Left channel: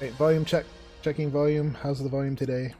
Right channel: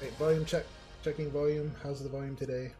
Wait, volume check. Checking volume. How's the volume today?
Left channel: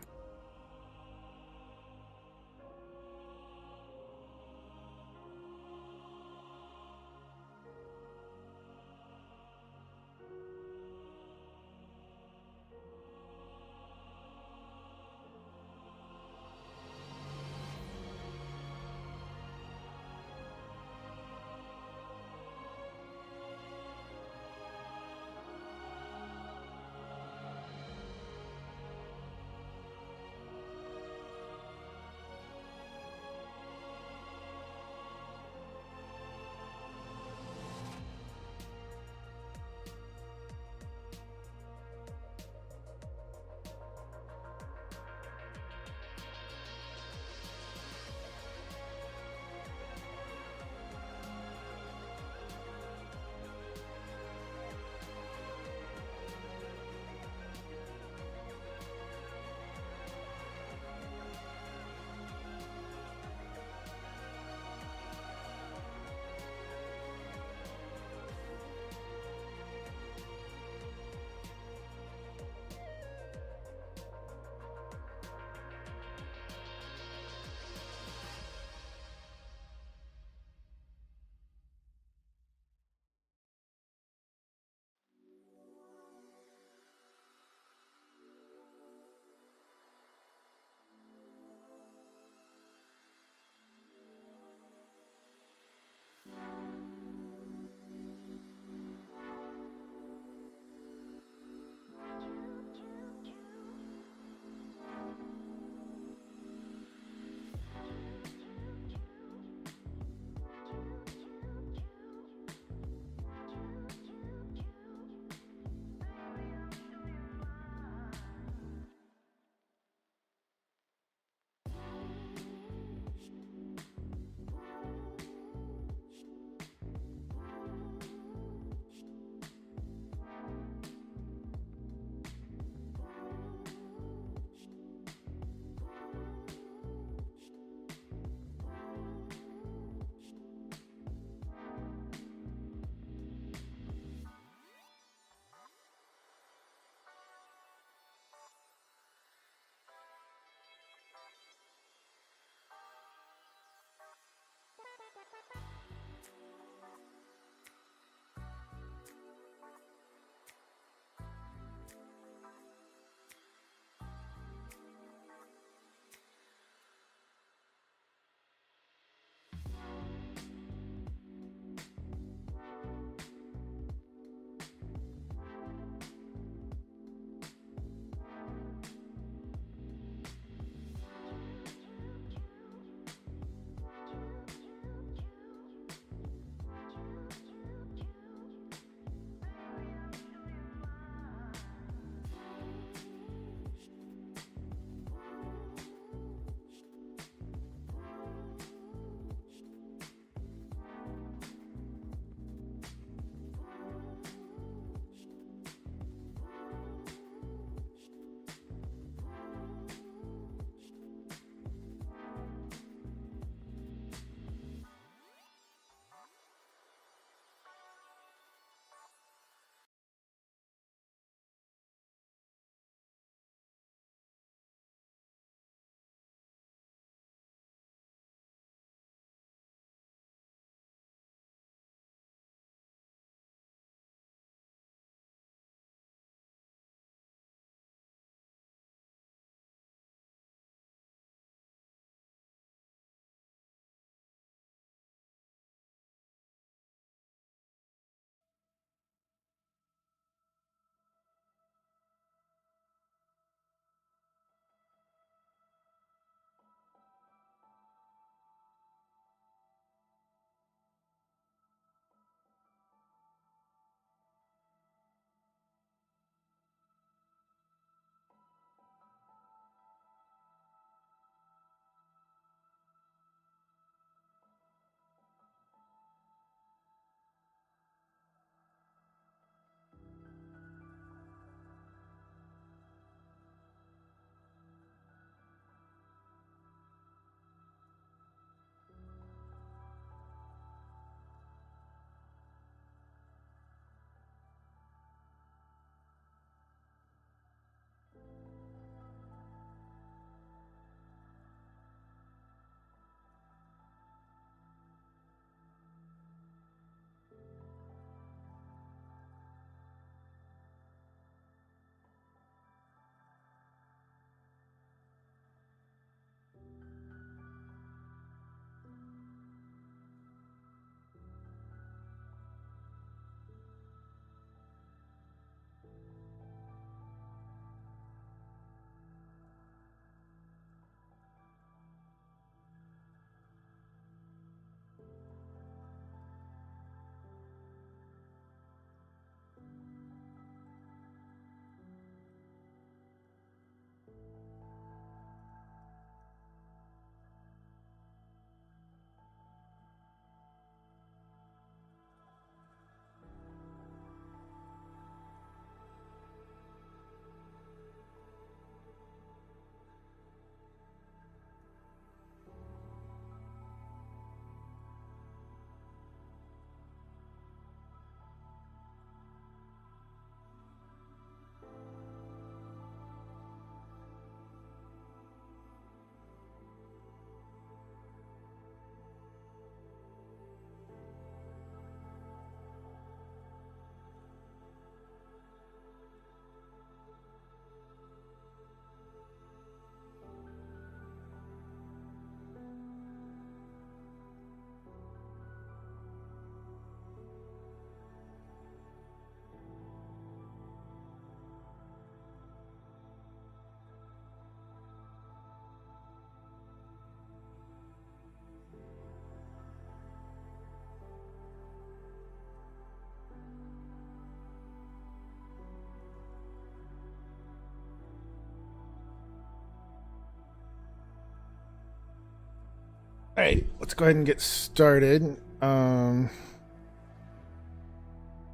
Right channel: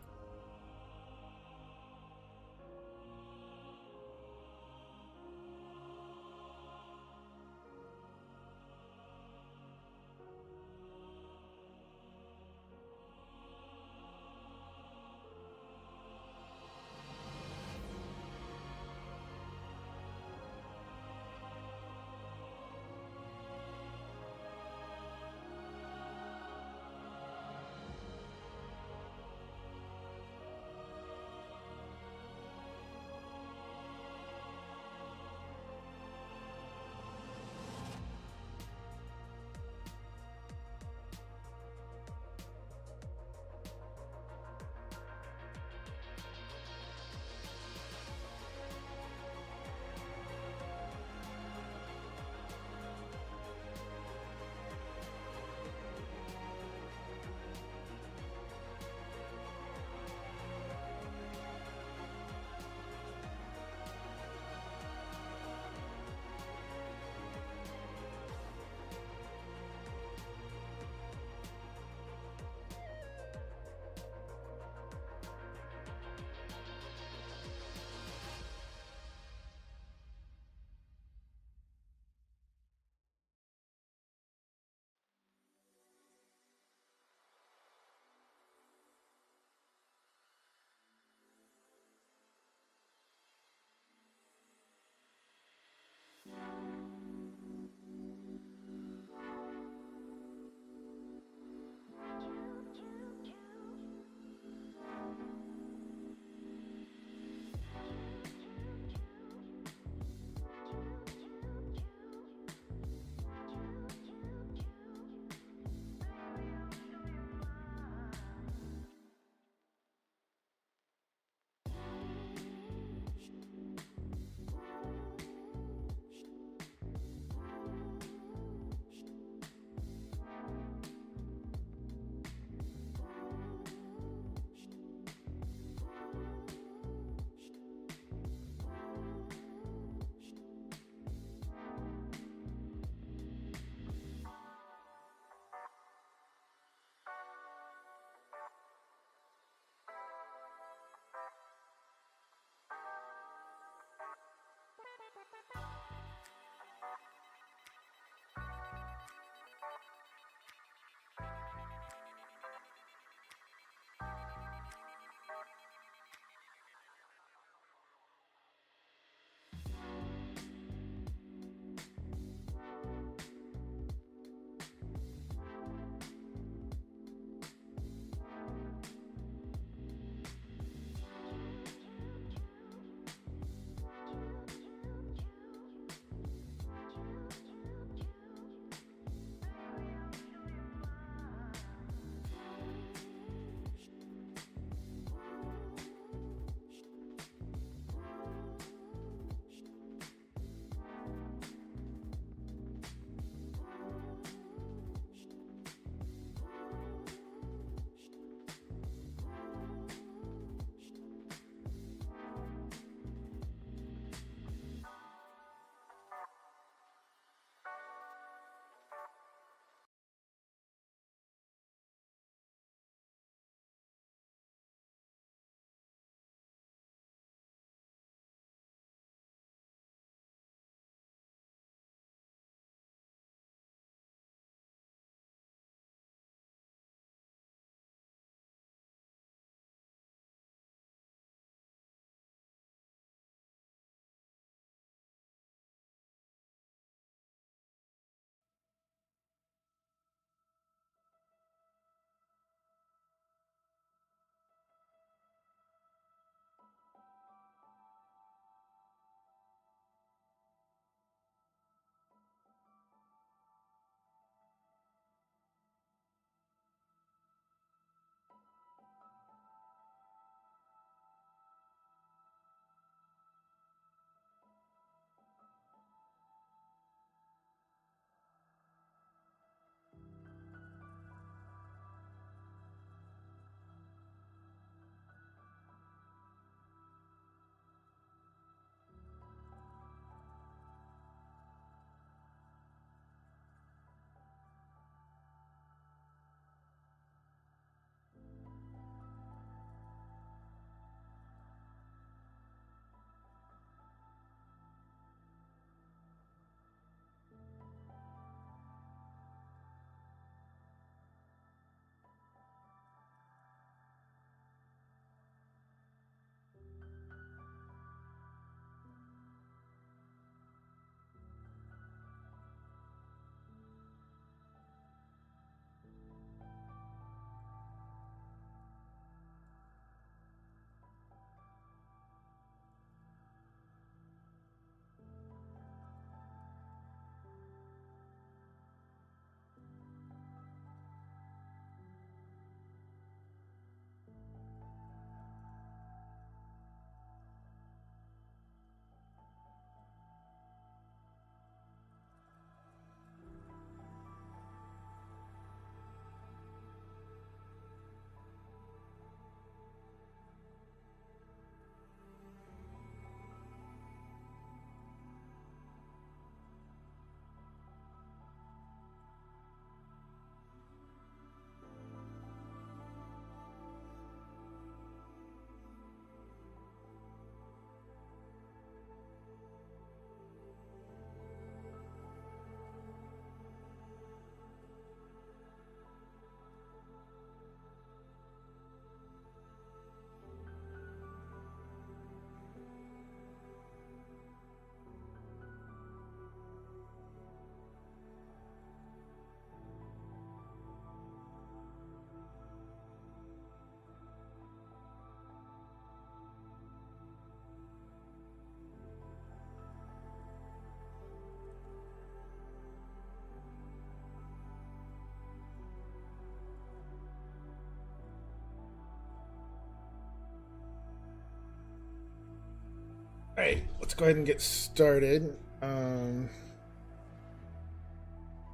All right, let's go ahead and get started.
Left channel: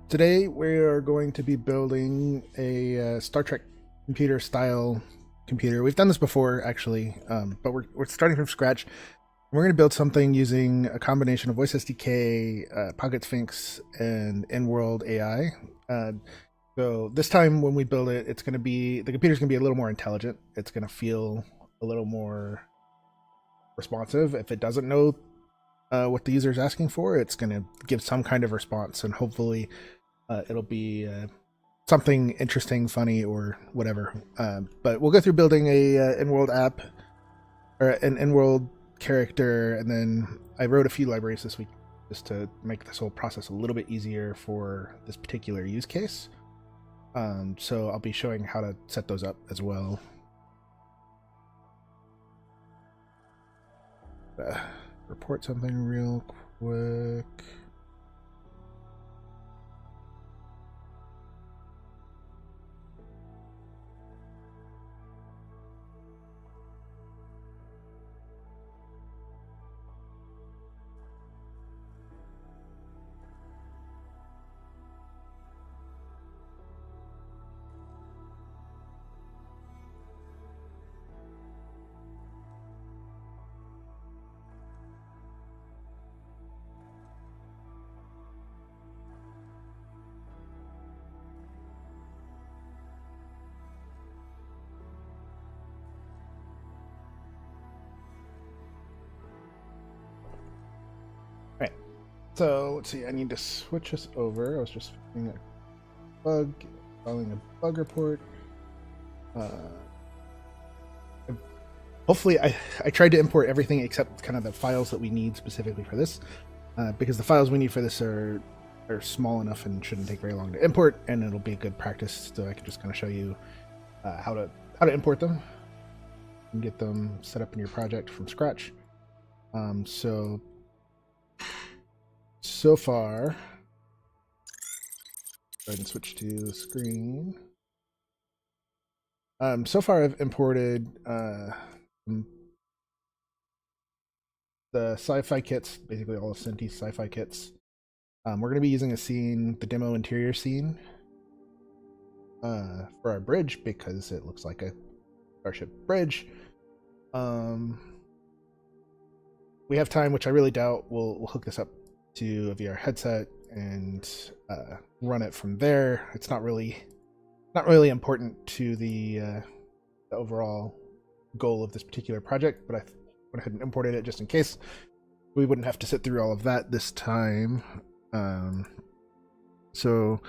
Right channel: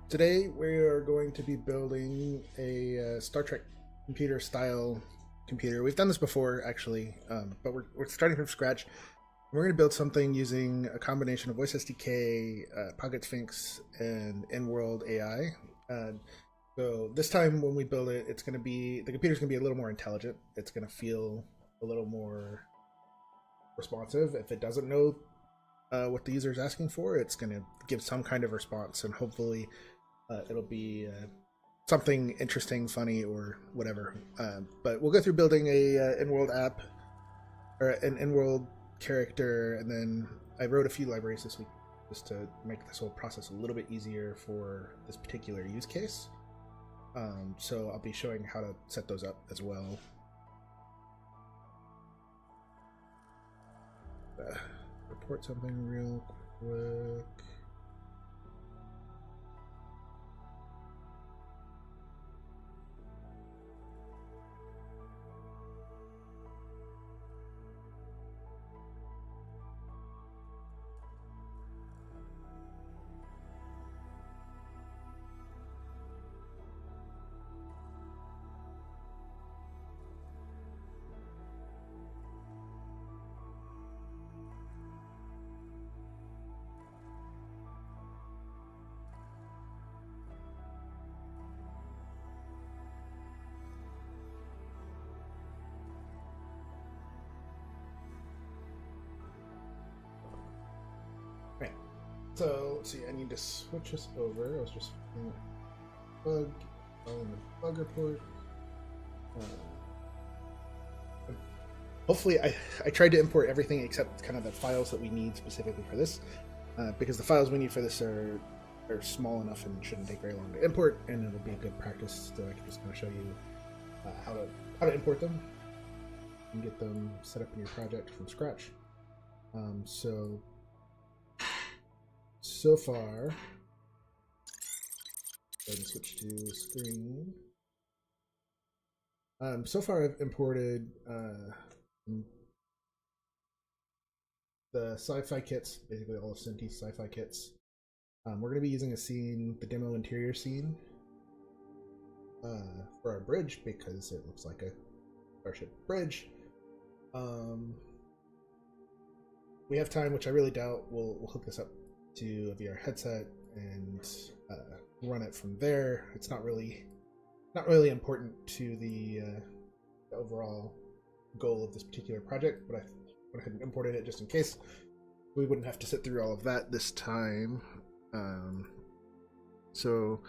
Today we are going to be building a Star Trek computer style computer. We've done this before, actually, but we're starting from scratch. We're going to build something using a combination of Voice SDK, PocketSphinx, and InWorld AI. So this time when we build it, it's going to be, the computer's going to be a little more intelligent. It's going to feel a little more responsive. If it doesn't know what the user is asking for, it's going to give some kind of response, and hopefully it'll be something interesting, funny, or whatever. But we'll go through building a InWorld app, or an InWorld character, and then I wrote a few libraries this week just to make this whole process a little bit easier for this particular use case. So I'll be showing how to set those up as well. Report something real quick. Right. So let's see. I need to switch this over. I was just fixing a bug, installing a bug report. Hopefully, I tried to import everything except kind of the files that we need specifically for this, because the files we need for this are small enough and shouldn't take very long to import, and it'll be a good practice. So I can just kind of show you how to import them and get them set up in your project from scratch. So far, go ahead and switch to the screen. So far I've imported the sci-fi kits, basically all of Synty's sci-fi kits. We're going to be using a scene, the demo interior scene, for our bridge because it looks like a Starship bridge. We have time, which I really doubt. We'll hook this up to a VR headset and run it from there. It's not really important to the overall goal of this particular project, but I went ahead and imported it just in case we wouldn't have to sit through all of that this time. So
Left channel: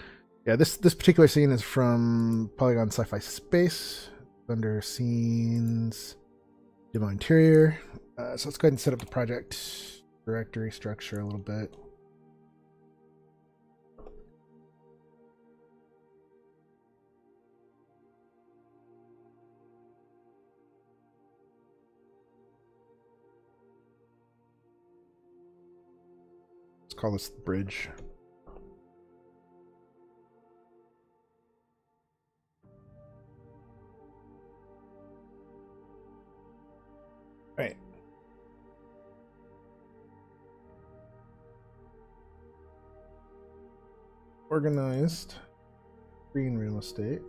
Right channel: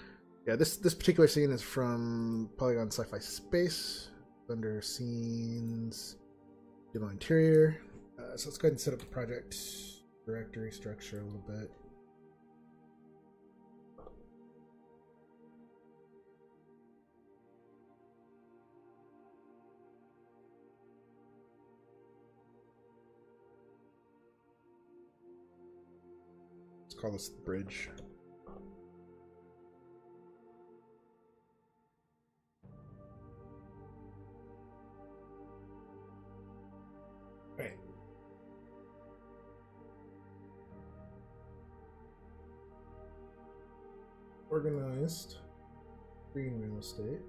yeah, this particular scene is from Polygon Sci-Fi Space under scenes, demo interior. So let's go ahead and set up the project directory structure a little bit. Let's call this the bridge. All right. Organized green real estate.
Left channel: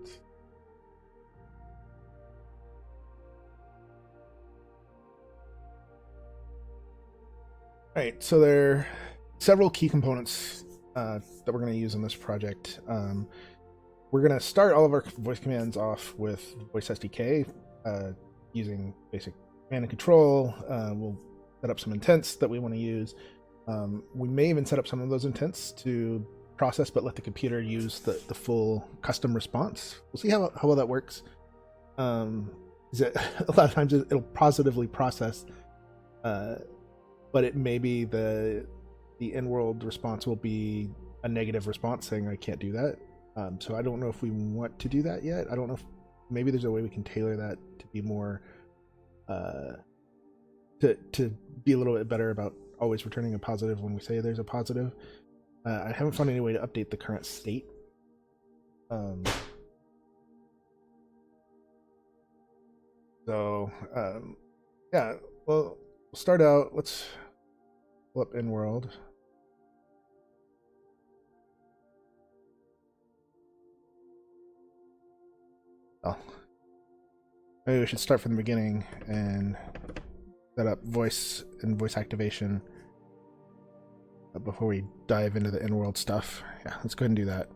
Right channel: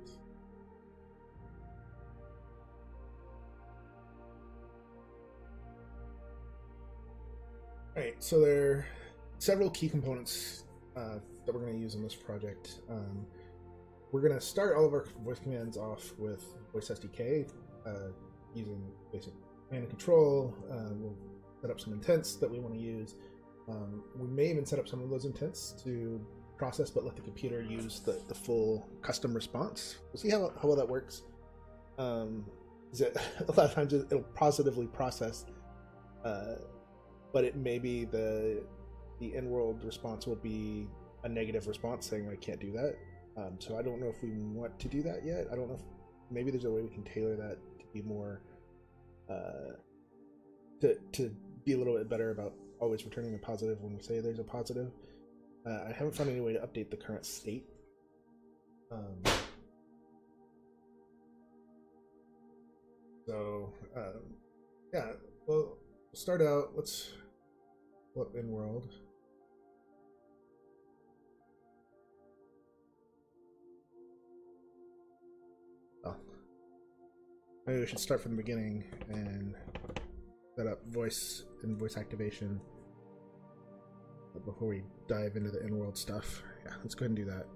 All right, so there are several key components that we're going to use in this project. We're going to start all of our voice commands off with Voice SDK using basic command and control. We'll set up some intents that we want to use. We may even set up some of those intents to process, but let the computer use the full custom response. We'll see how well that works. A lot of times it'll positively process, but it may be the in-world response will be a negative response saying I can't do that. So I don't know if we want to do that yet. I don't know if maybe there's a way we can tailor that to be more to be a little bit better about always returning a positive when we say there's a positive. I haven't found any way to update the current state. Yeah, well, start out, let's pull up InWorld. Oh, maybe we should start from the beginning and set up voice and voice activation before we dive into the InWorld stuff. Yeah, let's go ahead and do that.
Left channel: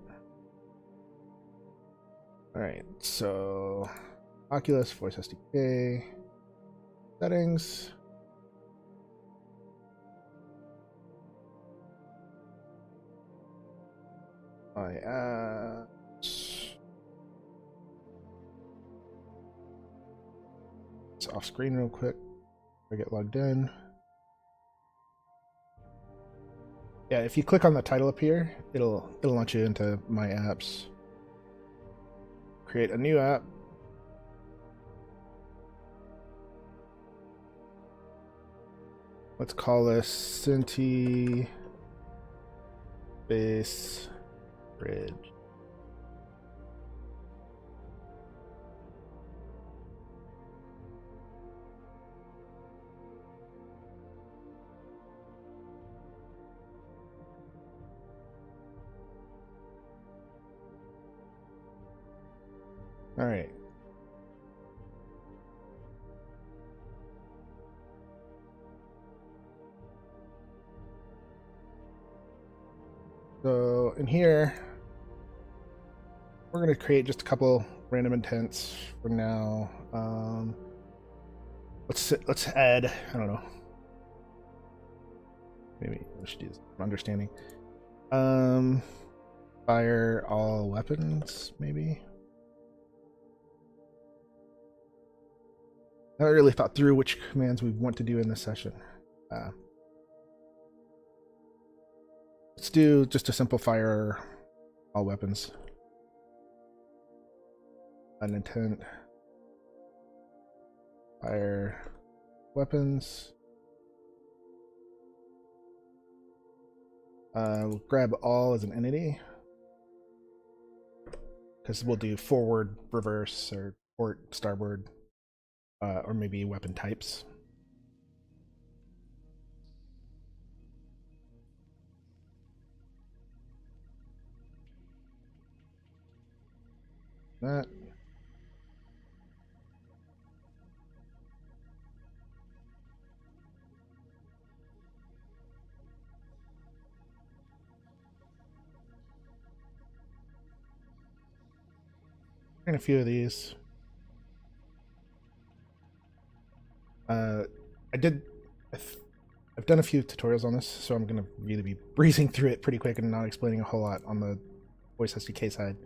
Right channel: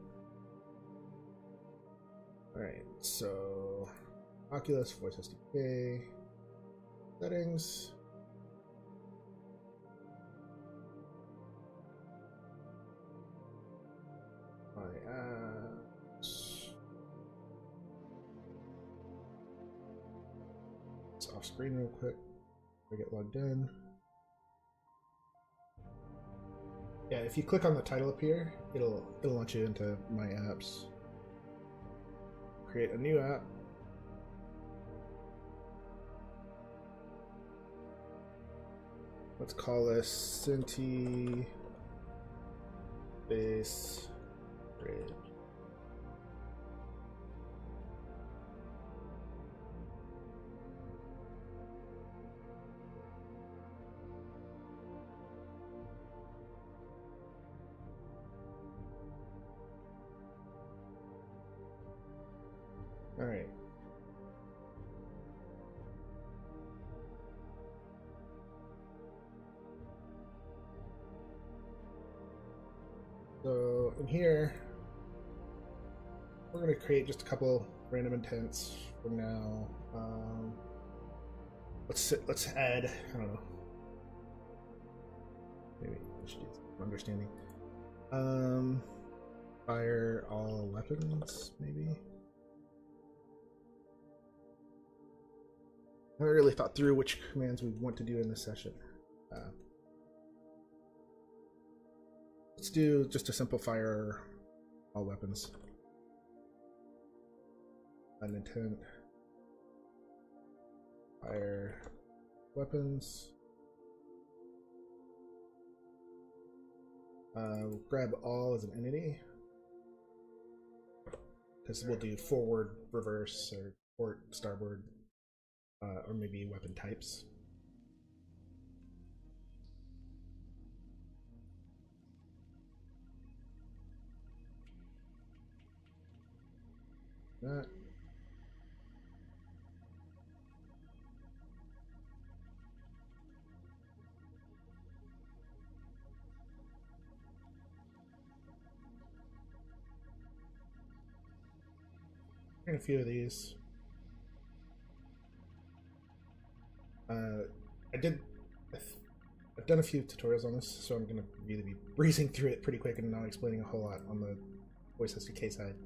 All right, so Oculus voice SDK settings. My apps. It's off screen real quick. I get logged in. Yeah, if you click on the title up here, it'll launch you into my apps. Create a new app. Let's call this Synty Base Bridge. All right. So in here, we're going to create just a couple random intents for now. Let's add, I don't know. Maybe we should use understanding. Fire all weapons, maybe. I haven't really thought through which commands we want to do in this session. Let's do just a simple fire all weapons. An intent. Fire weapons. We'll grab all as an entity. Because we'll do forward, reverse, or port, starboard. Or maybe weapon types. That. And a few of these. I've done a few tutorials on this, so I'm going to really be breezing through it pretty quick and not explaining a whole lot on the voice SDK side.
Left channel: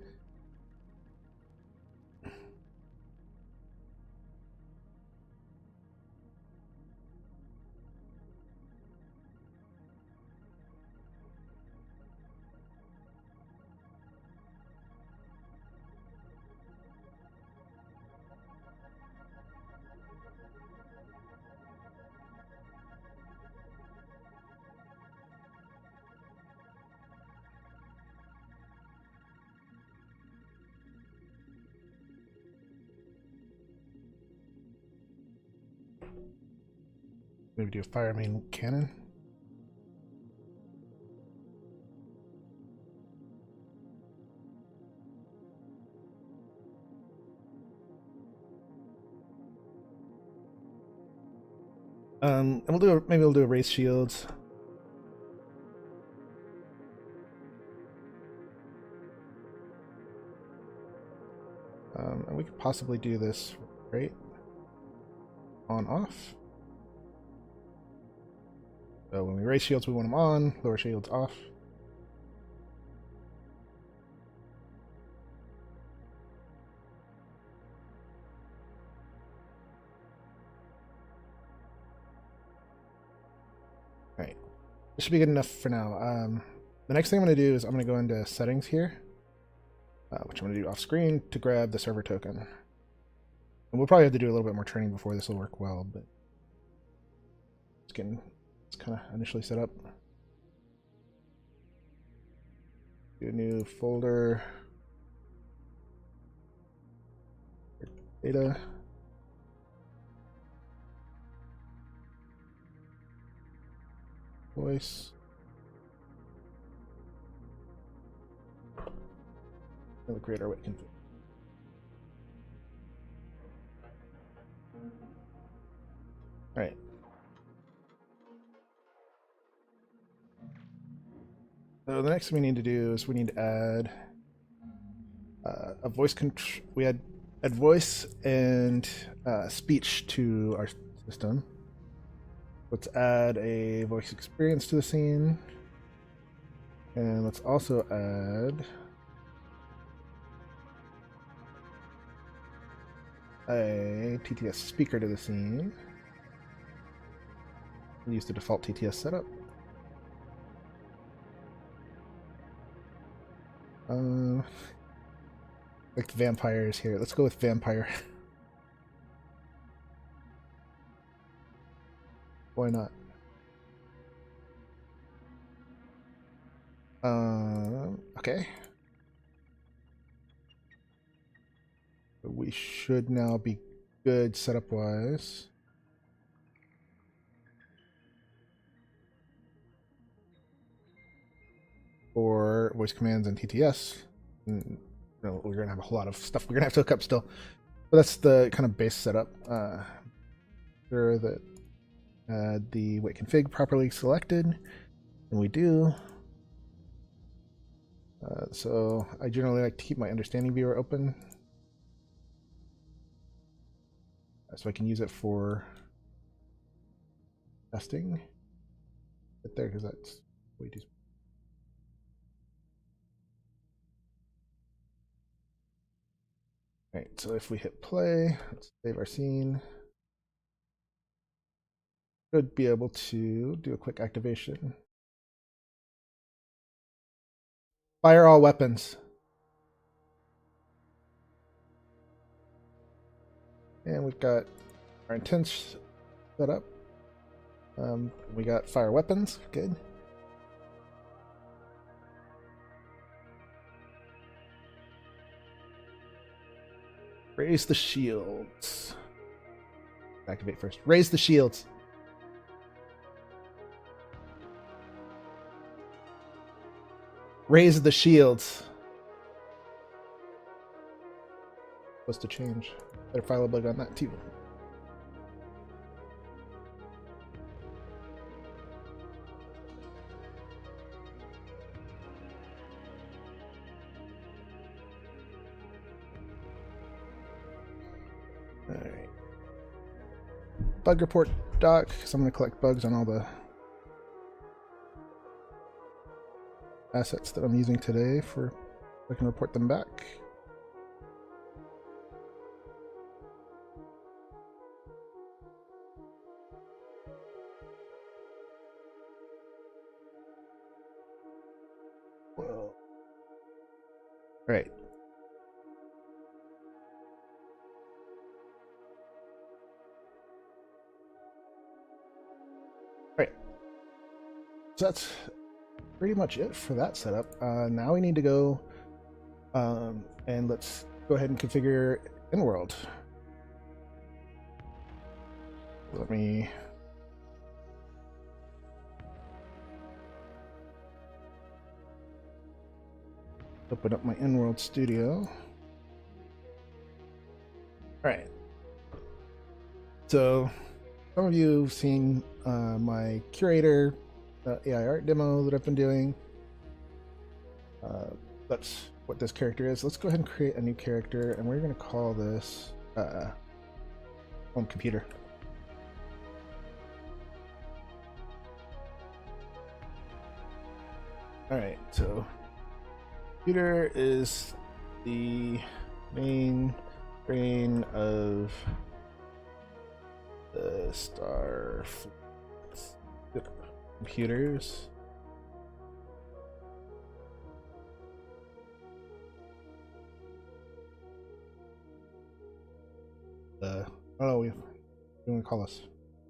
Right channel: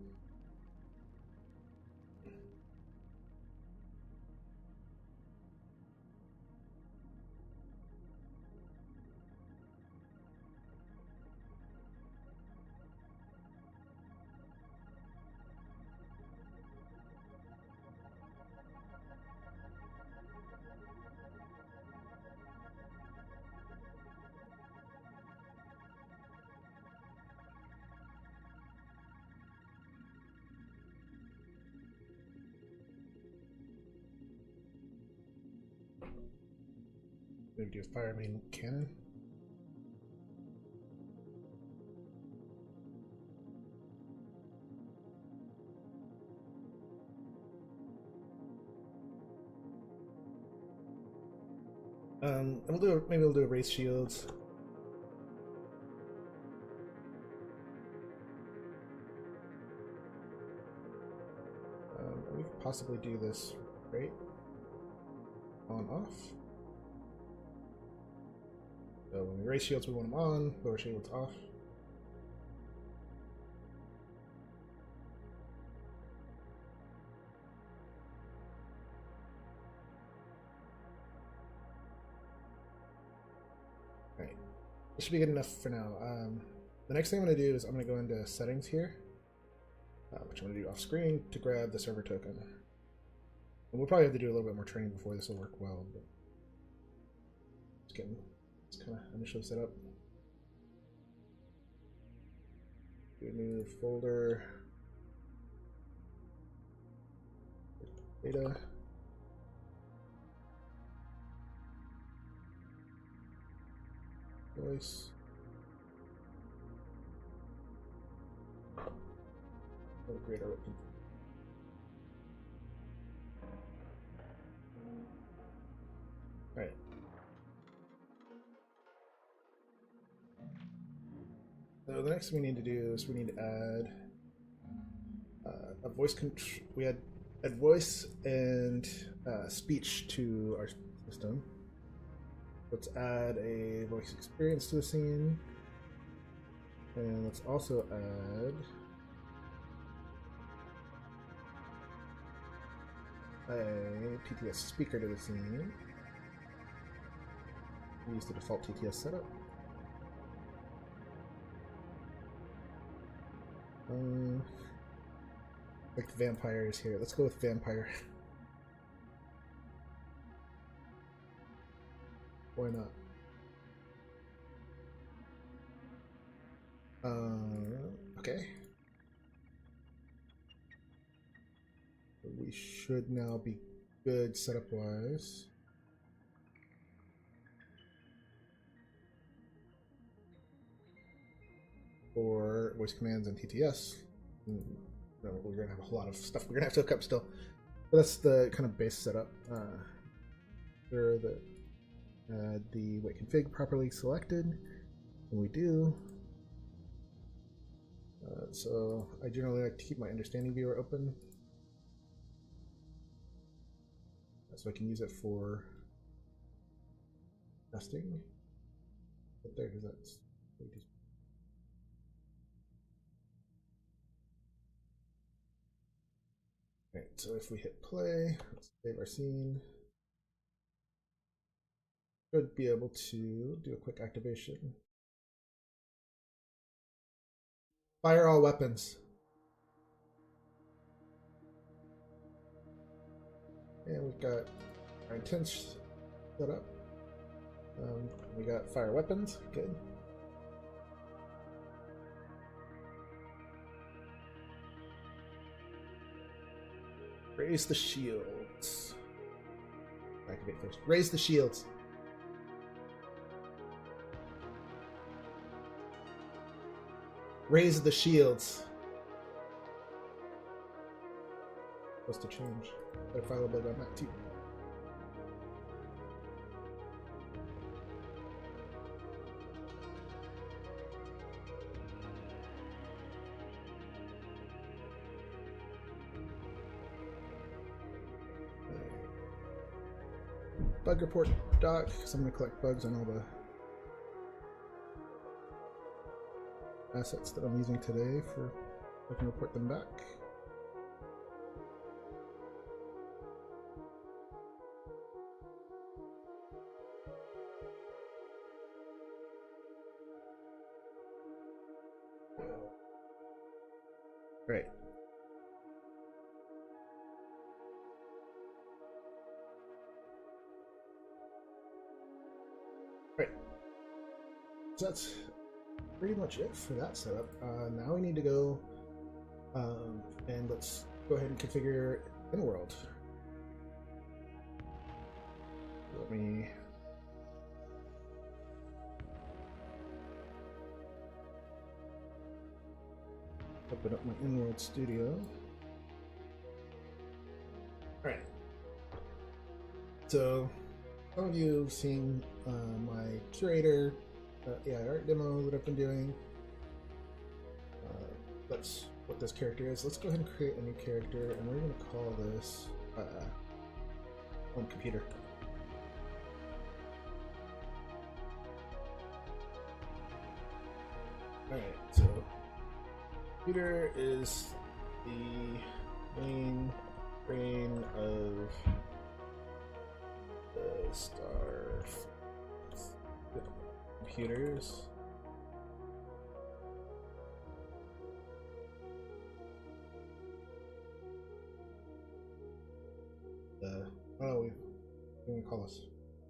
Maybe do a fire main cannon. And maybe we'll do a race shields. And we could possibly do this right on off. So when we raise shields, we want them on, lower shields off. All right, this should be good enough for now. The next thing I'm going to do is I'm going to go into settings here, which I'm going to do off screen to grab the server token. And we'll probably have to do a little bit more training before this will work well, but it's kind of initially set up. Do a new folder. Data. voice. We'll create our wit config. All right. So the next thing we need to do is we need to add a voice control. We add voice and speech to our system. Let's add a voice experience to the scene, and let's also add a TTS speaker to the scene. We'll use the default TTS setup. Like the vampires here. Let's go with vampire. Why not? Okay. We should now be good setup wise. For voice commands and TTS. We're gonna have a whole lot of stuff we're gonna have to hook up still. But that's the kind of base setup. Sure that the wait config properly selected, and we do. So I generally like to keep my understanding viewer open, so I can use it for testing. Right there, because that's way too. All right, so if we hit play, let's save our scene. Should be able to do a quick activation. Fire all weapons. And we've got our intents set up. We got fire weapons, good. Raise the shields. Activate first. Raise the shields. Raise the shields. Supposed to change. Better file a bug on that too. Alright. Bug report doc, so I'm going to collect bugs on all the assets that I'm using today for I can report them back. Well, right. Right. So that's pretty much it for that setup. Now we need to go and let's go ahead and configure InWorld. Let me open up my InWorld Studio. All right. So some of you have seen my curator AI art demo that I've been doing. That's what this character is. Let's go ahead and create a new character, and we're going to call this home computer. All right, so computer is the main brain of the star computers. I don't know what we want to call this.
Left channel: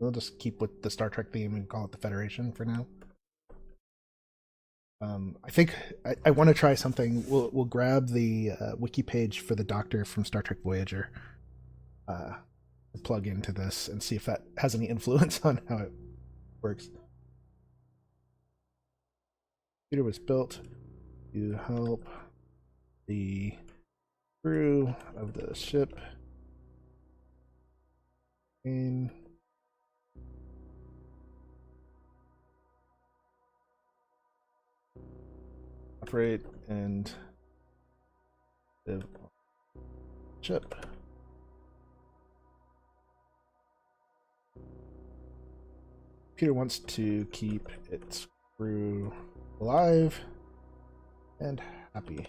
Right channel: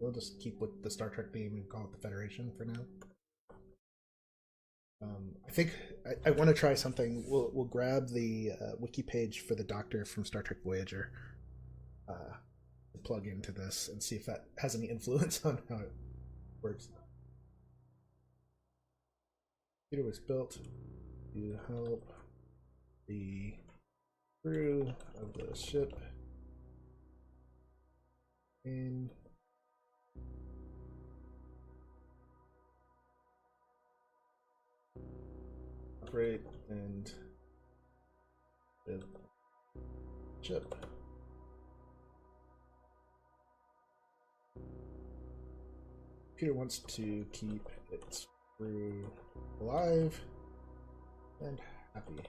We'll just keep with the Star Trek theme and call it the Federation for now. I think I want to try something. We'll grab the wiki page for the Doctor from Star Trek Voyager, plug into this and see if that has any influence on how it works. Computer was built to help the crew of the ship and operate and live on the ship. Computer wants to keep its crew alive and happy.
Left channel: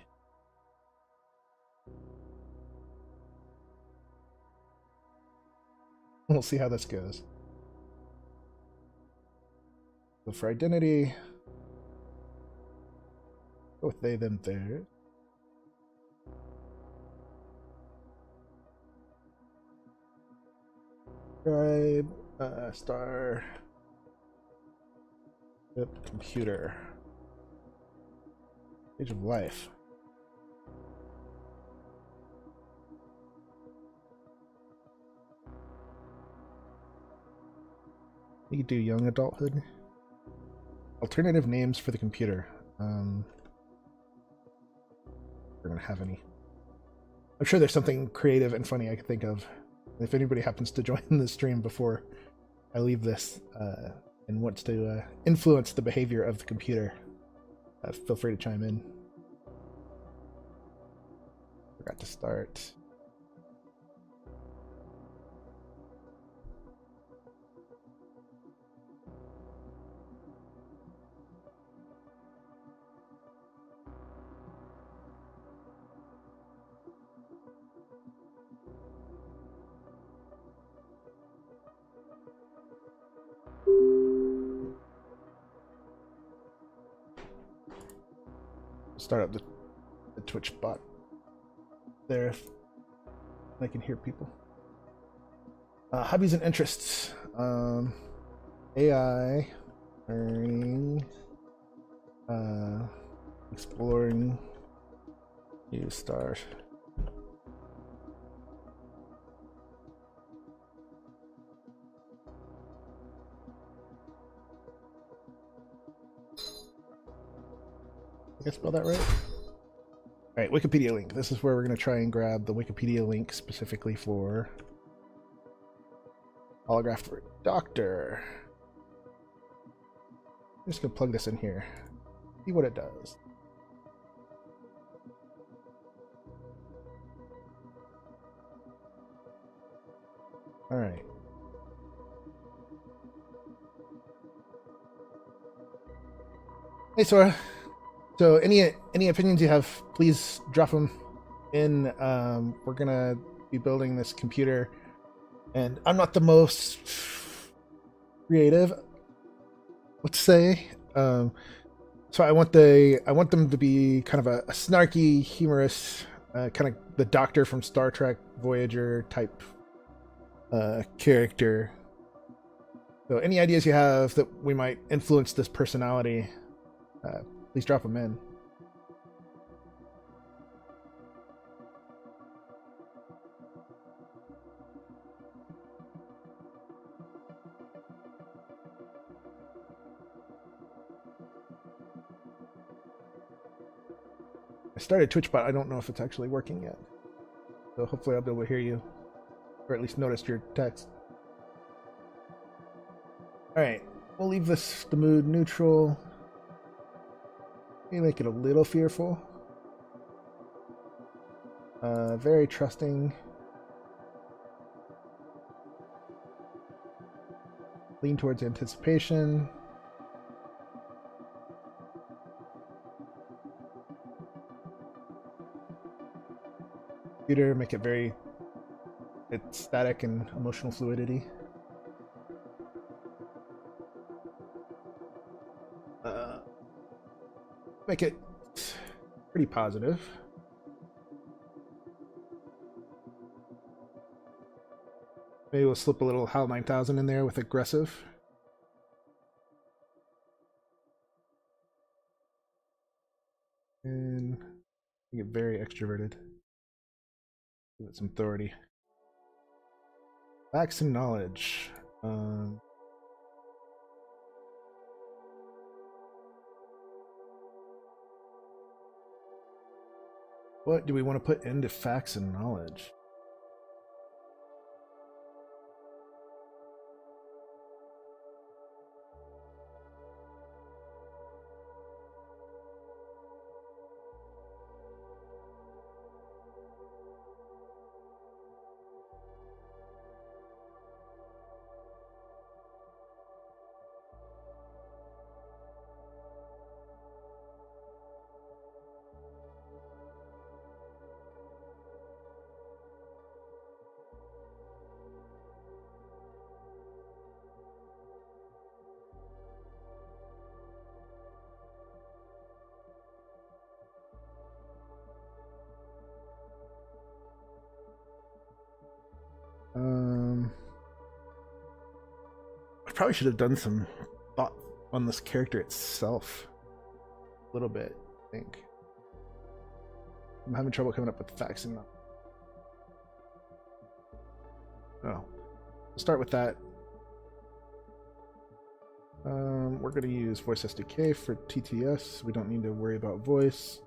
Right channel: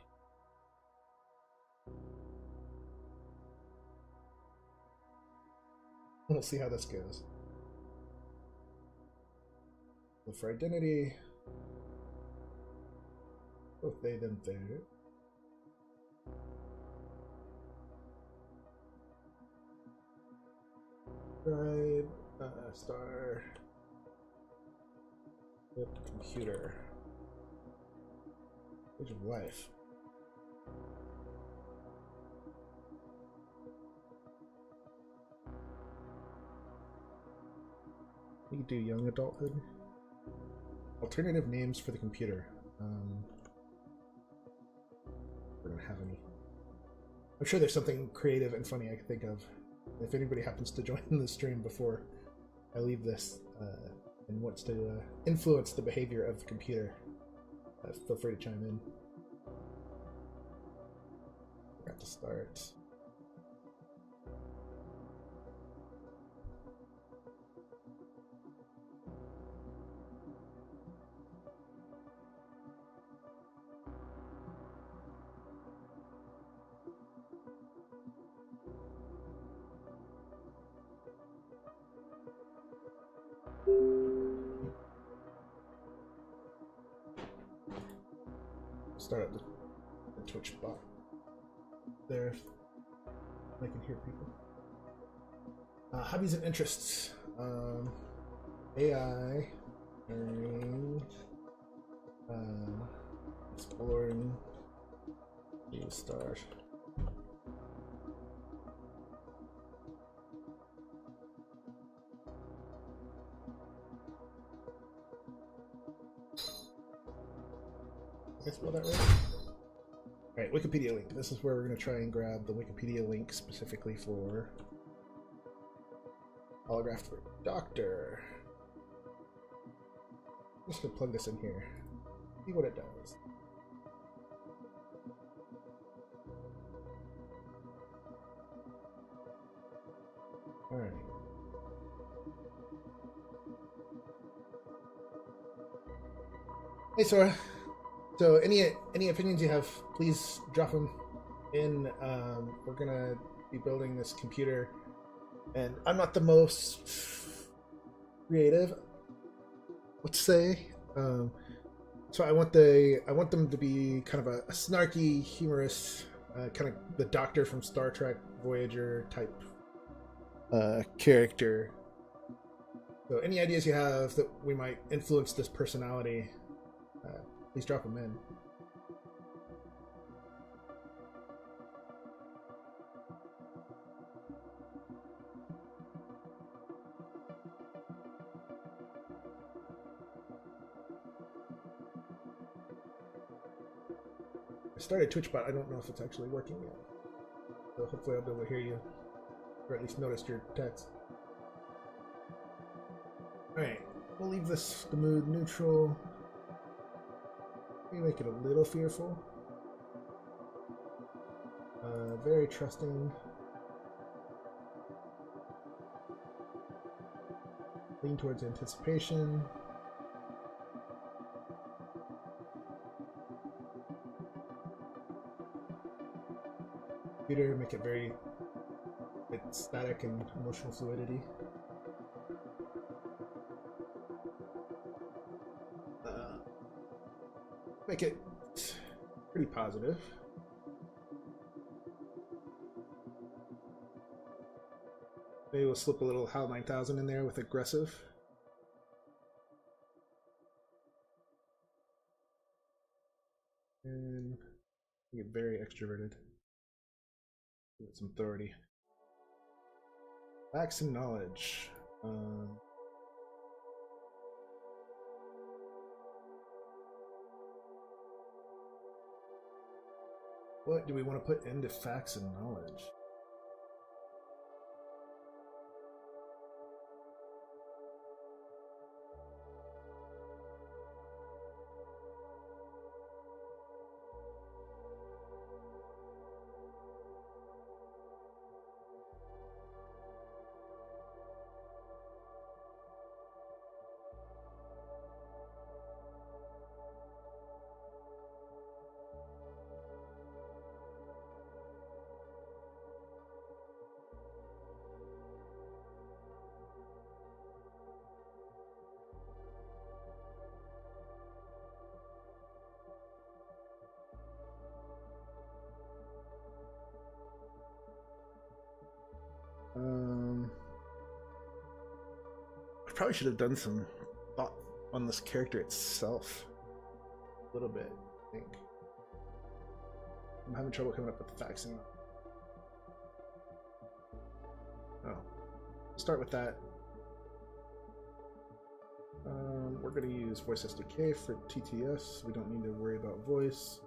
We'll see how this goes. So for identity, go with they, them, theirs. Tribe, star, ship, computer, age of life. You could do young adulthood. Alternative names for the computer. We're gonna have any. I'm sure there's something creative and funny I can think of. If anybody happens to join the stream before I leave this and wants to influence the behavior of the computer, feel free to chime in. Forgot to start. Start up the Twitch bot there if I can hear people. Hobbies and interests. AI, learning, exploring, new start. Did I spell that right? Alright, Wikipedia link. This is where we're going to try and grab the Wikipedia link specifically for Holograph for Doctor. I'm just going to plug this in here. See what it does. Alright. Hey, Sora. So any opinions you have, please drop them in. We're gonna be building this computer, and I'm not the most creative, let's say. So I want them to be kind of a snarky, humorous, kind of the Doctor from Star Trek Voyager type character. So any ideas you have that we might influence this personality, please drop them in. I started TwitchBot. I don't know if it's actually working yet. So hopefully I'll be able to hear you, or at least notice your text. Alright, we'll leave the mood neutral. Maybe make it a little fearful. Very trusting. Lean towards anticipation. Computer, make it very static and emotional fluidity. Make it pretty positive. Maybe we'll slip a little HAL 9000 in there with aggressive. And make it very extroverted. Give it some authority. Facts and knowledge. What do we want to put into facts and knowledge? I probably should have done some thought on this character itself a little bit, I think. I'm having trouble coming up with facts and we'll start with that. We're going to use voice SDK for TTS. We don't need to worry about voice.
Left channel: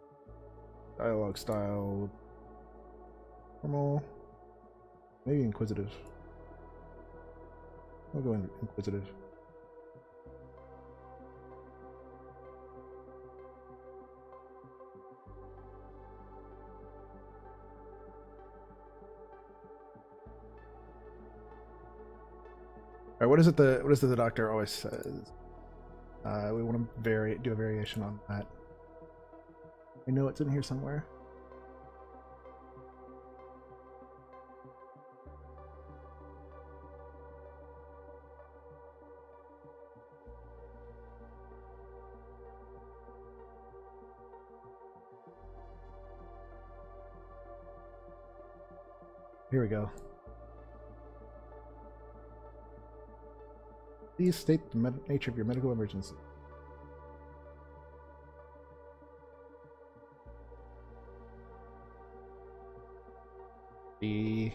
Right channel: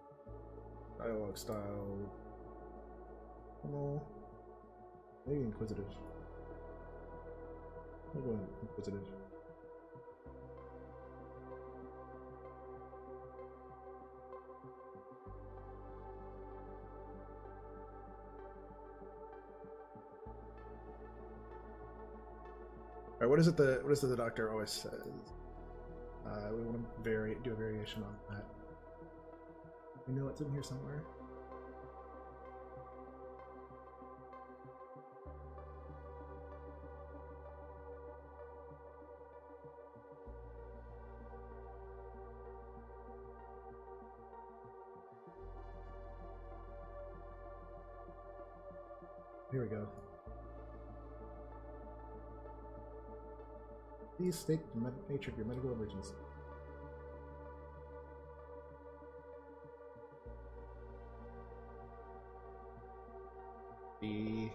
Dialogue style, normal, maybe inquisitive. I'll go in inquisitive. All right, what is it the doctor always says? We want to do a variation on that. We know it's in here somewhere. Here we go. Please state the nature of your medical emergency. The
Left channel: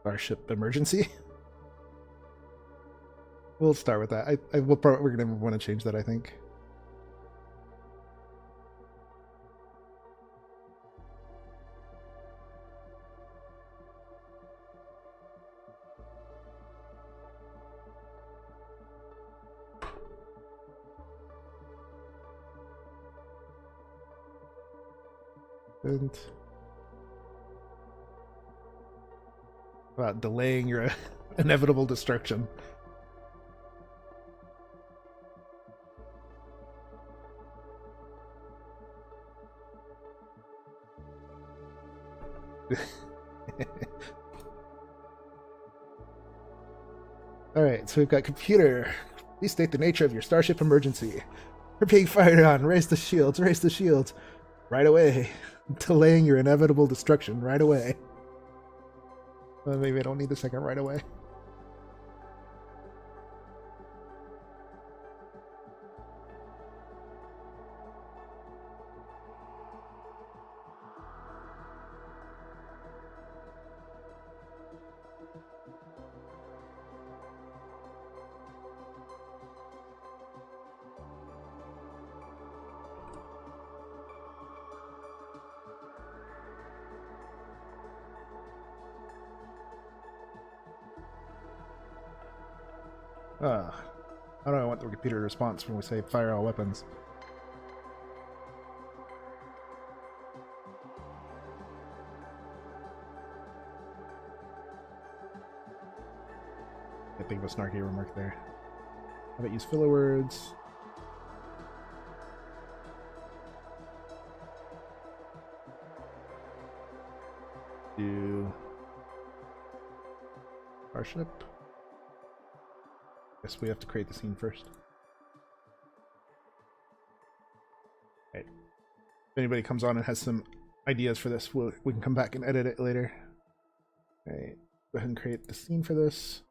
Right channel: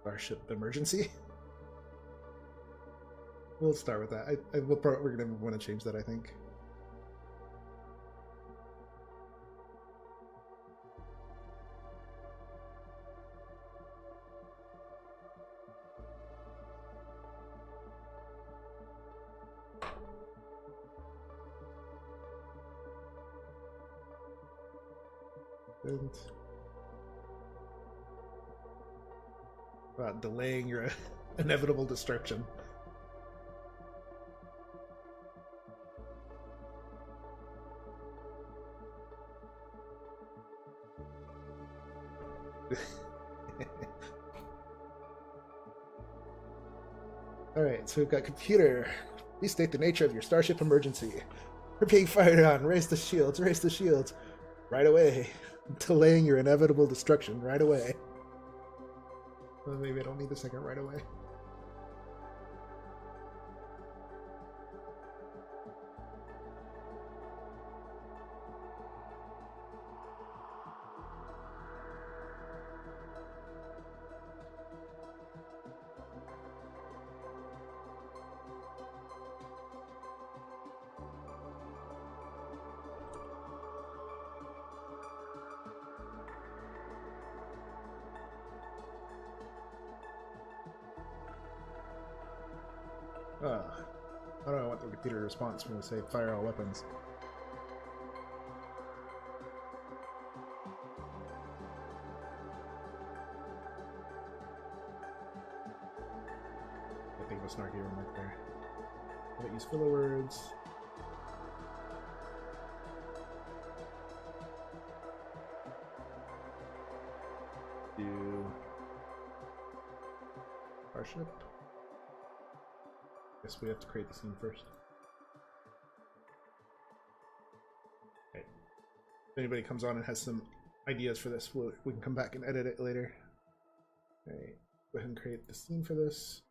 Starship emergency. We'll start with that. We're gonna want to change that, I think. And about delaying your inevitable destruction. Alright, so we've got computer. Please state the nature of your Starship emergency. We're being fired on. Raise the shields, raise the shields. Right away. Delaying your inevitable destruction right away. Well, maybe I don't need the second right away. How do I want the computer response when we say fire all weapons? I think of a snarky remark there. How about use filler words? Do Starship? Guess we have to create the scene first. Okay. If anybody comes on and has some ideas for this, we can come back and edit it later. Alright, go ahead and create the scene for this.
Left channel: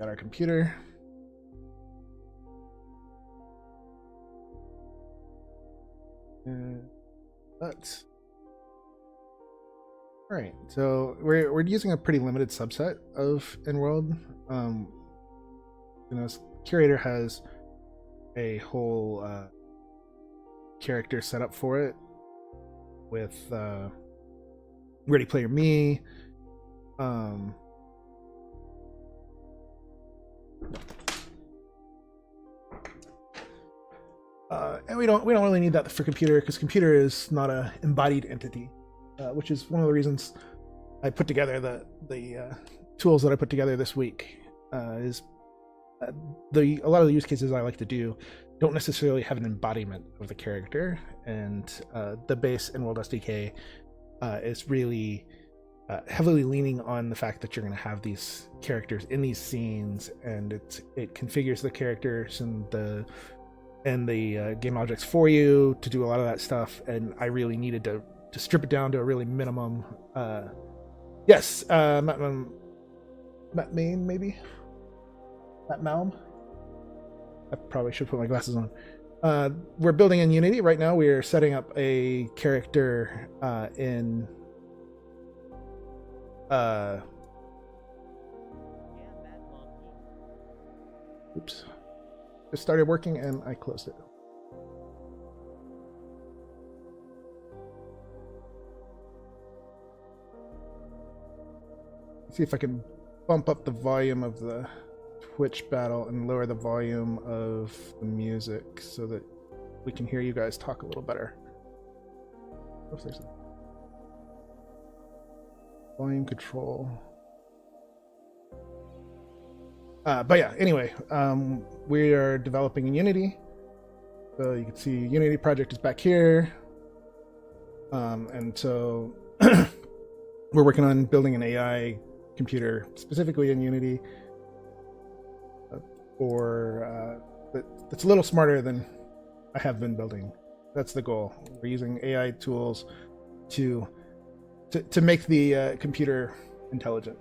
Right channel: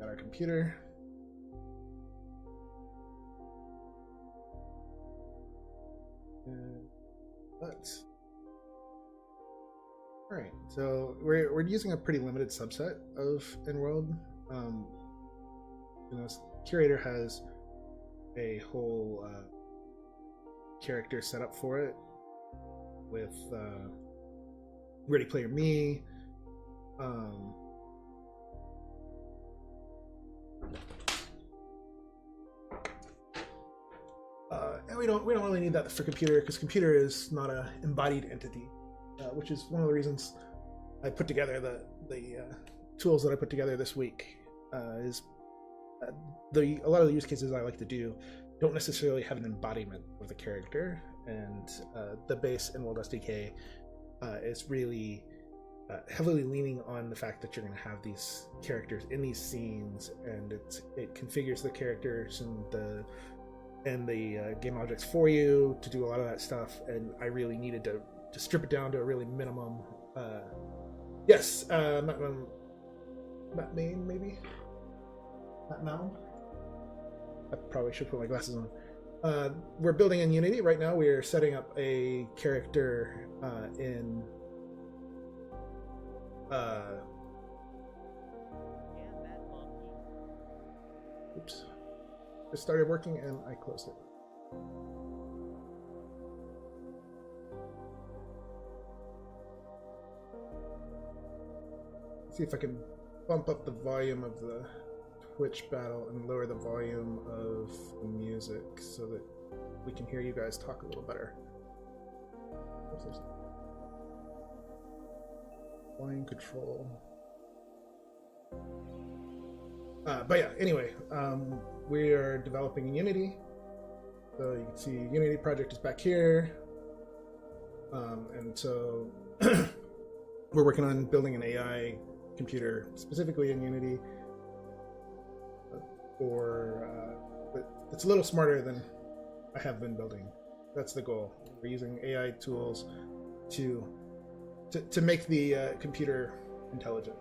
Got our computer. Let's. All right, so we're using a pretty limited subset of InWorld. Curator has a whole character set up for it with Ready Player Me. And we don't really need that for computer, because computer is not a embodied entity, which is one of the reasons I put together the tools that I put together this week. A lot of the use cases I like to do don't necessarily have an embodiment of the character, and the base InWorld SDK is really heavily leaning on the fact that you're going to have these characters in these scenes, and it configures the characters and the game objects for you to do a lot of that stuff. And I really needed to strip it down to a really minimum. Yes, Matt Main, maybe. Matt Malm. I probably should put my glasses on. We're building in Unity right now. We're setting up a character in. Oops. It started working and I closed it. Let's see if I can bump up the volume of the Twitch battle and lower the volume of the music so that we can hear you guys talk a little better. If there's volume control. But yeah, anyway, we are developing in Unity. So you can see Unity project is back here. And so we're working on building an AI computer specifically in Unity that's a little smarter than I have been building. That's the goal. We're using AI tools to make the computer intelligent.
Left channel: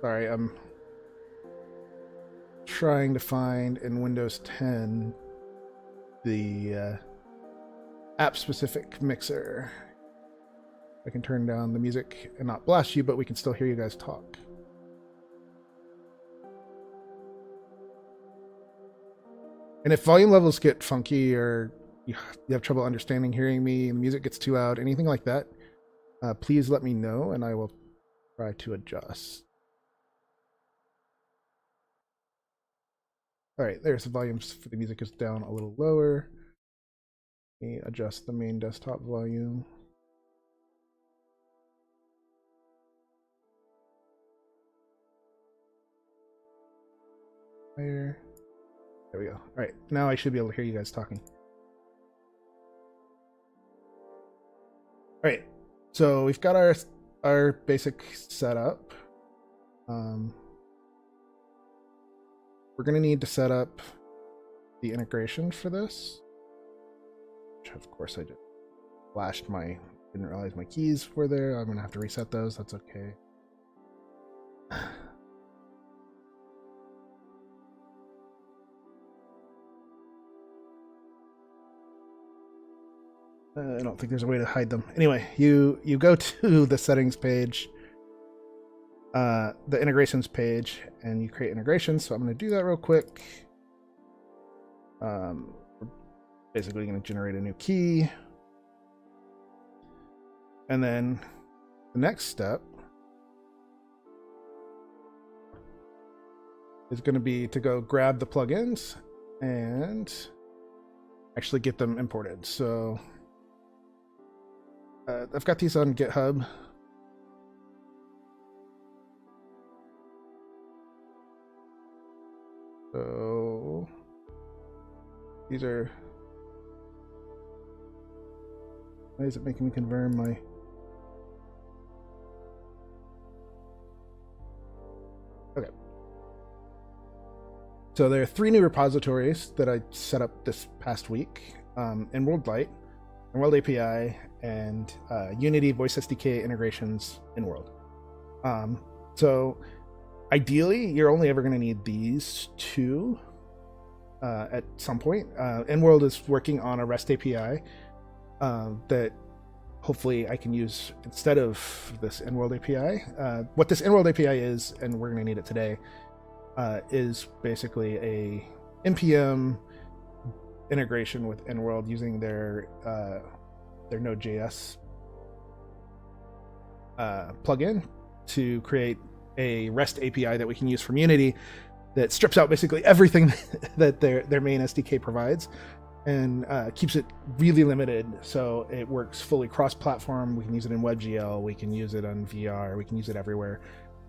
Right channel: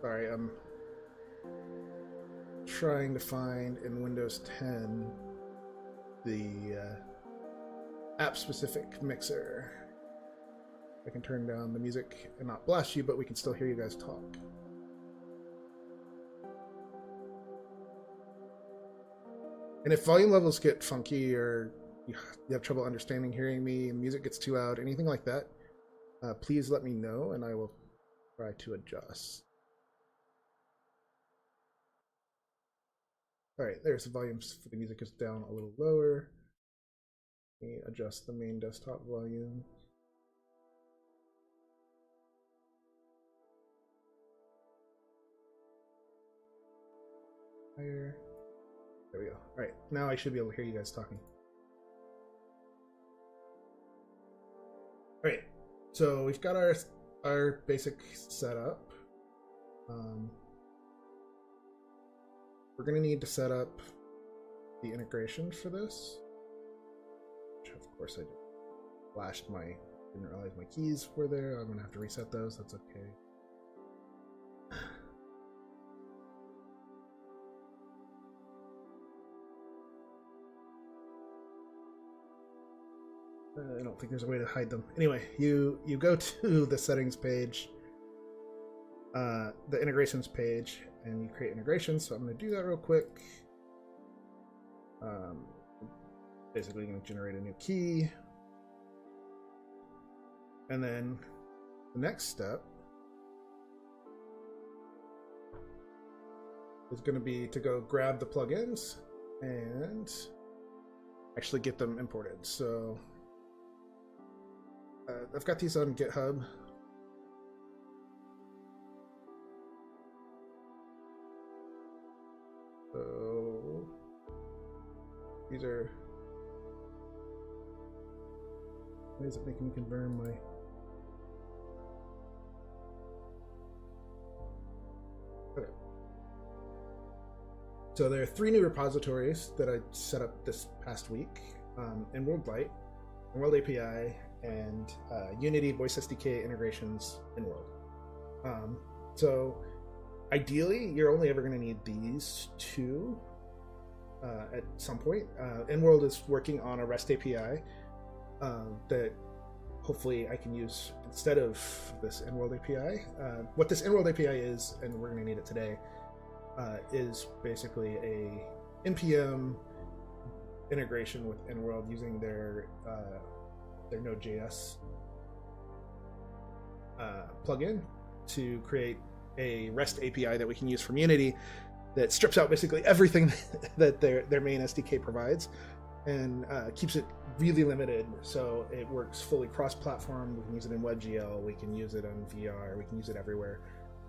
Sorry, I'm trying to find in Windows 10 the app-specific mixer. I can turn down the music and not blast you, but we can still hear you guys talk. And if volume levels get funky, or you have trouble understanding hearing me, and the music gets too loud, anything like that, please let me know and I will try to adjust. All right, there's the volumes for the music is down a little lower. Let me adjust the main desktop volume. Higher. There we go. All right, now I should be able to hear you guys talking. All right, so we've got our basic setup. We're going to need to set up the integration for this, which of course I didn't realize my keys were there. I'm going to have to reset those. That's okay. I don't think there's a way to hide them. Anyway, you go to the settings page, the integrations page, and you create integrations. So I'm going to do that real quick. We're basically going to generate a new key. And then the next step is going to be to go grab the plugins and actually get them imported. So I've got these on GitHub. So these are. Why is it making me confirm my? Okay. So there are 3 new repositories that I set up this past week: InWorld Lite, InWorld API, and Unity Voice SDK integrations InWorld. So ideally, you're only ever going to need these two at some point. InWorld is working on a REST API that hopefully I can use instead of this InWorld API. What this InWorld API is, and we're going to need it today, is basically a npm integration with InWorld using their Node.js plugin to create a REST API that we can use from Unity that strips out basically everything that their main SDK provides and keeps it really limited, so it works fully cross-platform. We can use it in WebGL, we can use it on VR, we can use it everywhere.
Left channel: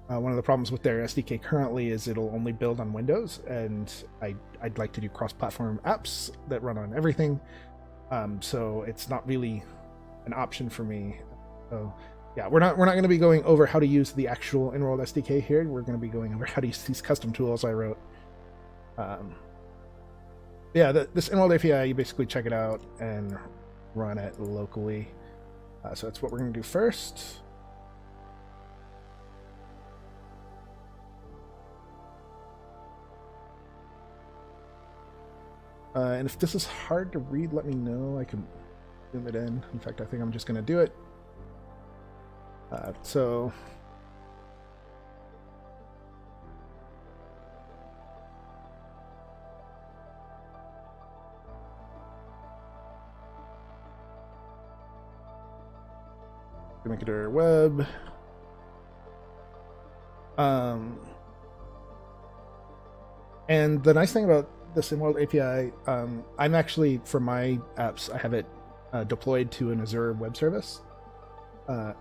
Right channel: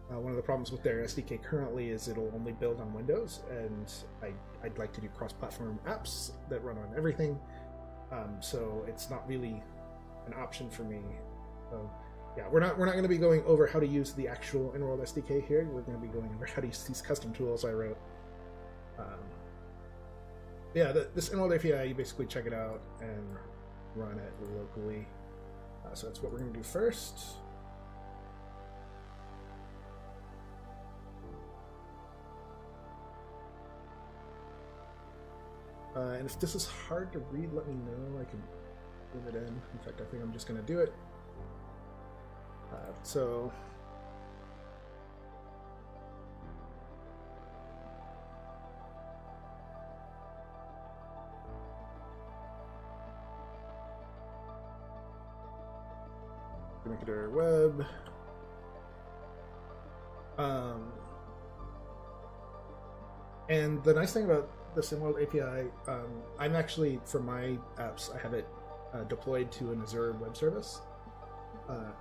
One of the problems with their SDK currently is it'll only build on Windows, and I'd like to do cross-platform apps that run on everything, so it's not really an option for me. So yeah, we're not going to be going over how to use the actual InWorld SDK here. We're going to be going over how to use these custom tools I wrote. Yeah, this InWorld API, you basically check it out and run it locally. So that's what we're going to do first. And if this is hard to read, let me know. I can zoom it in. In fact, I think I'm just going to do it. So make it our web. And the nice thing about this InWorld API, I'm actually, for my apps, I have it deployed to an Azure web service.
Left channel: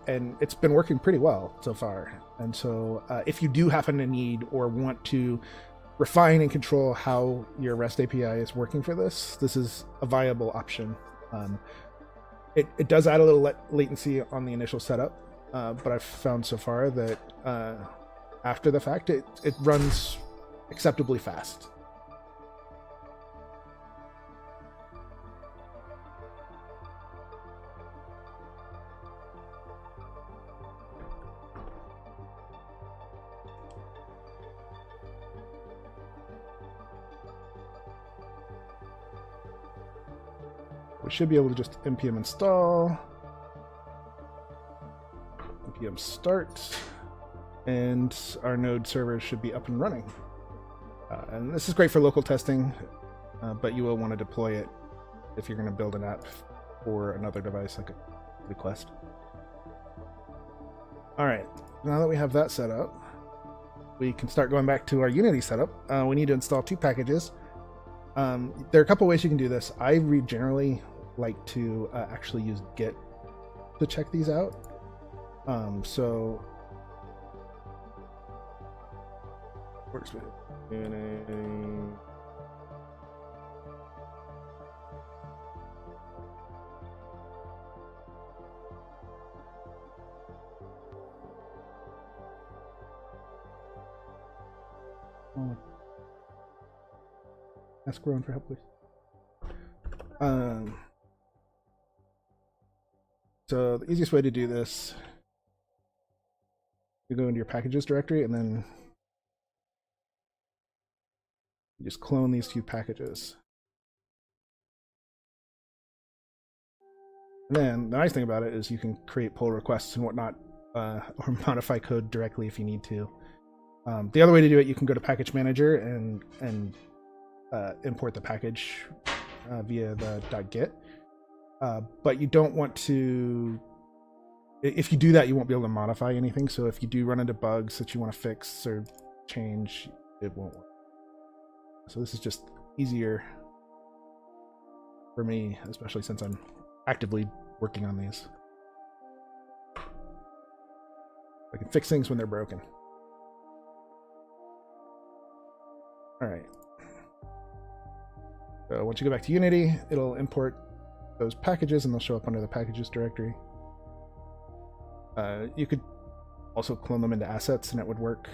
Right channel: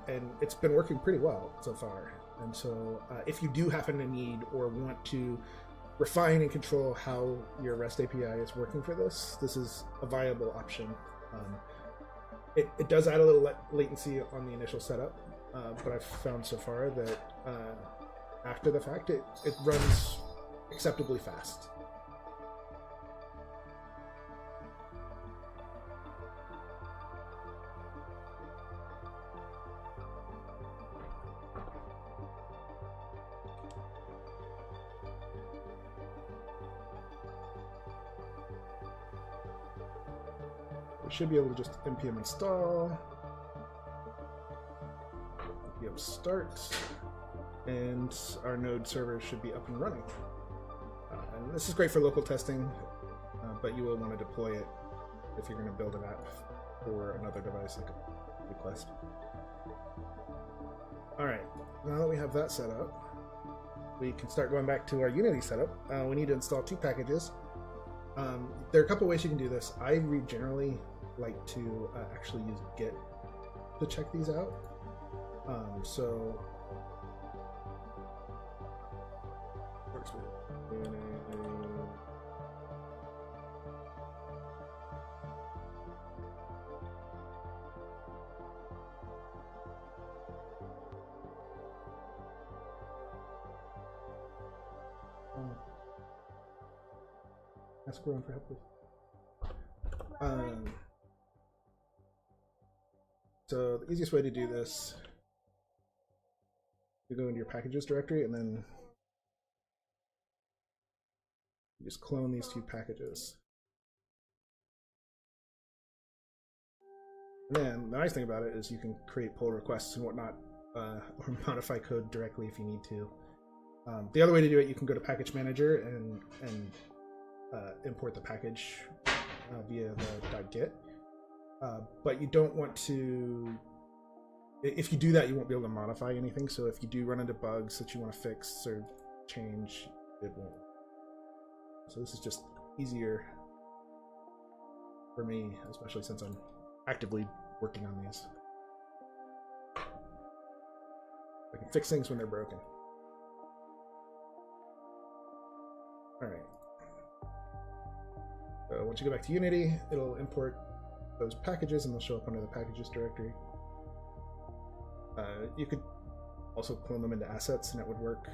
And it's been working pretty well so far. And so if you do happen to need or want to refine and control how your REST API is working for this, this is a viable option. It does add a little latency on the initial setup, but I've found so far that after the fact, it runs acceptably fast. We should be able to just npm install, npm start, and our node server should be up and running. And this is great for local testing, but you will want to deploy it if you're going to build an app for another device like a request. All right, now that we have that set up, we can start going back to our Unity setup. We need to install 2 packages. There are a couple ways you can do this. I generally like to actually use Git to check these out. So works with ask Rowan for help, please. So the easiest way to do this, you go into your packages directory and then you just clone these 2 packages. And then the nice thing about it is you can create pull requests and whatnot, or modify code directly if you need to. The other way to do it, you can go to Package Manager and import the package via the .git. But you don't want to, if you do that, you won't be able to modify anything. So if you do run into bugs that you want to fix or change, it won't work. So this is just easier for me, especially since I'm actively working on these. I can fix things when they're broken. All right. So once you go back to Unity, it'll import those packages and they'll show up under the packages directory. You could also clone them into assets and it would work,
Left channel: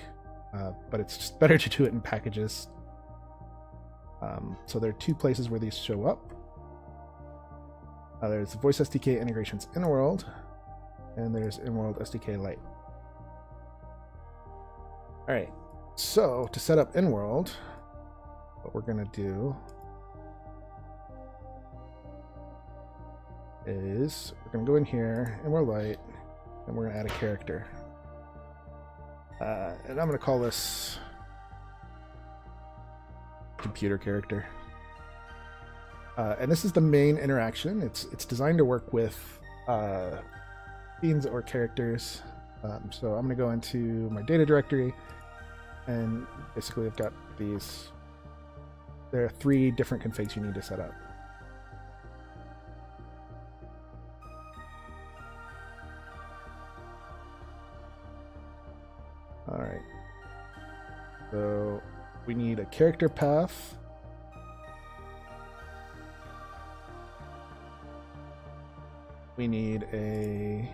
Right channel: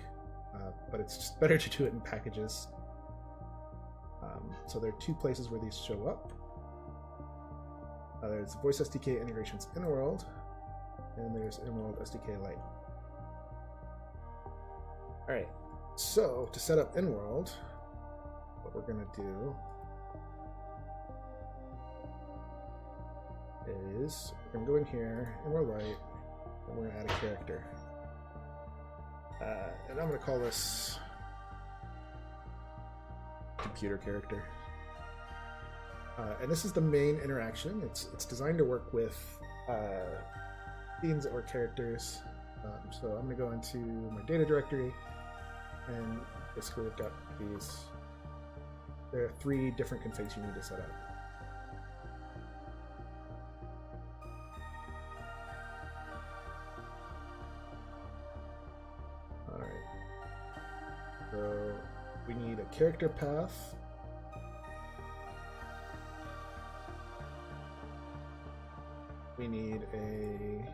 but it's just better to do it in packages. So there are 2 places where these show up. There's voice SDK integrations InWorld, and there's InWorld SDK Lite. All right, so to set up InWorld, what we're gonna do is we're gonna go in here, InWorld Lite, and we're gonna add a character. And I'm gonna call this computer character. And this is the main interaction. It's designed to work with scenes or characters. So I'm going to go into my data directory, and basically I've got these. There are 3 different configs you need to set up. All right. So we need a character path. We need a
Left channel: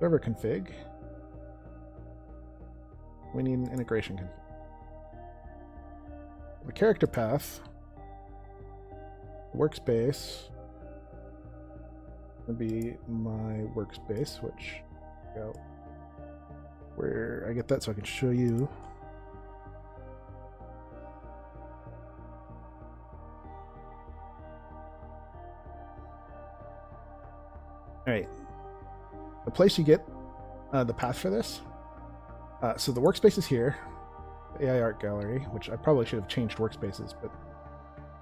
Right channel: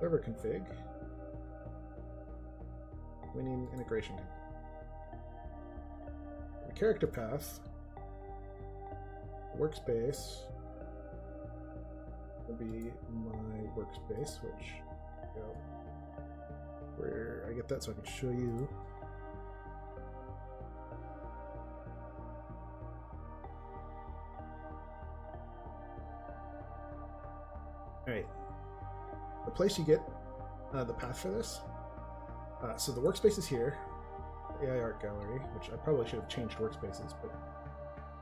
server config. We need an integration config. The character path, workspace, would be my workspace, which, where I get that so I can show you. All right, the place you get the path for this. So the workspace is here, the AI art gallery, which I probably should have changed workspaces, but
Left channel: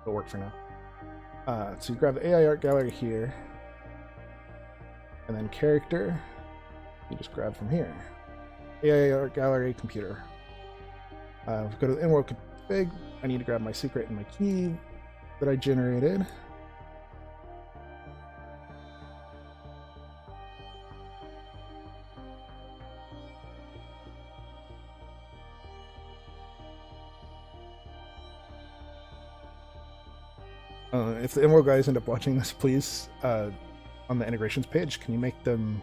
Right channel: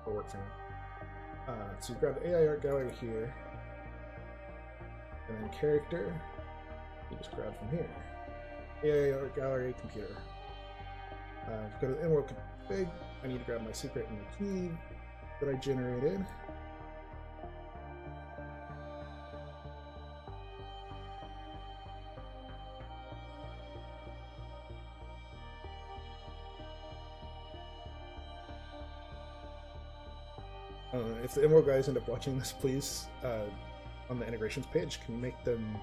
it'll work for now. So you grab the AI art gallery here, and then character, you just grab from here. AI art gallery, computer. Go to the InWorld config. I need to grab my secret and my key that I generated. If the InWorld guys end up watching this, please, on the integrations page, can you make them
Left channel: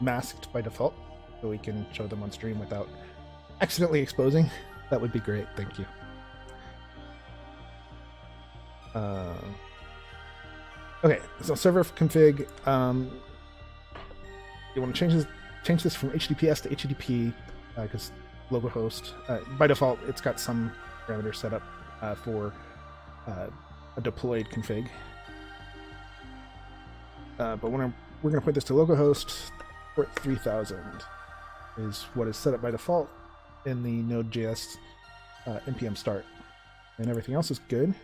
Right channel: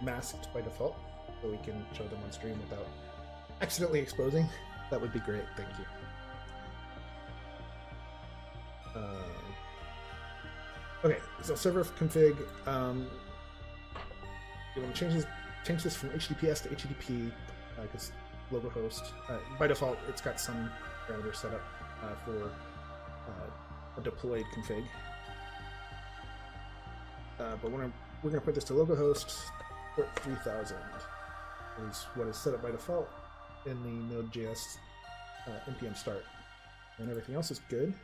masked by default so we can show them on stream without accidentally exposing? That would be great, thank you. Okay, so server config, you want to change this from HTTPS to HTTP because localhost, by default, it's got some parameters set up for a deployed config. But we're going to put this to localhost. Port 3000 is what is set up by default in the Node.js npm start, and everything else is good.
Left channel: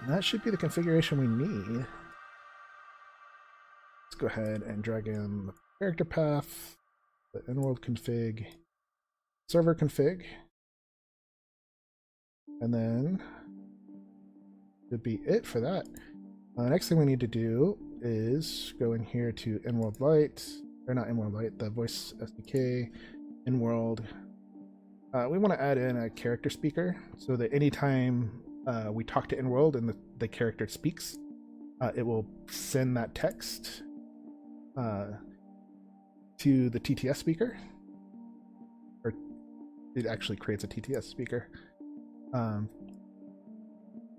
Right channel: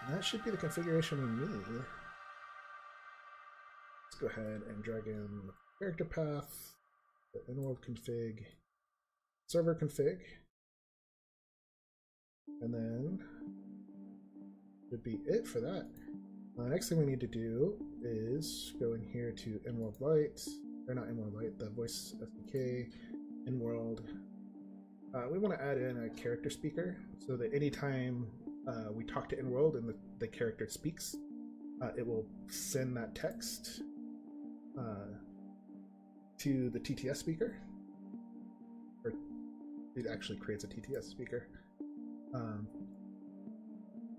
And that should be the configuration we need. Let's go ahead and drag in the character path, the InWorld config, server config, and then should be it for that. Next thing we need to do is go in here to InWorld Lite, or not InWorld Lite, the voice SDK, InWorld. We want to add in a character speaker so that anytime we talk to InWorld and the character speaks, it will send that text to the TTS speaker, or it actually creates a TTS speaker.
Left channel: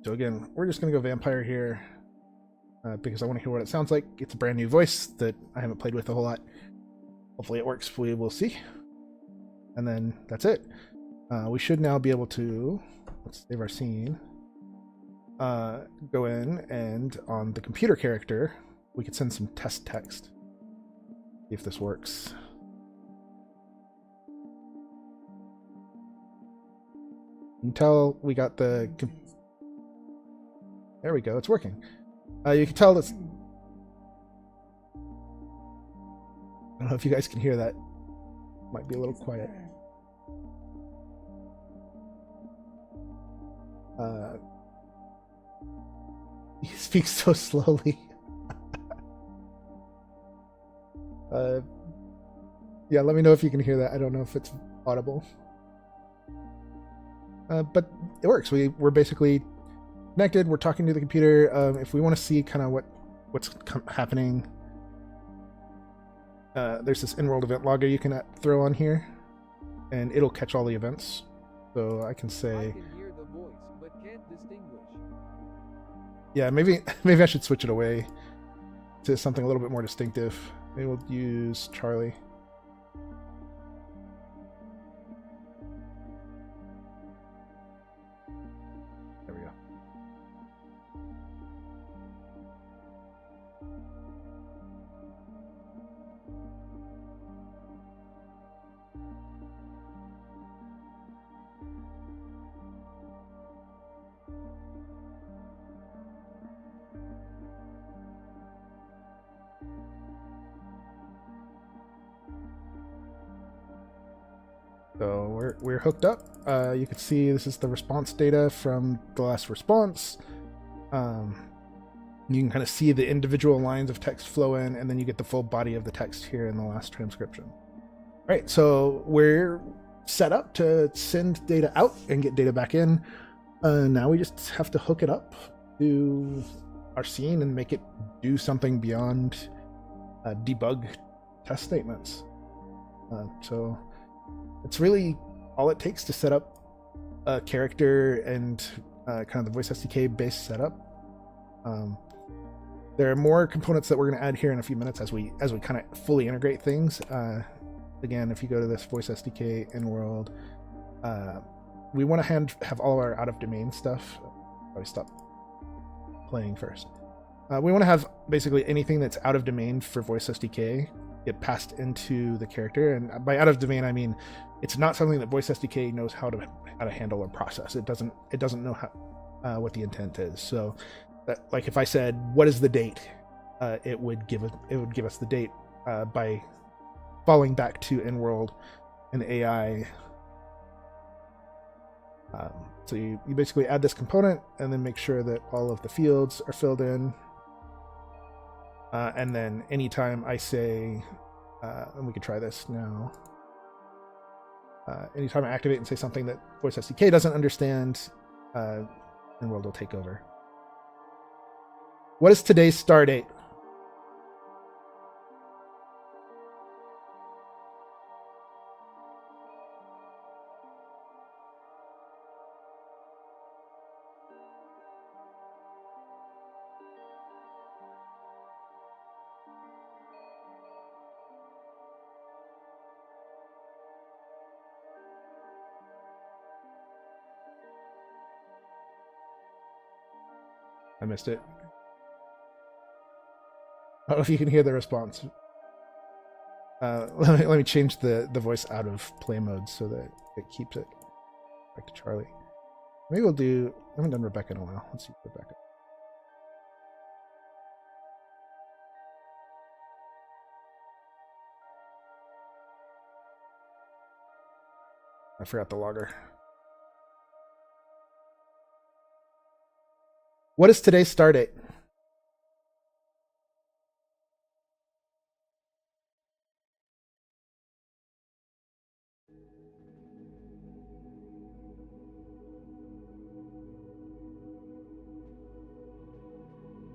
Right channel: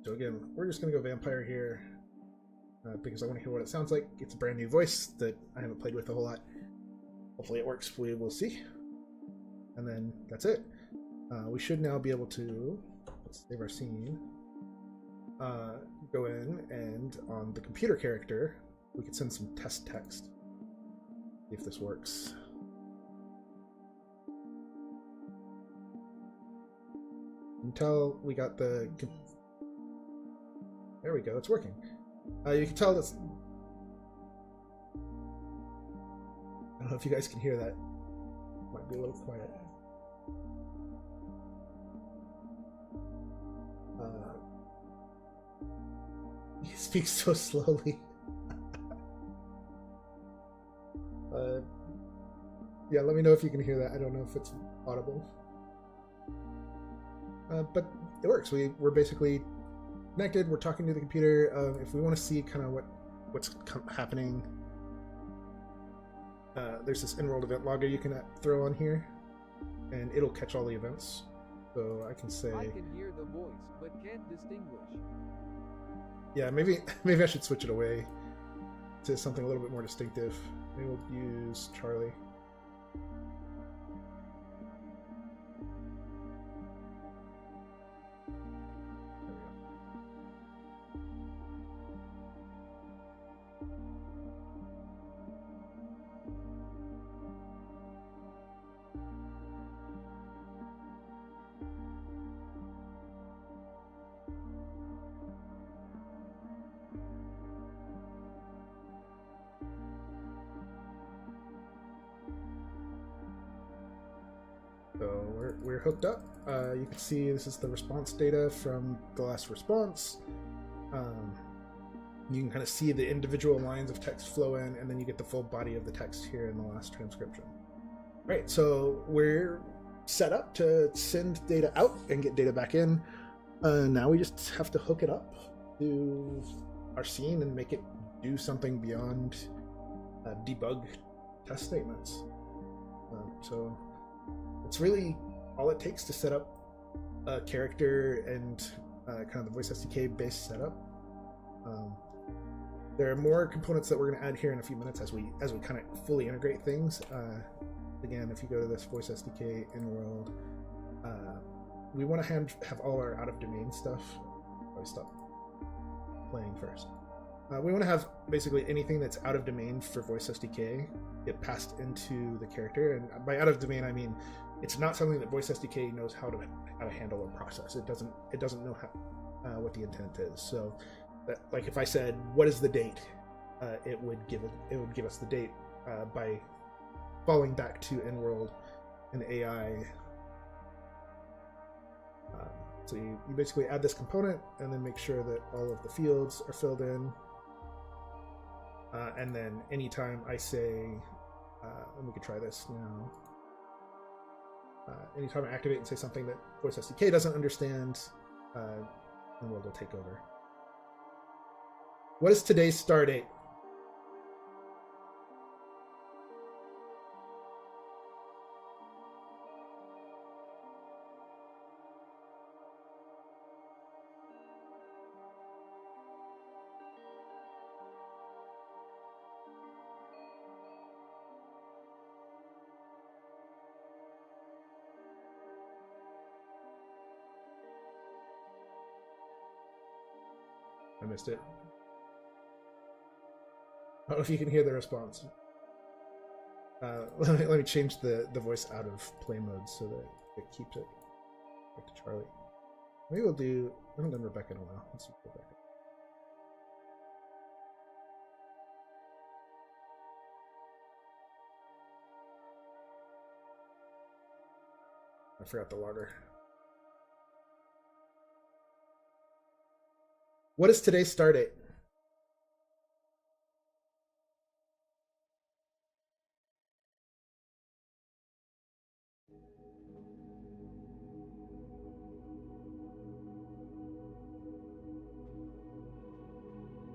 So again, we're just going to go vampire here because I want to hear what it sounds like. It's a brand new voice that I haven't played with a whole lot. Hopefully it works, we will see. And then that's it. We should now be able to, let's save our scene, go in and on the computer character, we could send some test text. See if this works. You can tell we got the... There we go, it's working. You can tell that's... I don't know if you guys can hear that. Might be a little quiet. He speaks so slowly. Yeah, let me know if you can hear that. I don't know if it's audible. But it works. We're basically connected. We're talking to the computer. If we want to see kind of what's happening, there's this InWorld event logger you can throw on here, and it'll catch all the events. So I can say, I can hear the voice, but can't distinguish. Yeah, maybe I should switch it away to something a little bit more distinctive. Maybe we'll use Charlie. There we go. So we're hooked up. You can see this is the response data from the last response. You can kind of see the individual lines of text flow in, and then you get the full body of the text here in the last transcription. All right, so we're set up to send data out and get data back in. Now we just have to hook it up to our scene and make it do something beyond debug test statements. So it's really all it takes to set up a character and kind of the voice SDK based setup. There are more components that we're going to add here in a few minutes as we kind of fully integrate things. Again, if you go to this voice SDK InWorld, we want to have all of our out of domain stuff. Probably stop playing first. We want to have basically anything that's out of domain for voice SDK get passed into the character, and by out of domain I mean it's not something that voice SDK knows how to handle or process. It doesn't know how what the intent is. So that, like if I said what is the date, it would give us the date by falling back to InWorld and AI. So you basically add this component and then make sure that all of the fields are filled in. And then anytime I say, and we could try this now, anytime I activate and say something that voice SDK doesn't understand, InWorld will take over. What is today's star date? I missed it. I don't know if you can hear the response. Let me change the voice out of play mode so that it keeps it back to Charlie. Maybe we'll do. I haven't done Rebecca in a while. Let's see Rebecca. I forgot the logger. What is today's star date?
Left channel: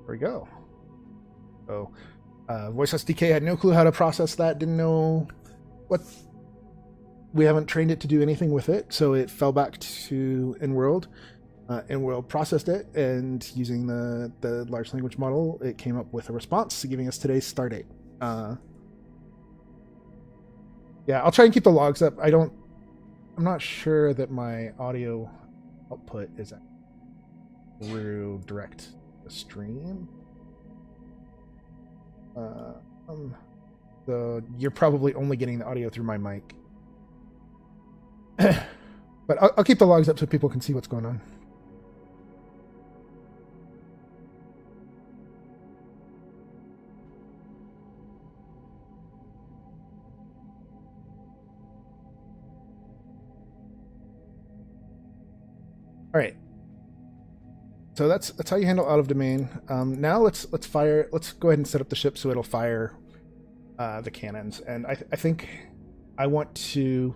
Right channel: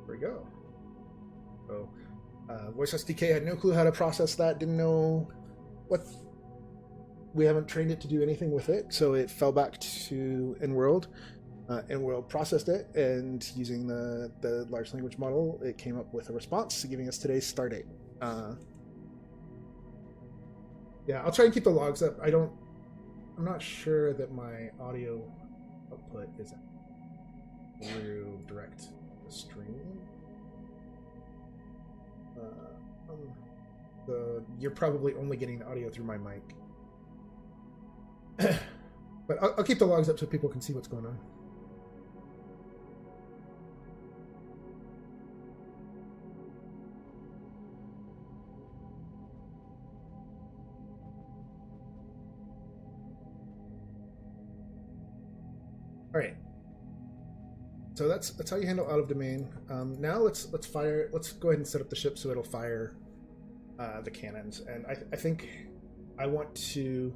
There we go. So voice SDK had no clue how to process that, didn't know what. We haven't trained it to do anything with it, so it fell back to InWorld. InWorld processed it, and using the large language model, it came up with a response giving us today's star date. Yeah, I'll try and keep the logs up. I'm not sure that my audio output is through direct stream. So you're probably only getting the audio through my mic. But I'll keep the logs up so people can see what's going on. All right. So that's how you handle out of domain. Now let's go ahead and set up the ship so it'll fire the cannons. And I think I want to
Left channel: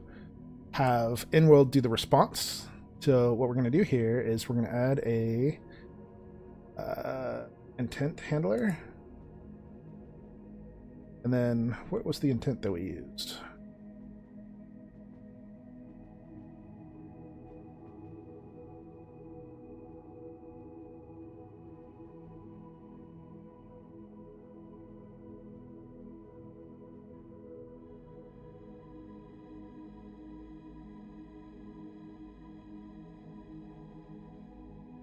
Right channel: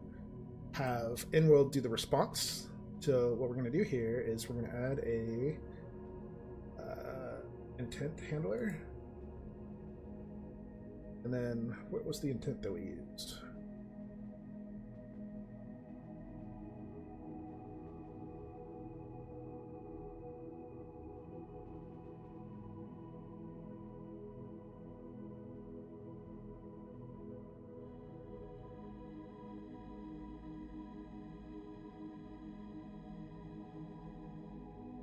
have InWorld do the response. So what we're going to do here is we're going to add a intent handler. And then what was the intent that we used?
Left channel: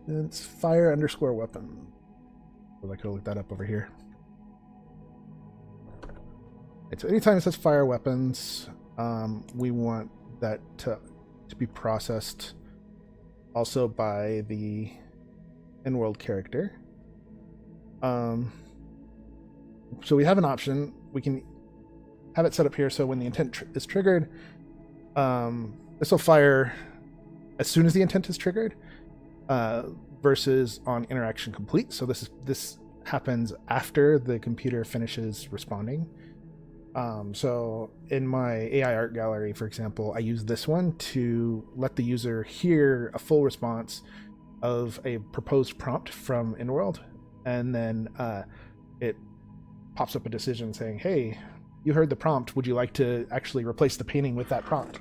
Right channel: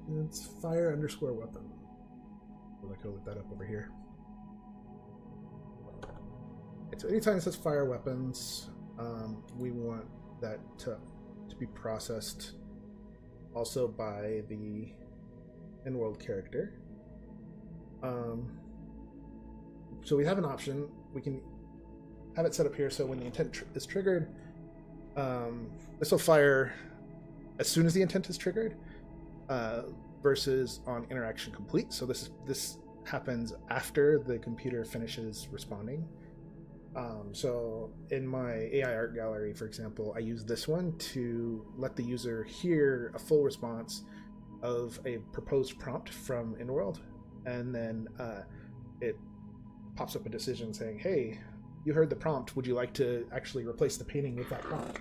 It's fire underscore weapon. Well, I could look that up over here. Okay, so anytime it says fire weapons, we want that to be processed also by the InWorld character. So we have an option. We can have it set up here so when the intent is triggered, this will fire as soon as the intent is triggered, versus on interaction complete. So this happens after the computer finishes responding. So in my AI art gallery, for example, I use this one to let the user hear a full response of a proposed prompt from InWorld, and then it pops up a decision saying, hey, you heard the prompt, would you like to actually replace the painting with that prompt?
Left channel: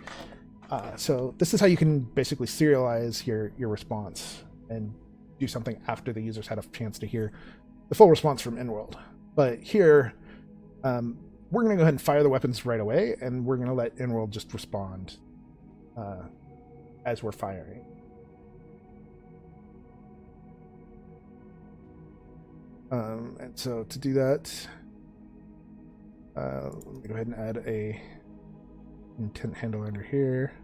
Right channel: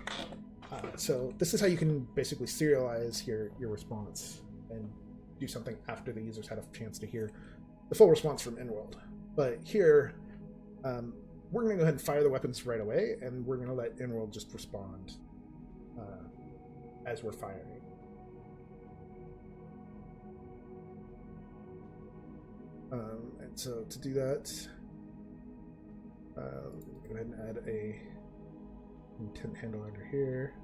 So this is how you can basically serialize your response and do something after the user's had a chance to hear the full response from InWorld. But here, we're going to go ahead and fire the weapons right away, and we're going to let InWorld just respond as we're firing. And so to do that, let me go ahead and add a intent handle under here.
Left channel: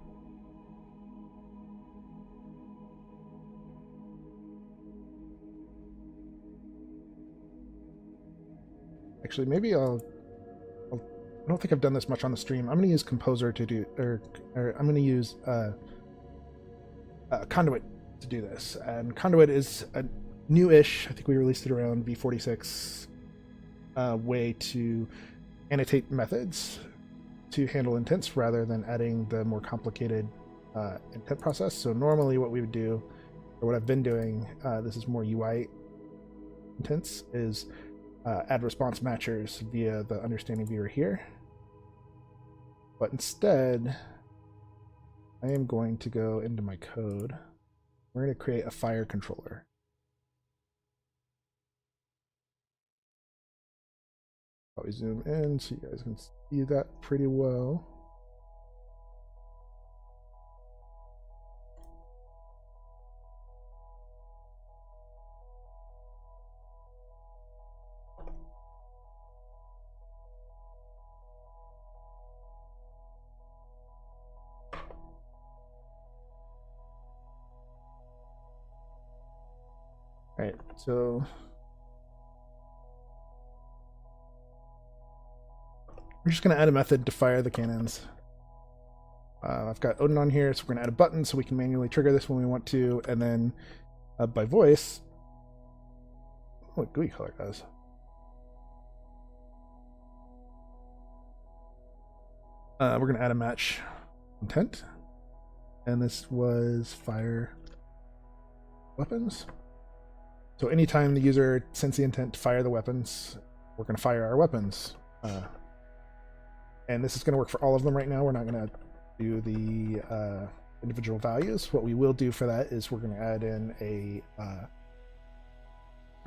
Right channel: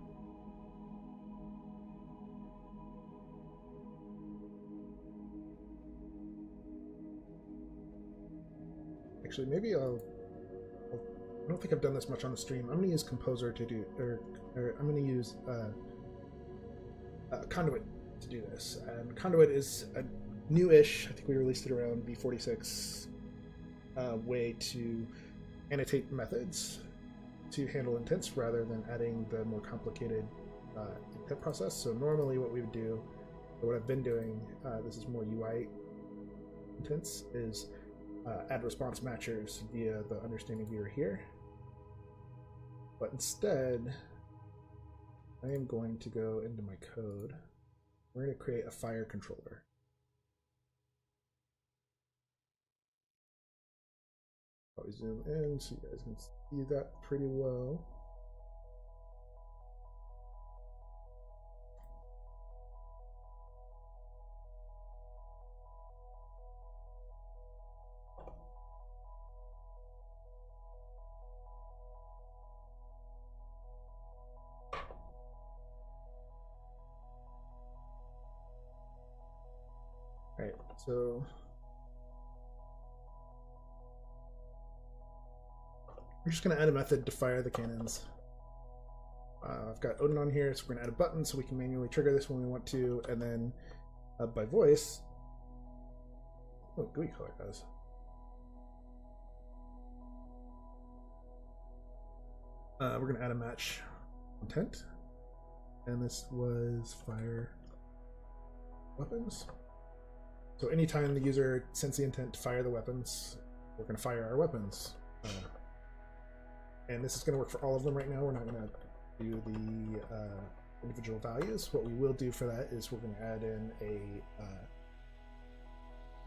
Actually, maybe I don't think I've done this much on the stream. I'm going to use Composer to do, or I'm going to use Conduit to do this. And Conduit is a new-ish, I think we released it around V46, way to annotate methods to handle intents rather than adding the more complicated intent process. So normally what we would do, or what I've been doing, this is more UI intents, is add response matchers via the understanding viewer here. But instead, I am going to go into my code. We're going to create a fire controller. Probably zoom in so you guys can see that pretty well. All right, so we're just going to add a method to fire the cannons. I've got Odin on here, so we're going to add a button so we can manually trigger this when we want to, and then by voice, what GUI color does. We're going to add a match intent, and this was fire weapons. So anytime the user sends the intent to fire the weapons, we're going to fire our weapons. And this is going to work for all of them right now. We're not going to do the individual values. What we will do for that is we're going to add in an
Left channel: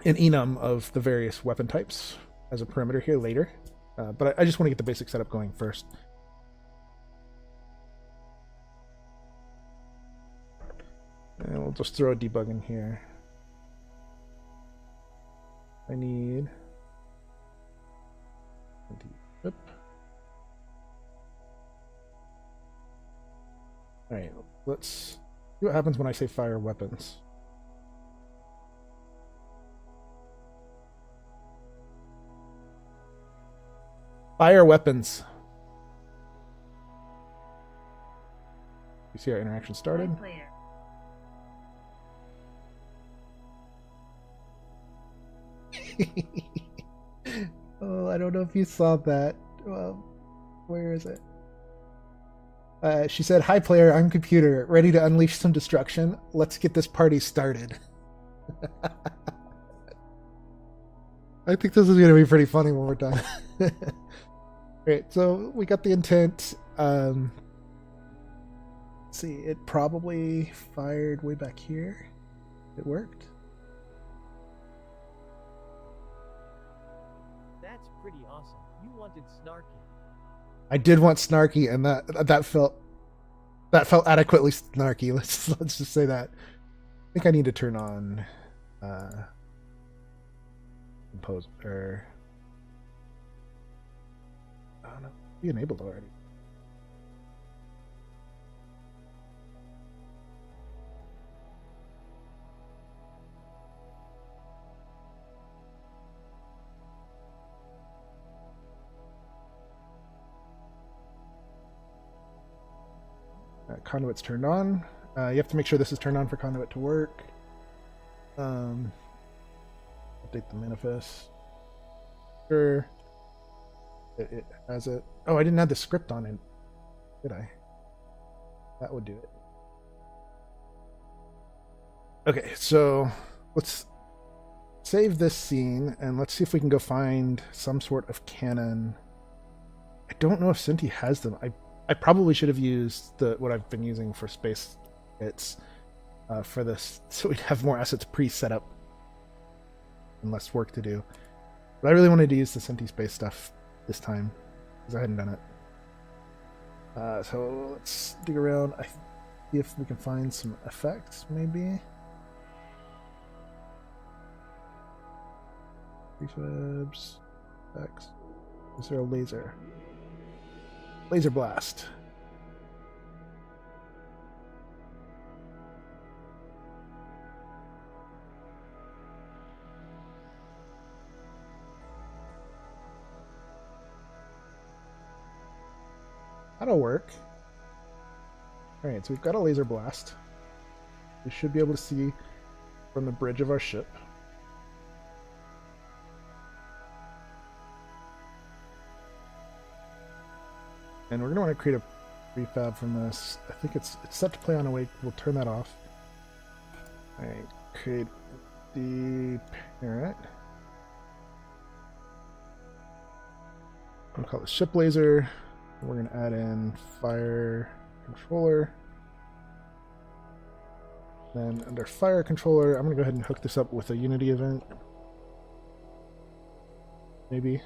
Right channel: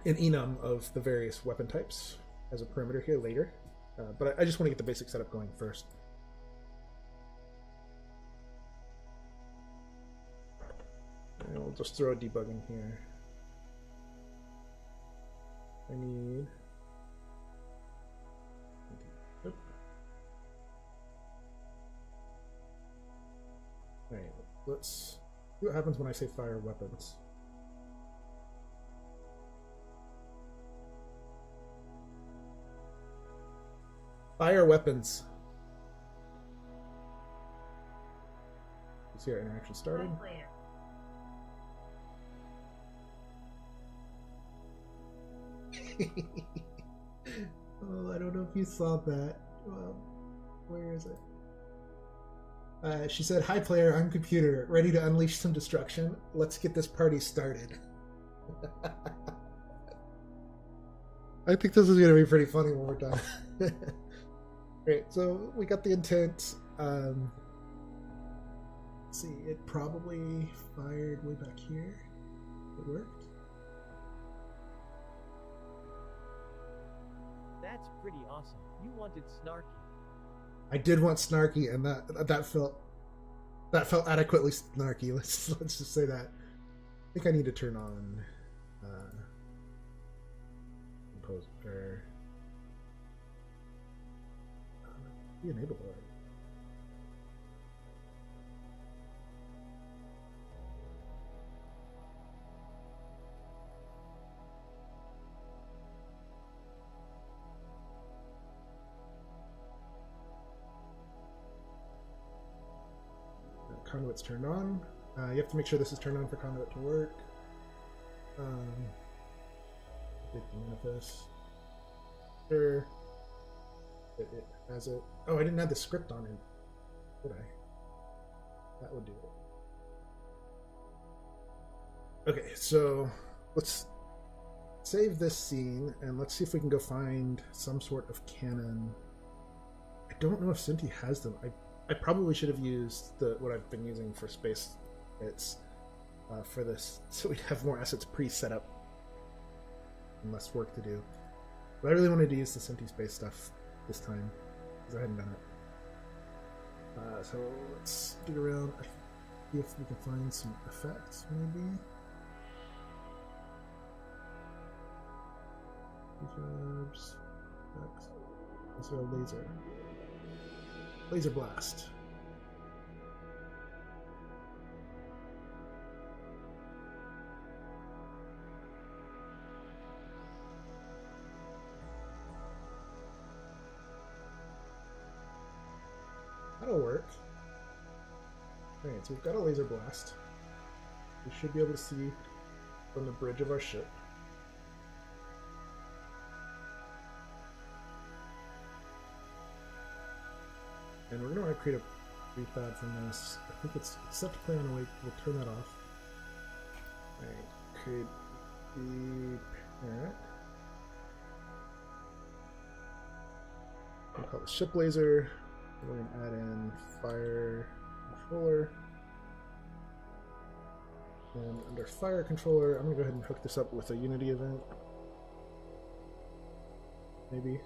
enum of the various weapon types as a parameter here later. But I just want to get the basic setup going first. And we'll just throw a debug in here. I need... Yep. Alright, let's see what happens when I say fire weapons. Fire weapons. You see our interaction started? Oh, I don't know if you saw that. Where is it? She said, "Hi player, I'm computer, ready to unleash some destruction. Let's get this party started." I think this is going to be pretty funny when we're done. Great, so we got the intent. Let's see, it probably fired way back here. It worked. That's pretty awesome. You wanted snarky. I did want snarky, and that felt adequately snarky. Let's just say that. think I need to turn on compose or I don't know, be enabled already. Conduit's turned on. You have to make sure this is turned on for conduit to work. Update the manifest. Sure. It has it. Oh, I didn't have the script on it, did I? That would do it. Okay, so let's save this scene and let's see if we can go find some sort of canon. I don't know if Synty has them. I probably should have used what I've been using for space hits for this, so we'd have more assets pre-set up and less work to do. But I really wanted to use the Synty space stuff this time because I hadn't done it. So let's dig around. See if we can find some effects, maybe. Prefabs, effects. Is there a laser? Laser blast. That'll work. Alright, so we've got a laser blast. We should be able to see from the bridge of our ship. And we're going to want to create a prefab from this. I think it's set to play on awake. We'll turn that off. Alright, create the parent. We'll call it ship laser. We're going to add in fire controller. Then under fire controller, I'm going to go ahead and hook this up with a Unity event. Maybe.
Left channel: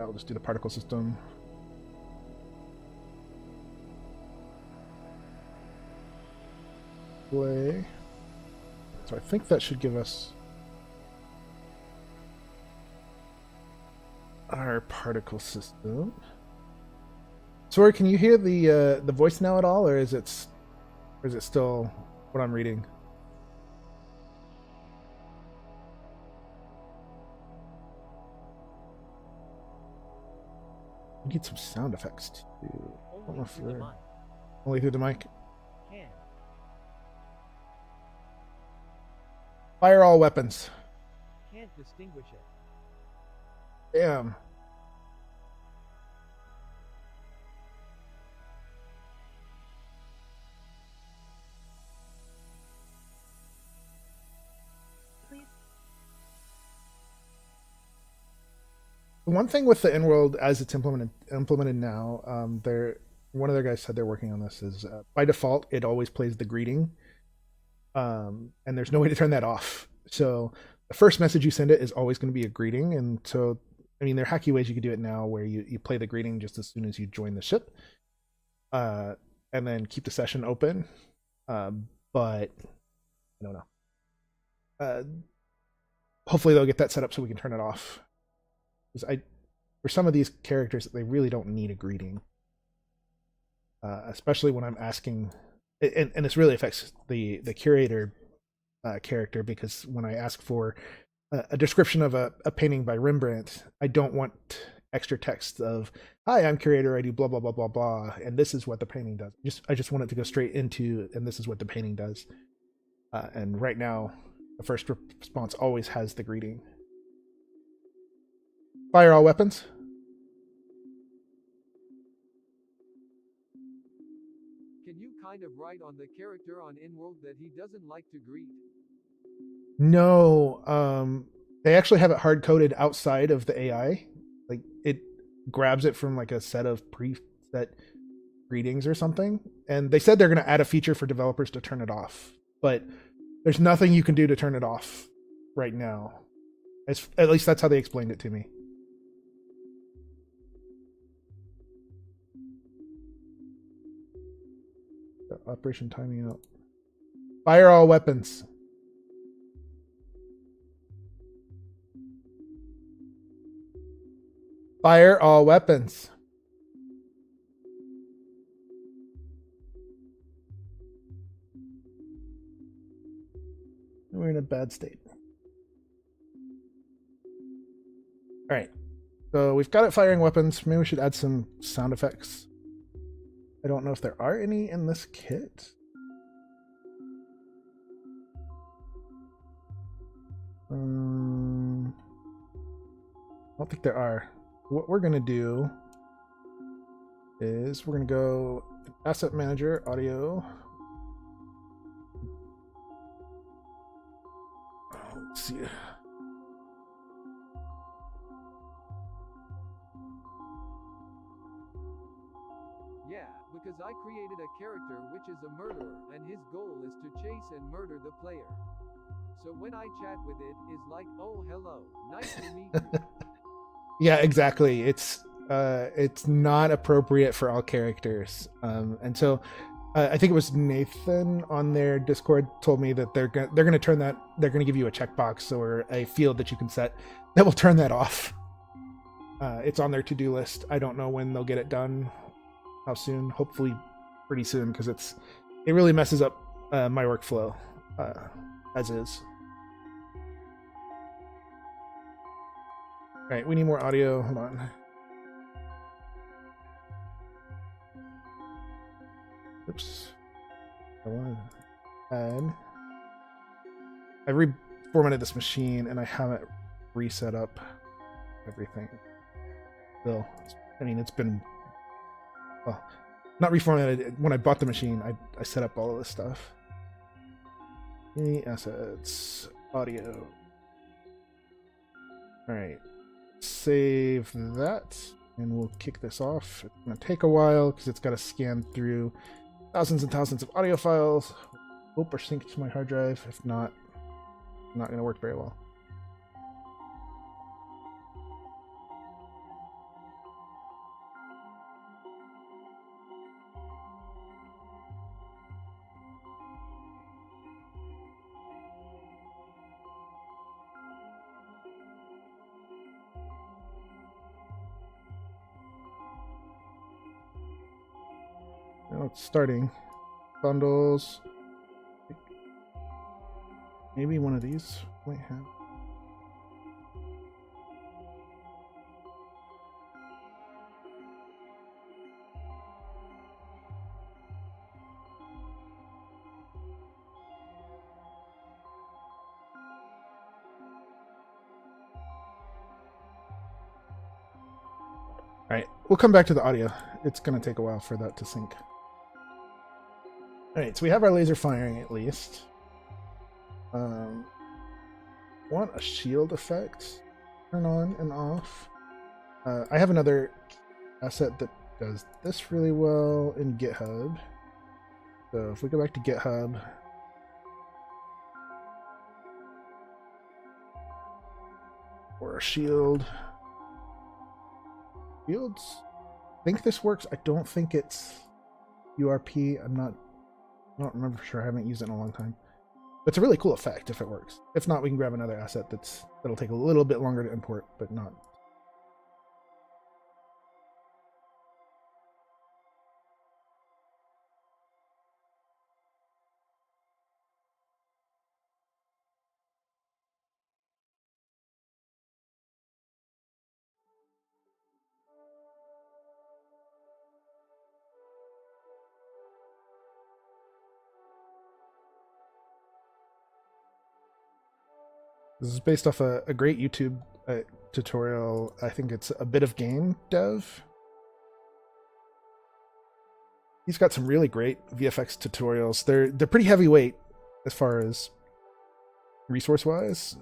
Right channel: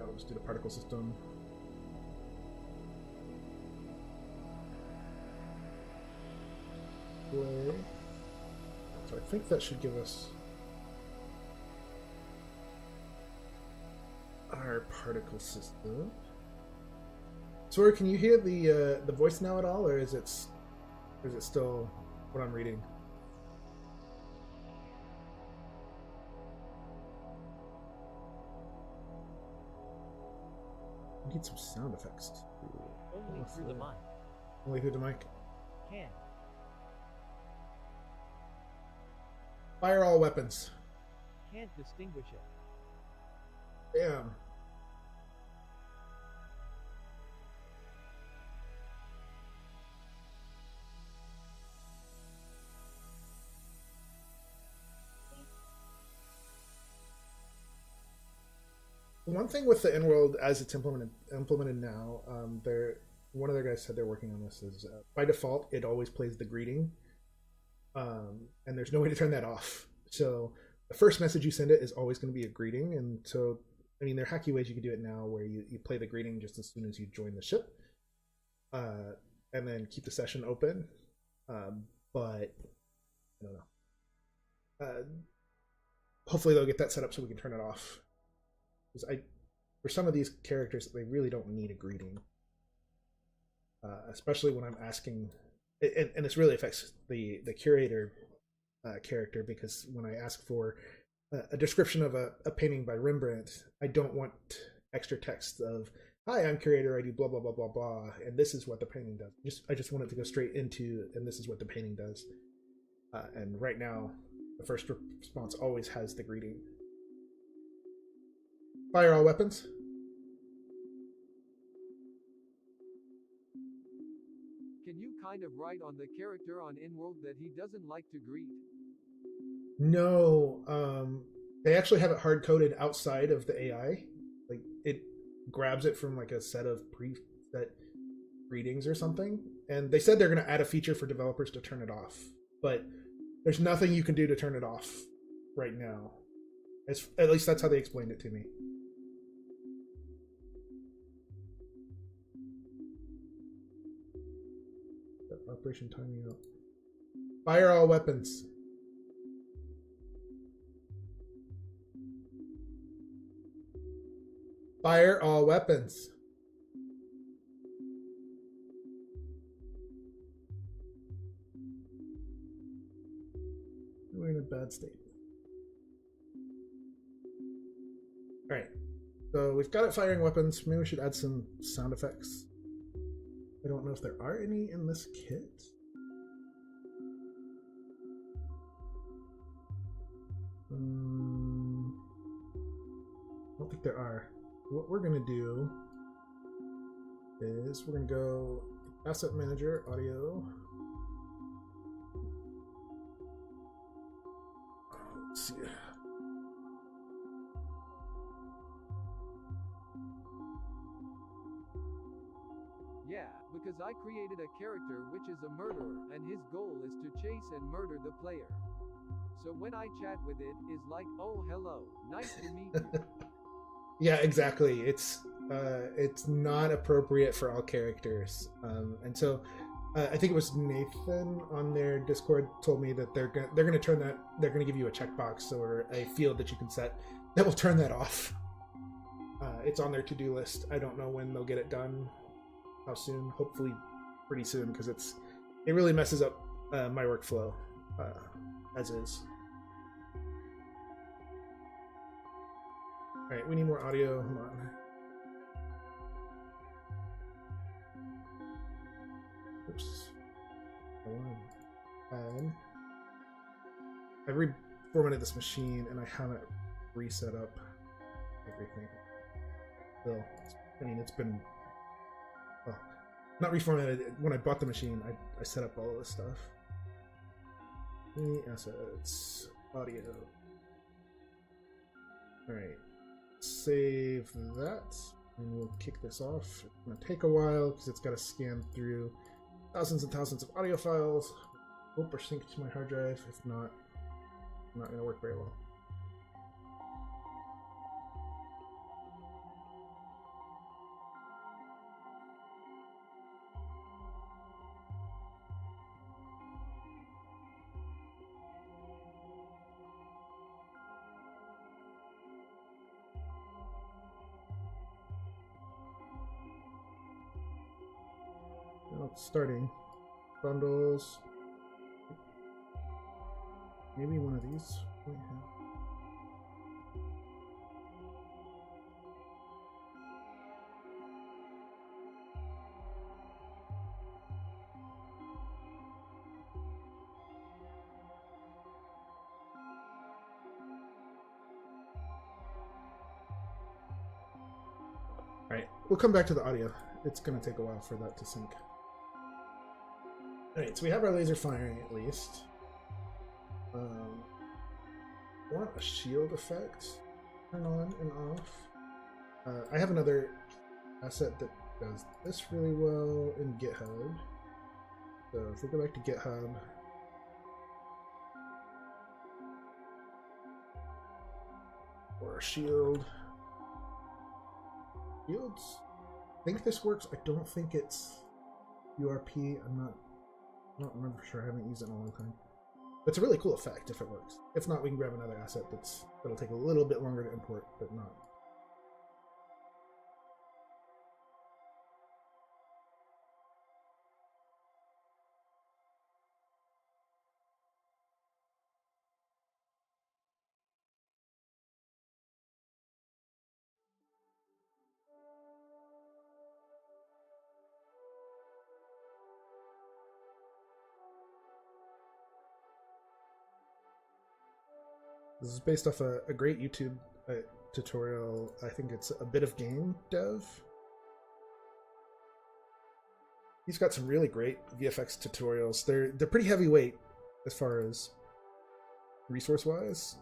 I'll just do the particle system. Play. So I think that should give us our particle system. Sorry, can you hear the voice now at all, or is it still what I'm reading? I need some sound effects too. Only through the mic. Only through the mic. Can. Fire all weapons. Can't distinguish it. Damn. One thing with the InWorld as it's implemented now, one of their guys said they're working on this is by default it always plays the greeting, and there's no way to turn that off. So the first message you send it is always going to be a greeting, and so I mean there are hacky ways you can do it now where you play the greeting just as soon as you join the ship, and then keep the session open. But I don't know. Hopefully they'll get that set up so we can turn it off. For some of these characters, they really don't need a greeting, especially when I'm asking, and this really affects the curator character, because when I ask for a description of a painting by Rembrandt, I don't want extra text of "Hi, I'm curator. I do blah blah blah blah blah, and this is what the painting does." I just want it to go straight into, and this is what the painting does. And right now, the first response always has the greeting. Fire all weapons. Can you kind of write on the character on InWorld that he doesn't like to greet? No, they actually have it hard coded outside of the AI. Like it grabs it from like a set of preset greetings or something. And they said they're going to add a feature for developers to turn it off, but there's nothing you can do to turn it off right now. At least that's how they explained it to me. operation timing out. Fire all weapons. Fire all weapons. We're in a bad state. All right. So we've got it firing weapons. Maybe we should add some sound effects. I don't know if there are any in this kit. I don't think there are. What we're going to do is we're going to go Asset Manager, Audio. Let's see. Yeah, because I created a character which is a murderer, and his goal is to chase and murder the player. So when I chat with it, is like, oh hello, nice to meet you. Yeah, exactly. It's not appropriate for all characters, and so I think it was Nathan on their Discord told me that they're gonna turn that, they're gonna give you a checkbox or a field that you can set that will turn that off. It's on their to-do list. I don't know when they'll get it done, how soon. Hopefully pretty soon, because it really messes up my workflow as is. All right, we need more audio. Hold on. Oops. I want to add. I reformatted this machine and I haven't reset up everything. Still, I mean, it's been, well, not reformatted. When I bought the machine, I set up all of this stuff. Any assets, audio. All right. Save that and we'll kick this off. It's going to take a while because it's got to scan through thousands and thousands of audio files. Hope are synced to my hard drive. If not, not going to work very well. Now it's starting. Bundles. Maybe one of these might have. All right, we'll come back to the audio. It's going to take a while for that to sync. All right, so we have our laser firing at least. Want a shield effect, turn on and off. I have another asset that does this really well in GitHub. So if we go back to GitHub, or a shield. Shields, I think this works. I don't think it's URP. I don't remember for sure. I haven't used it in a long time. But it's a really cool effect if it works. If not, we can grab another asset that'll take a little bit longer to import, but not. This is based off a great YouTube tutorial. I think it's a bit of game dev. He's got some really great VFX tutorials. They're pretty heavyweight as far as resource wise,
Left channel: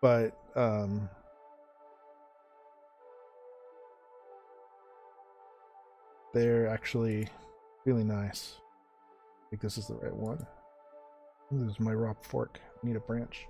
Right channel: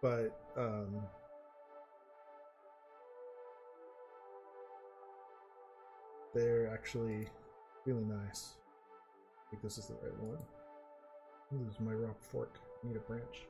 but they're actually really nice. I think this is the right one. This is my raw fork. I need a branch.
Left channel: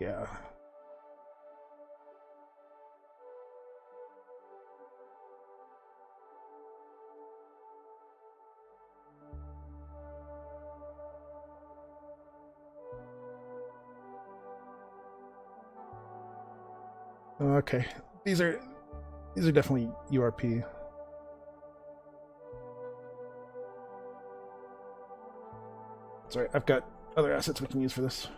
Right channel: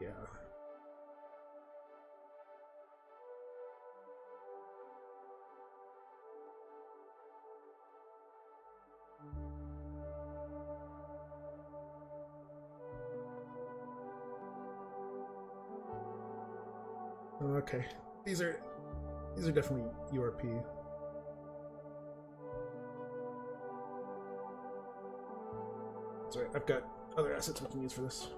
Yeah. Okay, these are definitely URP. Sorry, I've got other assets we can use for this.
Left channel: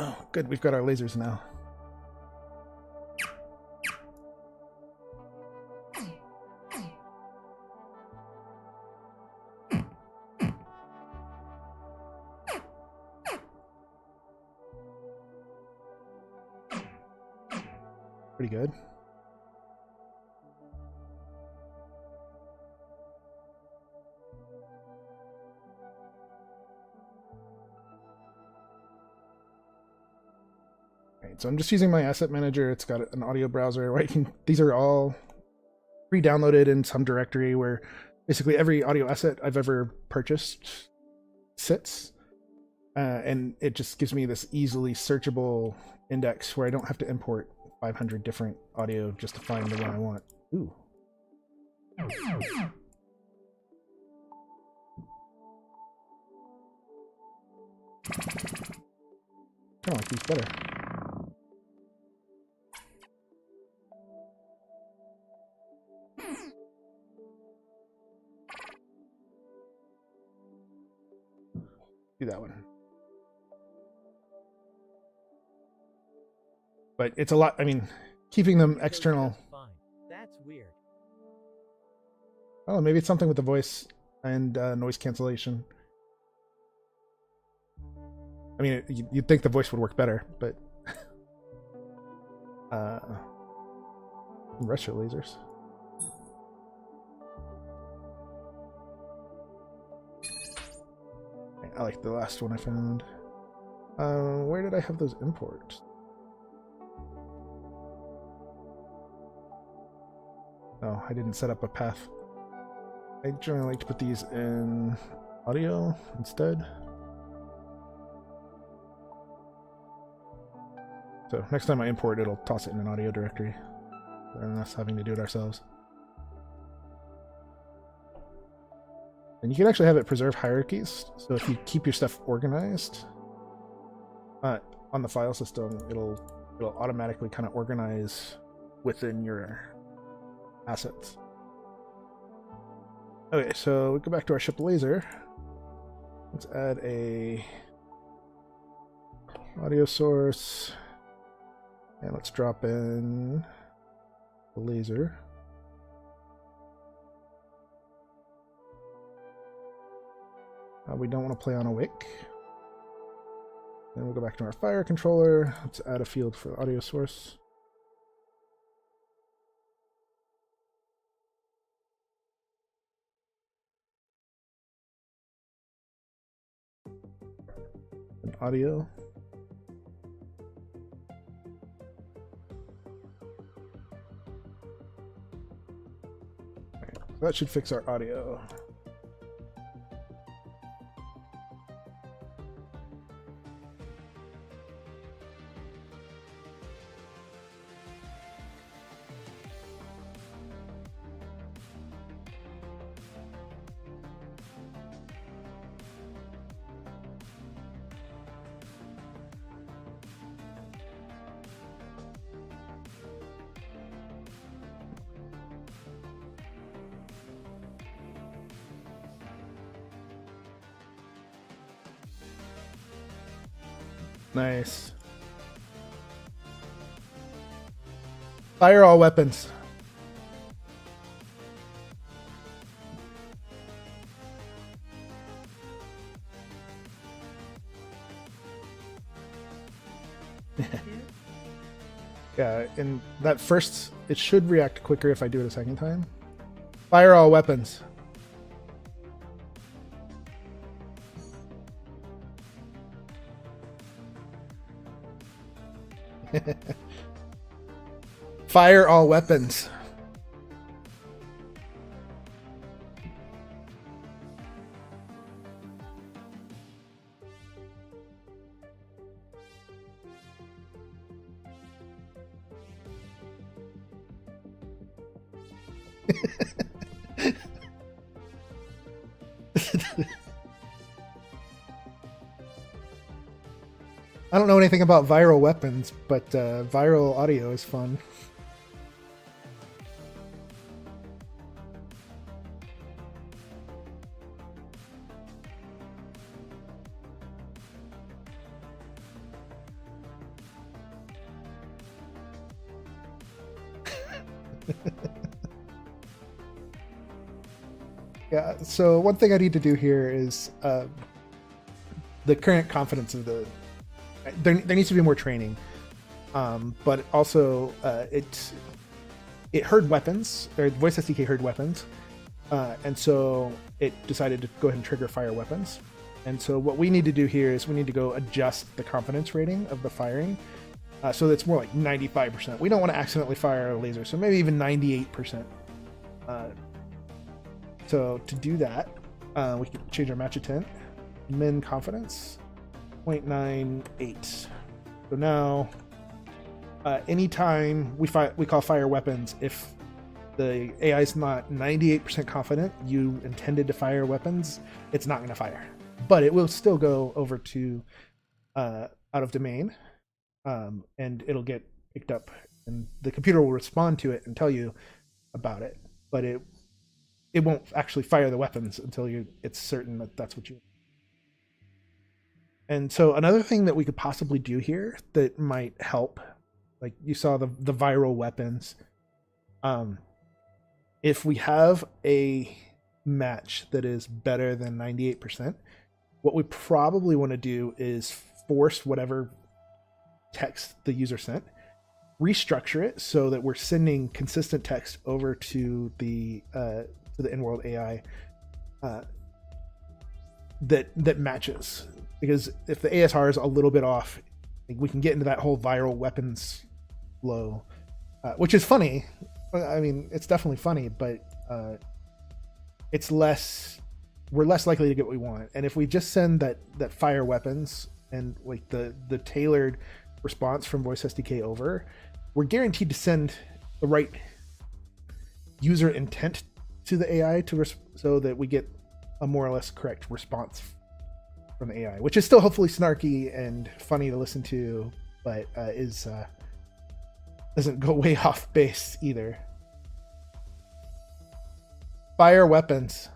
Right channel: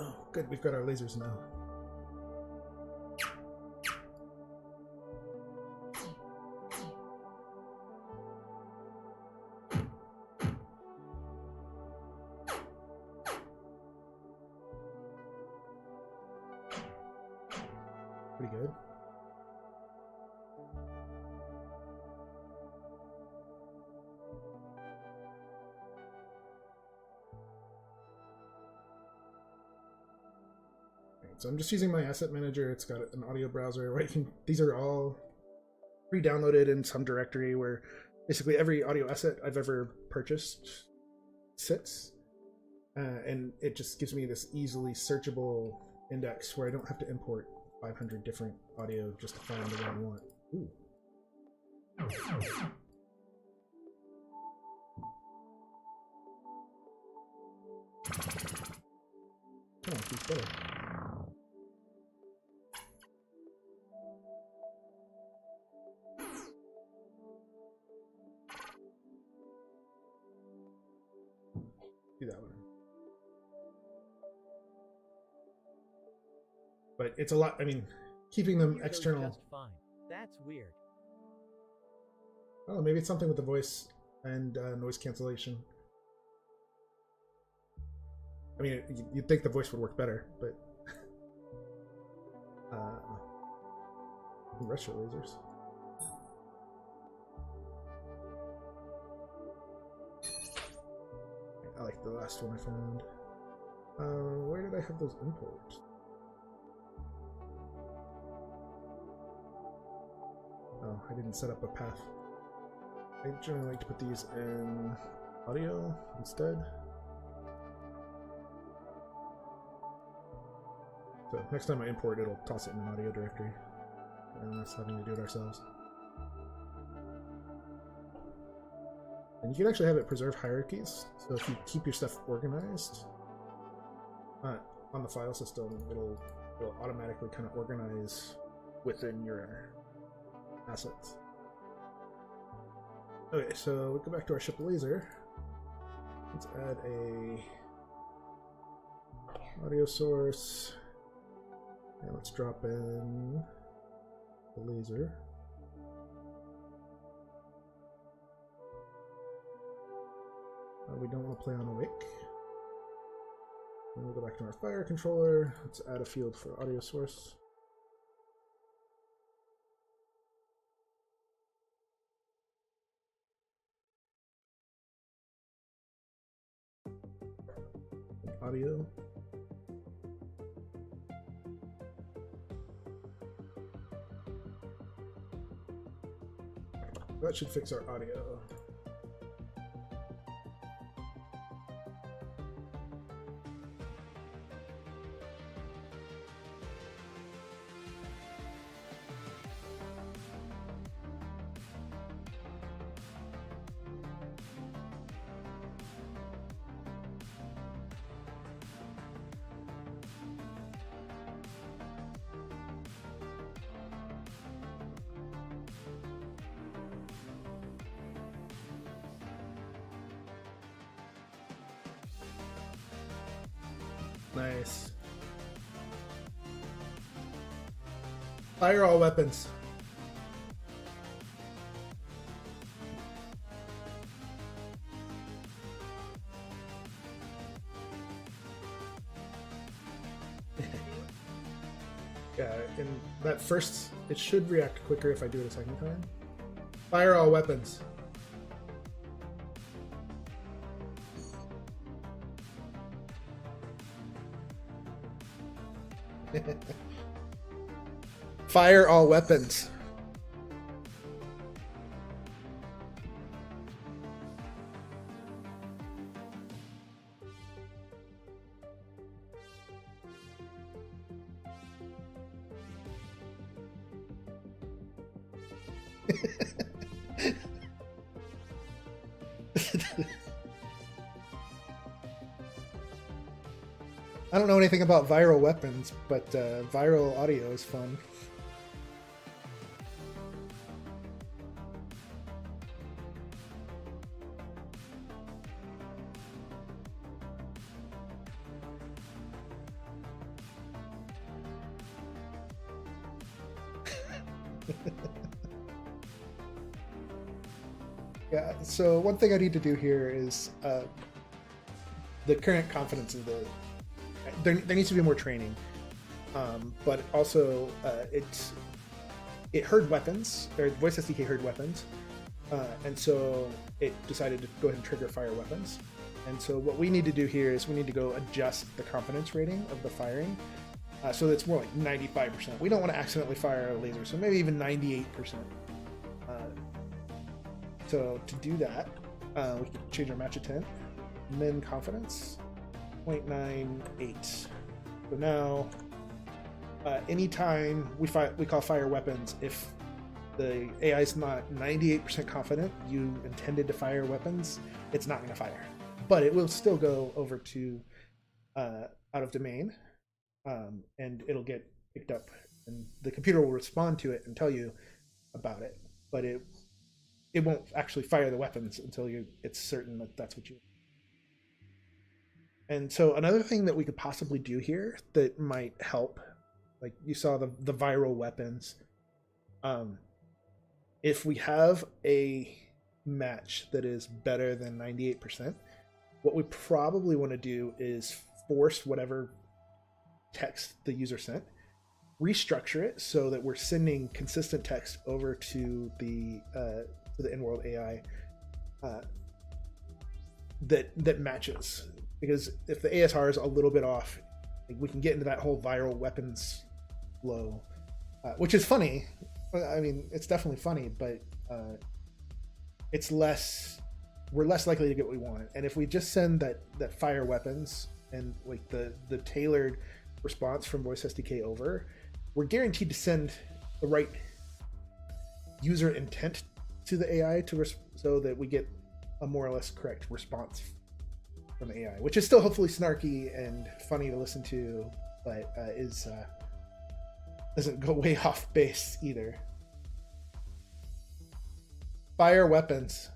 Oh, good, we've got our lasers now. Pretty good. So I'm just using my asset manager. It's got an audio browser where these are all pre-downloaded in some directory where basically every audio asset I've ever purchased sits. And it just gives me this easily searchable index where I don't have to import 500 different audio just to find the one I want. Ooh. Kind of like these better. Do that one. But it's a lot, I mean, keeping them external. Just fine. That's weird. Oh, maybe it's something with the voice and noise cancellation. I mean, you'd think the voice would work better, but retro lasers. I like the last one I found. Where did I have those imports? Oh, I didn't set up a path. I generally like to put these in audio instead. So next time I import, it'll toss it in an audio directory, and us having to do it ourselves. And you can actually have it preserve hierarchies. So if you keep your stuff organized on the file system, it'll automatically kind of organize within your assets. Okay, so we go back to our ship laser. Let's add a audio source, and let's drop in the laser. We don't want to play on a wick. Then we'll go back to our fire controller. Let's add a field for the audio source. And audio. Okay, so that should fix our audio. Nice. Fire all weapons. Yeah, and that first, it should react quicker if I do it a second time. Fire all weapons. Fire all weapons. I don't know anything about viral weapons, but viral audio is fun. Yeah, so one thing I need to do here is the current confidence of the... There needs to be more training, but also it heard weapons, or voice SDK heard weapons, and so it decided to go ahead and trigger fire weapons. And so what we need to do here is we need to go adjust the confidence rating of the firing, so that it's more like 95%. We don't want to accidentally fire a laser, so maybe even 98%. So to do that, we can change our match intent, min confidence, 0.98. So now, anytime we call fire weapons, if the AI is not 98% confident you intended to fire weapons, it's not going to fire. But it will still go over to out of domain, and it'll get picked up, and the computer will respond to it and tell you about it. But it won't actually fire the weapons until it's certain that that's what you... And so another thing that we could possibly do here that might help, like you saw the viral weapons, if we have a match that is better than 98%, what we probably want to do is force whatever text the user sent, restructure it so that we're sending consistent text over to the InWorld AI that matches. Because if the ASR is a little bit off, we can get into that whole viral weapons flow, which is funny. I mean, it's definitely funny, but we're less likely to get what we want. And if we just send that fire weapons and like the tailored response from voice SDK over, we're guaranteed to send the right user intent to the AI so that we get a more or less correct response from the AI, which is still hopefully snarky and funny to listen to, but doesn't go way off base either. Fire weapons.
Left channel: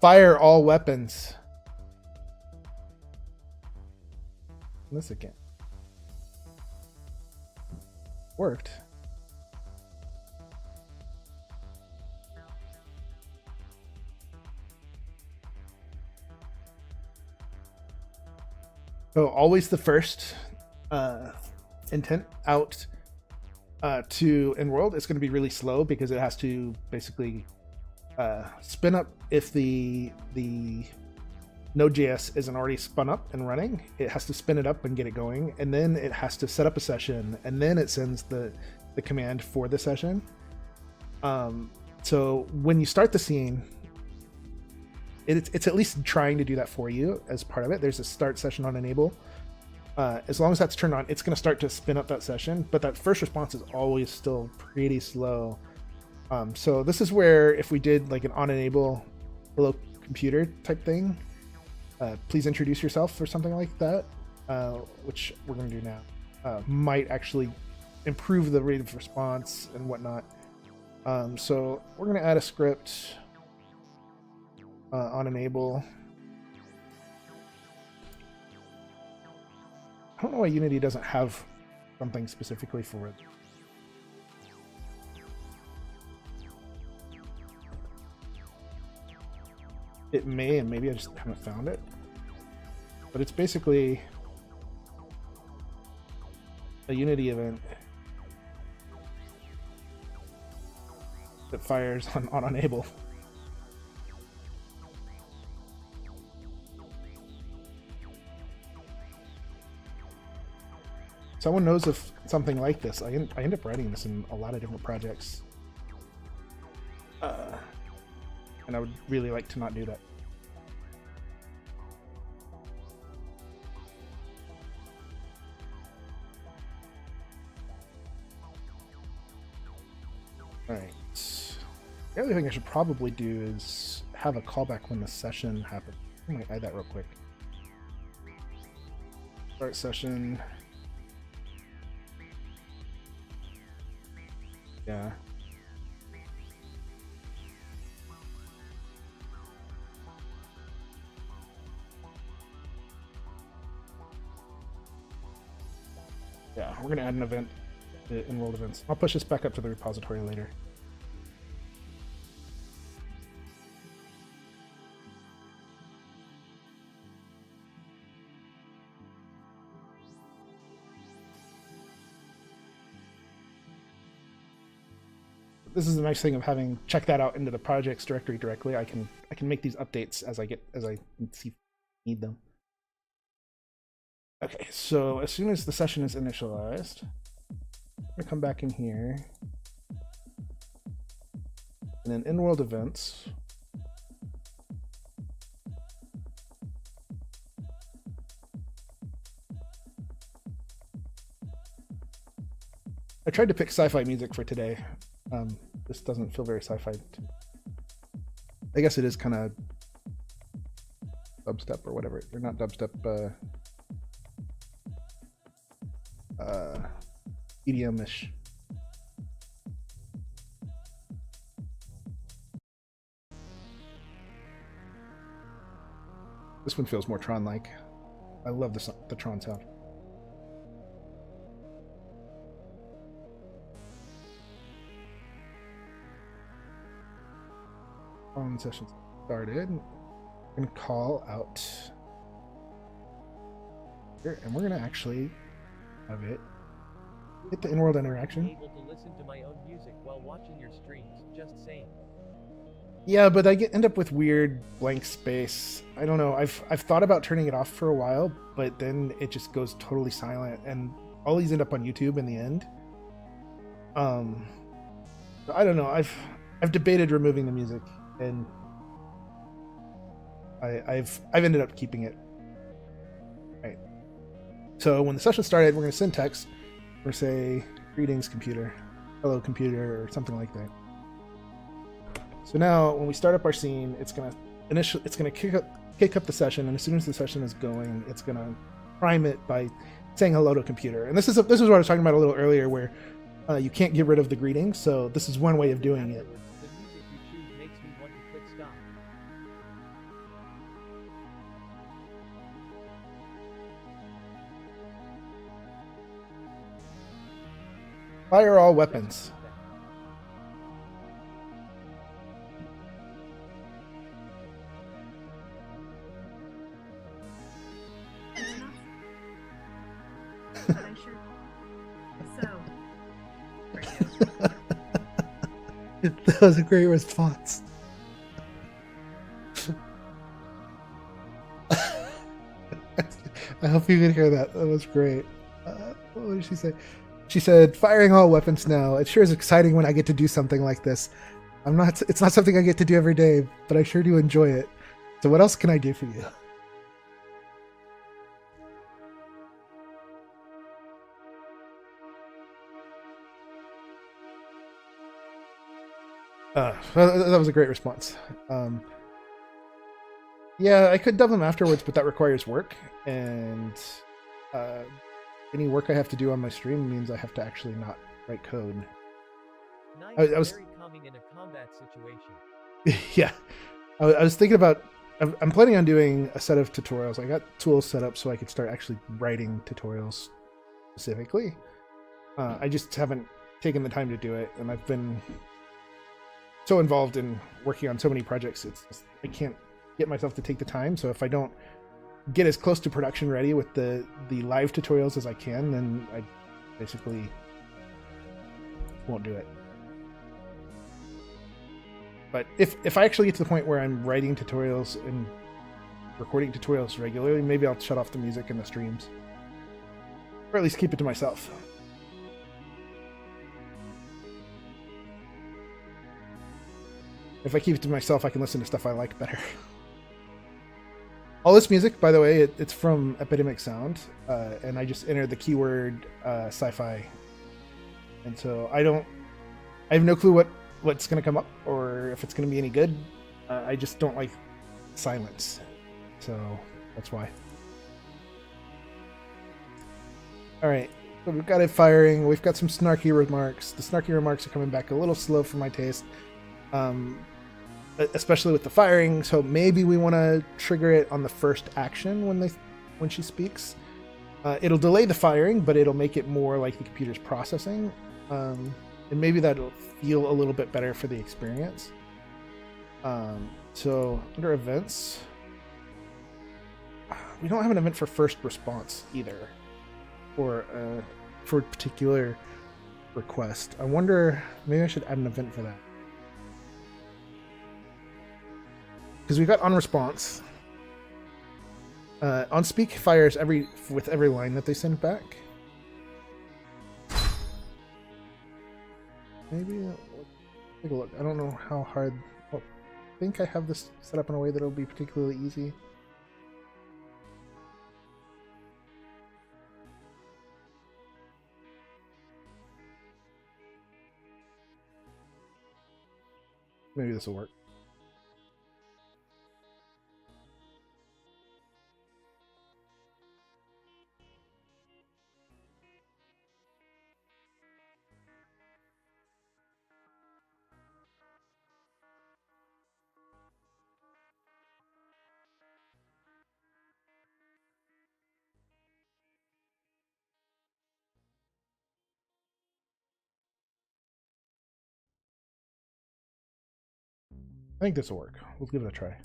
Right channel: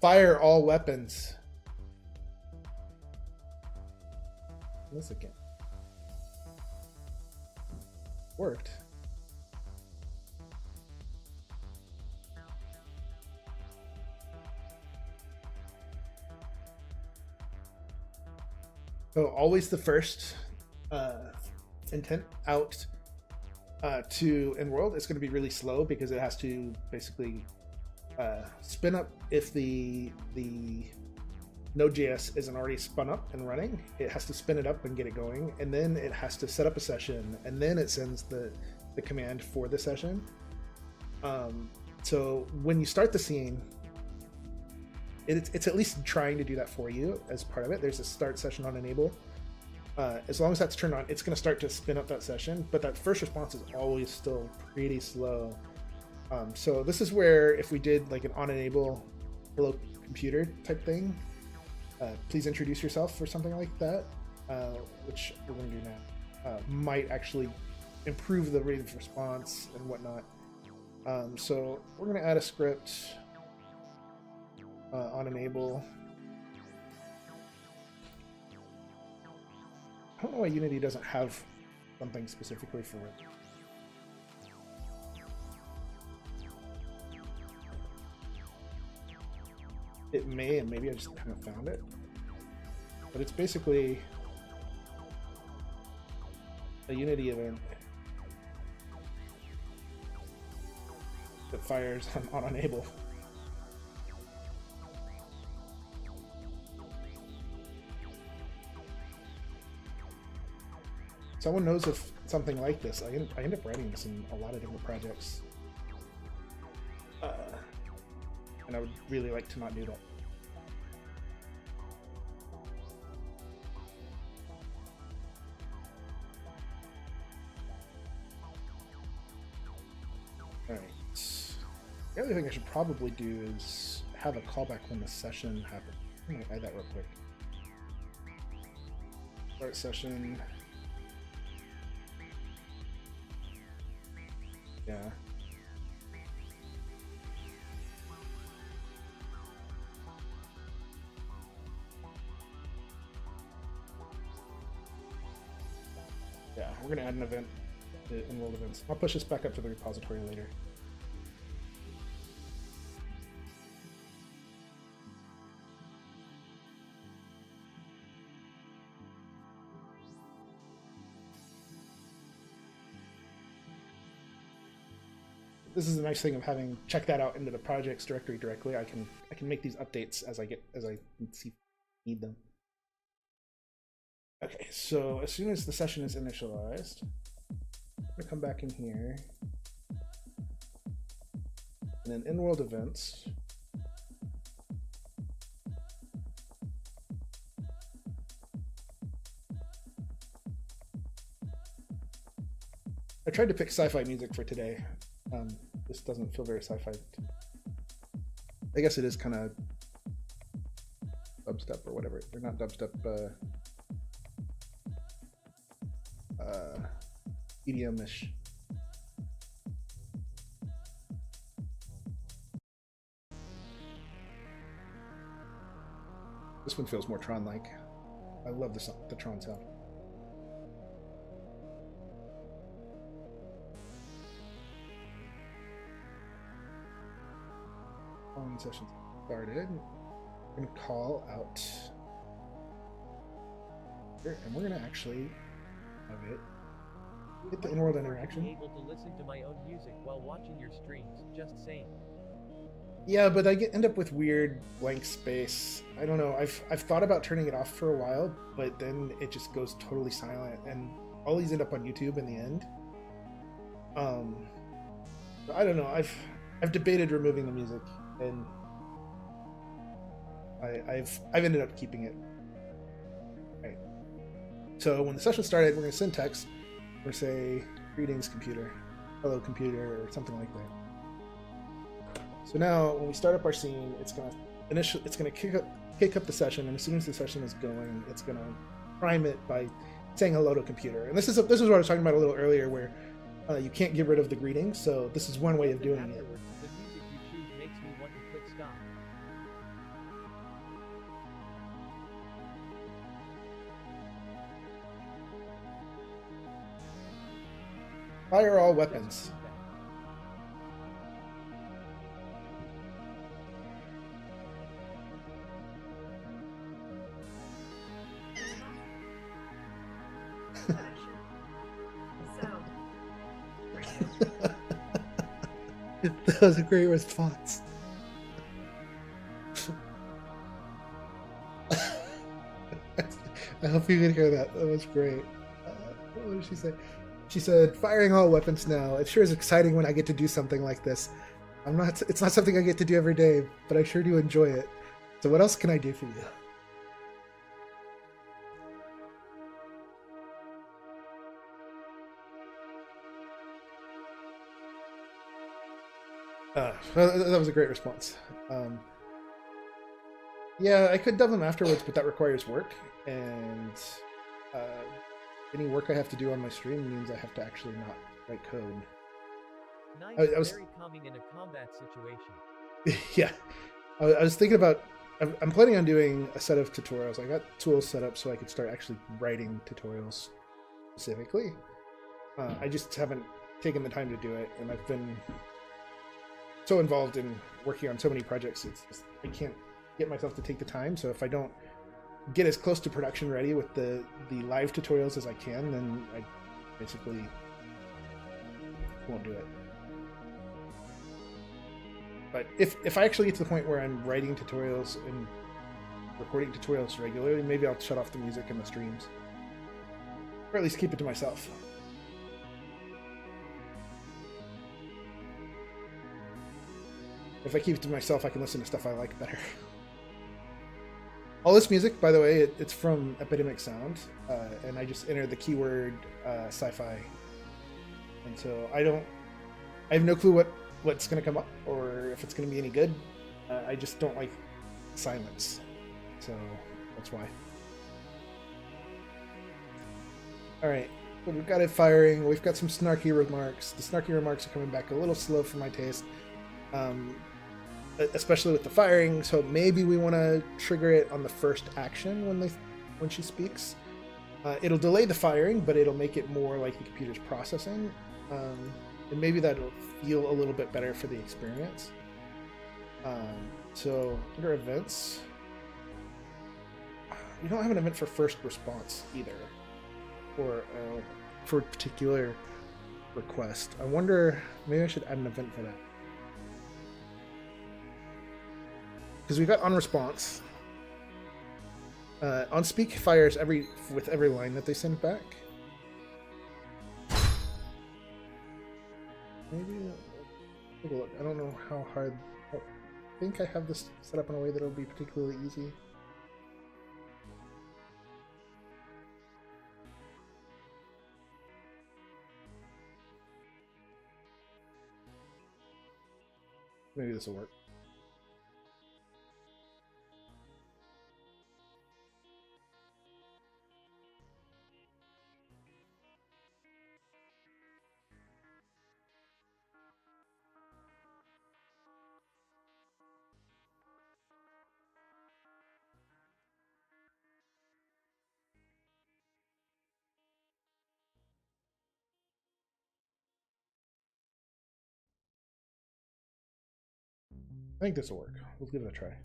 Fire all weapons. This again. Worked. So always the first intent out to InWorld is going to be really slow because it has to basically spin up. If the Node.js isn't already spun up and running, it has to spin it up and get it going, and then it has to set up a session, and then it sends the command for the session. So when you start the scene, it's at least trying to do that for you as part of it. There's a start session on enable. As long as that's turned on, it's going to start to spin up that session, but that first response is always still pretty slow. So this is where if we did like an on enable hello computer type thing, please introduce yourself or something like that, which we're going to do now, might actually improve the rate of response and whatnot. So we're going to add a script on enable. I don't know why Unity doesn't have something specifically for it. It may, and maybe I just haven't found it. But it's basically a Unity event that fires on enable. Someone knows of something like this. I end up writing this in a lot of different projects. And I would really like to not do that. Alright. The other thing I should probably do is have a callback when the session happens. I might add that real quick. Start session. Yeah. Yeah, we're gonna add an event to InWorld events. I'll push this back up to the repository later. This is the nice thing of having checked that out into the projects directory directly. I can make these updates as I see need them. Okay, so as soon as the session is initialized, I'm gonna come back in here, and then InWorld events. I tried to pick sci-fi music for today. This doesn't feel very sci-fi. I guess it is kind of dubstep or whatever. They're not dubstep. EDM-ish. This one feels more Tron-like. I love the Tron sound. On session started. We're gonna call out here, and we're gonna actually have it hit the InWorld interaction. Able to listen to my own music while watching your streams. Just saying. Yeah, but I end up with weird blank space. I don't know. I've thought about turning it off for a while, but then it just goes totally silent, and all these end up on YouTube in the end. So I don't know. I've debated removing the music, and I've ended up keeping it. Right. So when the session started, we're going to send text. We're going to say, "Greetings, computer," "Hello, computer," or something like that. So now, when we start up our scene, it's going to kick up the session, and as soon as the session is going, it's going to prime it by saying "Hello to computer." And this is what I was talking about a little earlier, where you can't get rid of the greeting. So this is one way of doing it. The music you choose makes me want to click stop. Fire all weapons. That was a great response. I hope you could hear that. That was great. What did she say? She said, "Firing all weapons now. It sure is exciting when I get to do something like this. It's not something I get to do every day, but I sure do enjoy it. So what else can I do for you?" That was a great response. Yeah, I could dub them afterwards, but that requires work, and any work I have to do on my stream means I have to actually not write code. Nice, I was very calming in a combat situation. Yeah, I was thinking about. I'm planning on doing a set of tutorials. I got tools set up so I could start actually writing tutorials specifically. I just haven't taken the time to do it, and I've been so involved in working on so many projects. It's just, I can't get myself to take the time. So if I don't get as close to production ready with the live tutorials as I can, then I basically won't do it. But if I actually get to the point where I'm writing tutorials and recording tutorials regularly, maybe I'll shut off the music in the streams. Or at least keep it to myself. If I keep it to myself, I can listen to stuff I like better. All this music, by the way, it's from Epidemic Sound, and I just entered the keyword sci-fi. And so I have no clue what's going to come up or if it's going to be any good. I just don't like silence. So that's why. All right, so we've got it firing. We've got some snarky remarks. The snarky remarks are coming back a little slow for my taste, especially with the firing. So maybe we want to trigger it on the first action when she speaks. It'll delay the firing, but it'll make it more like the computer's processing, and maybe that'll feel a little bit better for the experience. So under events, we don't have an event for first response either, or for a particular request. I wonder, maybe I should add an event for that. Because we got on response. On speak fires with every line that they send back. Maybe take a look. I don't know how hard. I think I have this set up in a way that it'll be particularly easy. Maybe this will work. I think this will work. Let's give it a try.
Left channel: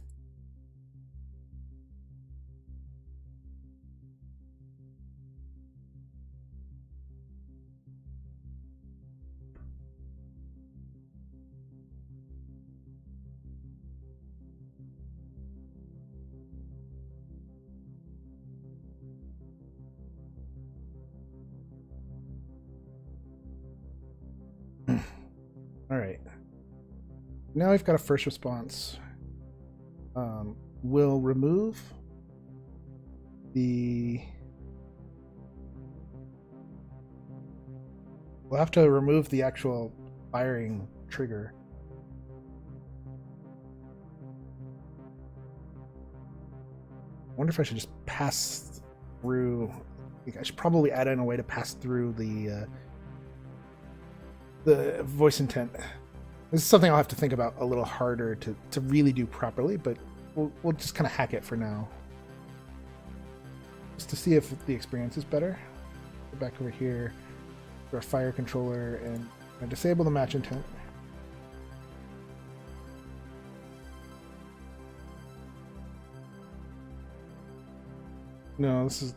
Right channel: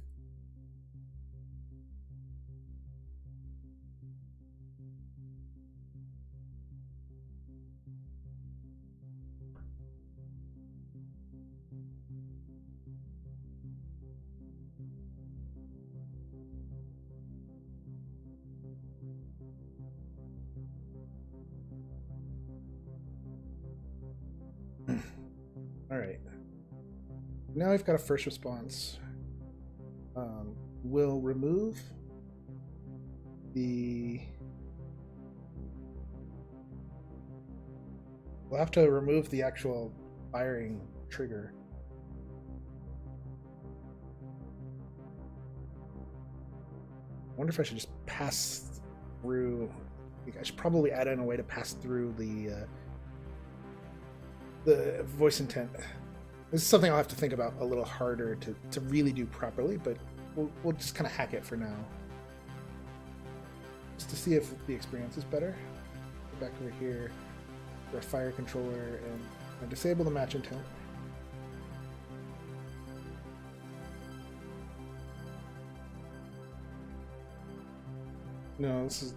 All right. Now we've got a first response. We'll remove the... We'll have to remove the actual firing trigger. I wonder if I should just pass through... I think I should probably add in a way to pass through the voice intent. This is something I'll have to think about a little harder to really do properly, but we'll just kind of hack it for now. Just to see if the experience is better. Go back over here to our fire controller and disable the match intent. No, this is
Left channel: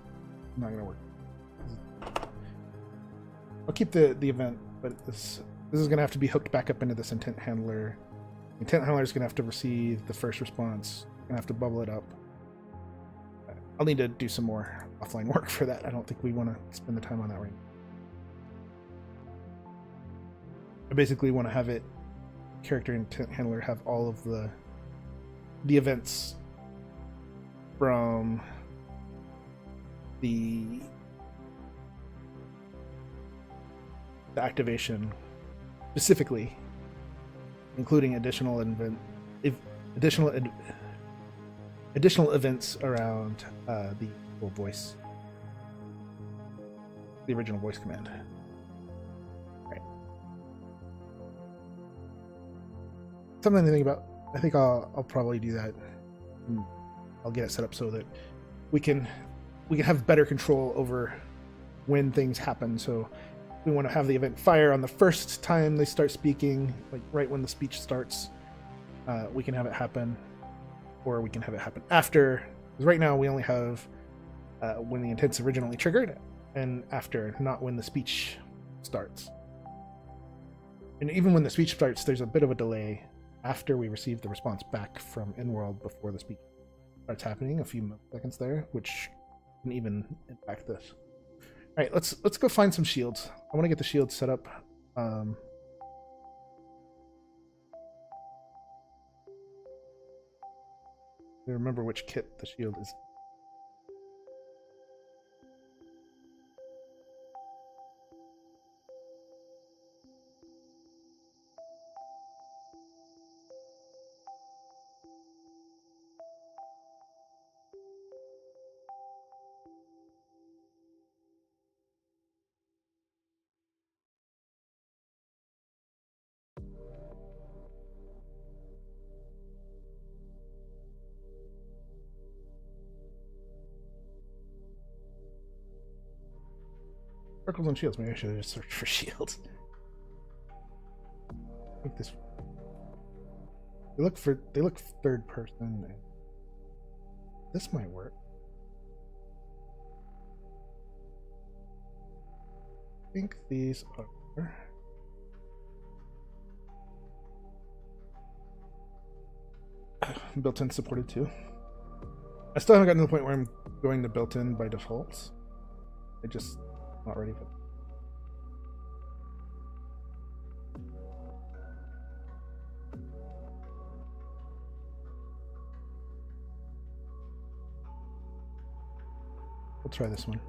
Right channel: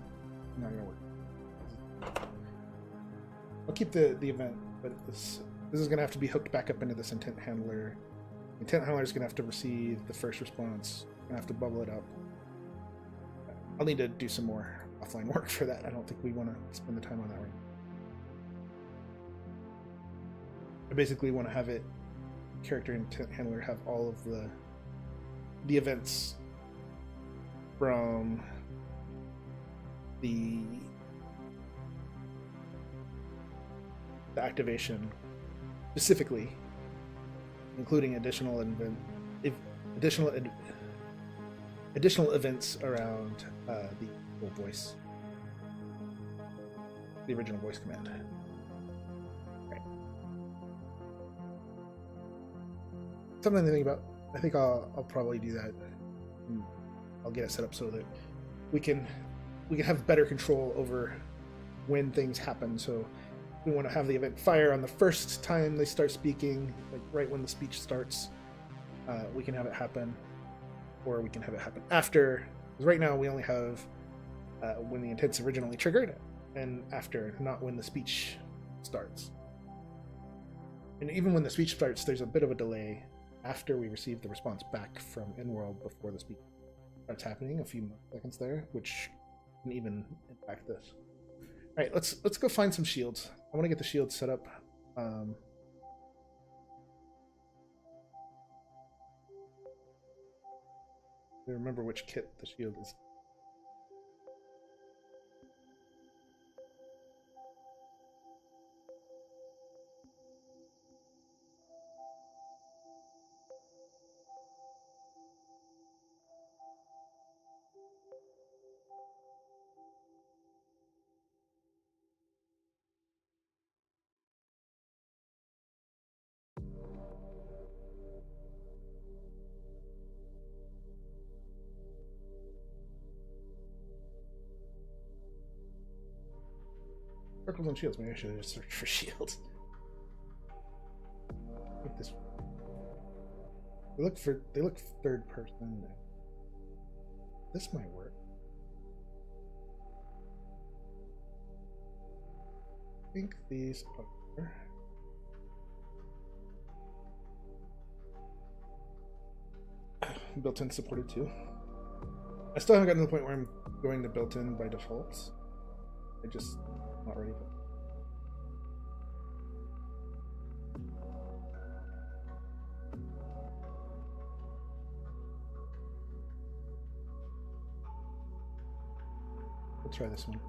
not going to work. I'll keep the event, but this is going to have to be hooked back up into this intent handler. The intent handler is going to have to receive the first response. Going to have to bubble it up. I'll need to do some more offline work for that. I don't think we want to spend the time on that right now. I basically want to have it, character intent handler, have all of the events from the activation specifically, including additional events around the voice, the original voice command. Right. Something to think about. I think I'll probably do that. I'll get it set up so that we can have better control over when things happen. So we want to have the event fire on the first time they start speaking, like right when the speech starts. We can have it happen. or we can have it happen after. Because right now we only have when the intent's originally triggered, and after, not when the speech starts. And even when the speech starts, there's a bit of a delay after we receive the response back from InWorld before the speech starts happening, a few seconds there, which can even impact this. All right, let's go find some shields. I want to get the shields set up. I remember which kit the shield is. Circles and shields. Maybe I should have just searched for shields. I think this. They look third person. This might work. I think these are built-in supported too. I still haven't gotten to the point where I'm going to built-in by default. I just not ready for it. We'll try this one.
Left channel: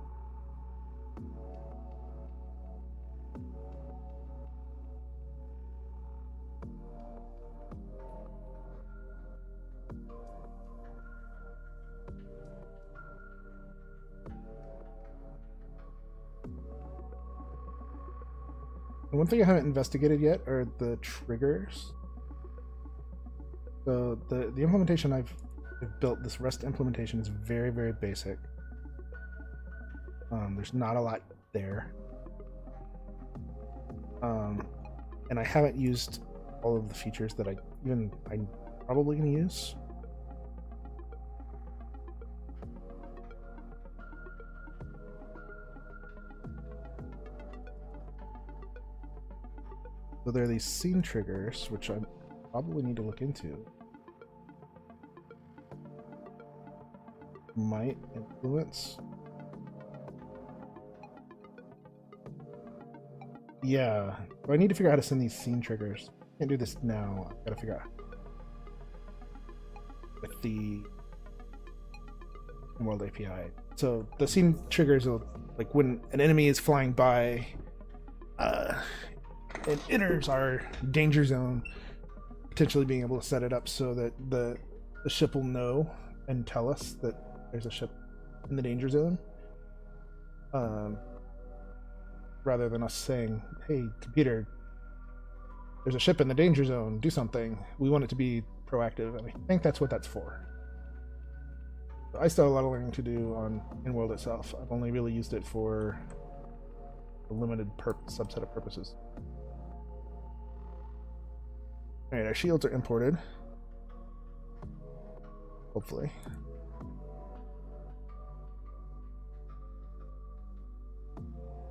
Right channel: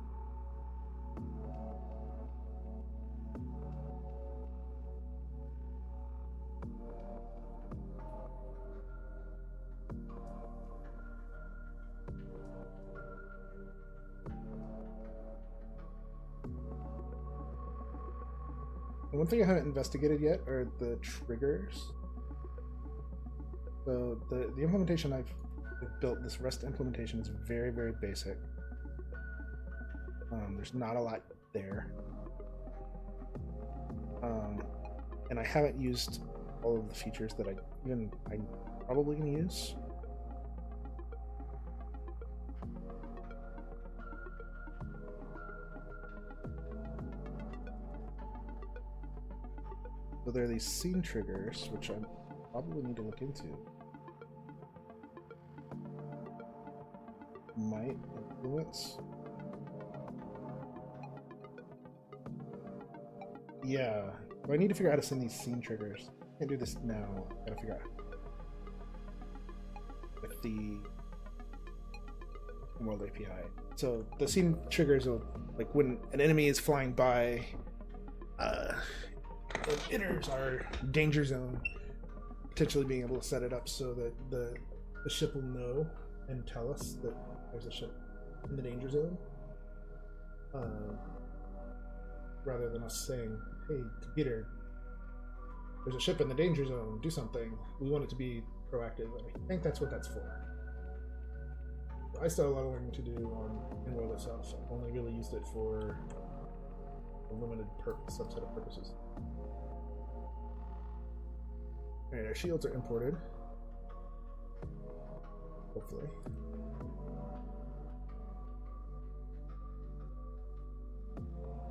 One thing I haven't investigated yet are the triggers. So the implementation I've built, this REST implementation, is very, very basic. There's not a lot there. And I haven't used all of the features that I'm probably going to use. So there are these scene triggers, which I probably need to look into. Might influence. Yeah, but I need to figure out how to send these scene triggers. Can't do this now. I gotta figure out with the InWorld API. So the scene triggers will, like when an enemy is flying by, it enters our danger zone, potentially being able to set it up so that the ship will know and tell us that there's a ship in the danger zone, rather than us saying, hey computer, there's a ship in the danger zone, do something. We want it to be proactive, and I think that's what that's for. I still have a lot of learning to do on InWorld itself. I've only really used it for a limited subset of purposes. Alright, our shields are imported. Hopefully.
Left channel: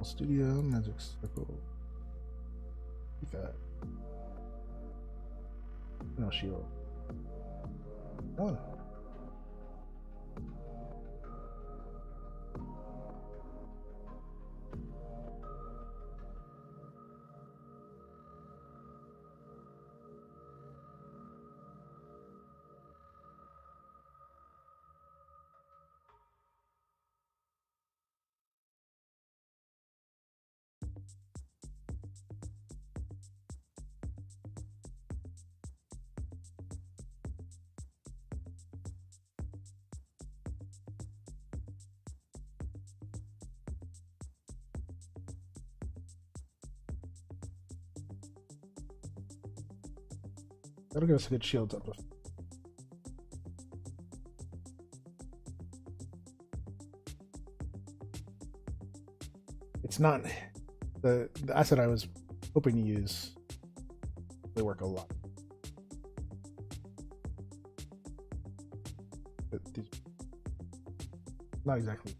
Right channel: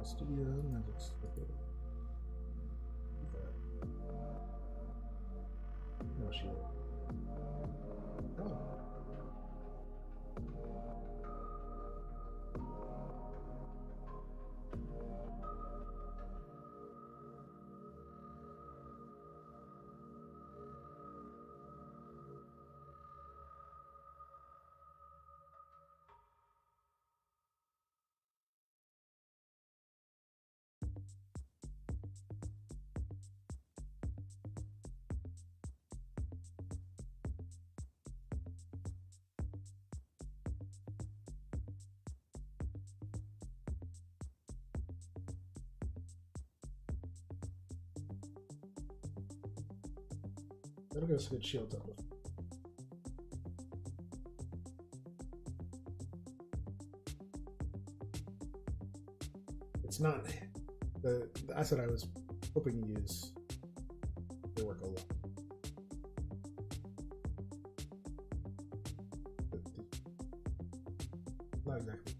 Studio, Magic Circle. No shield. One. That'll give us a good shield uplift. It's not the asset I was hoping to use. They work a lot. these. Not exactly.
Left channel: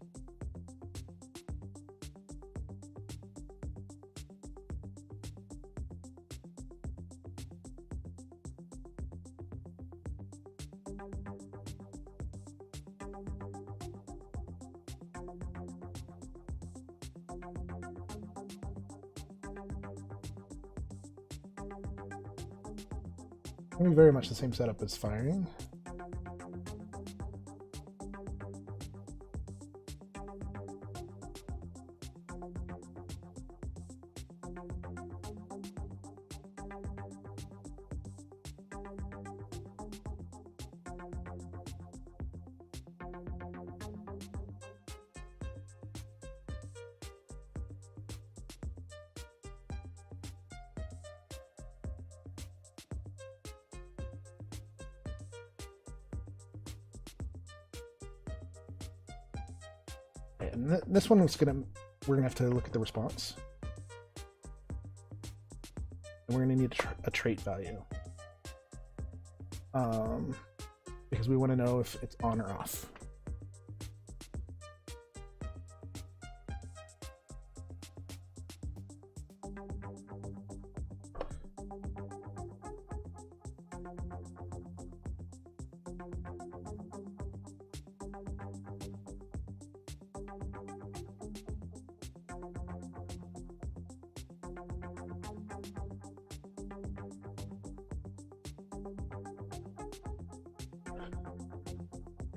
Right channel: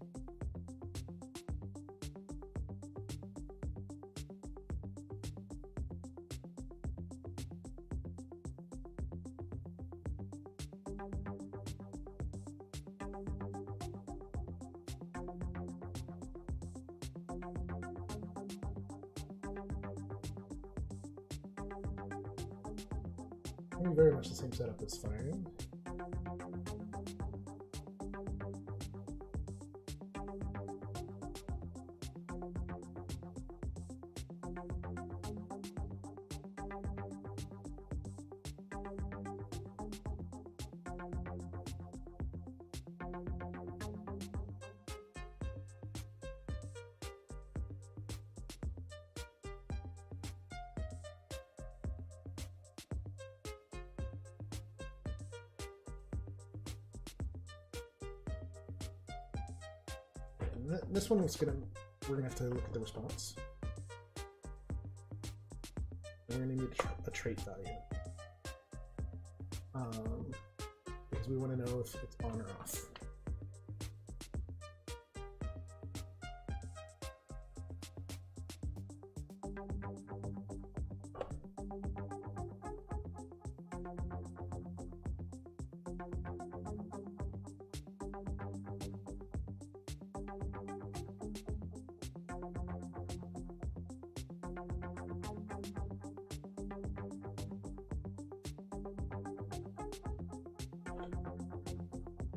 Very much the same setup as firing. And this one we're gonna have to look at the response. And we're gonna need a trait value. Because we want to know if it's on or off.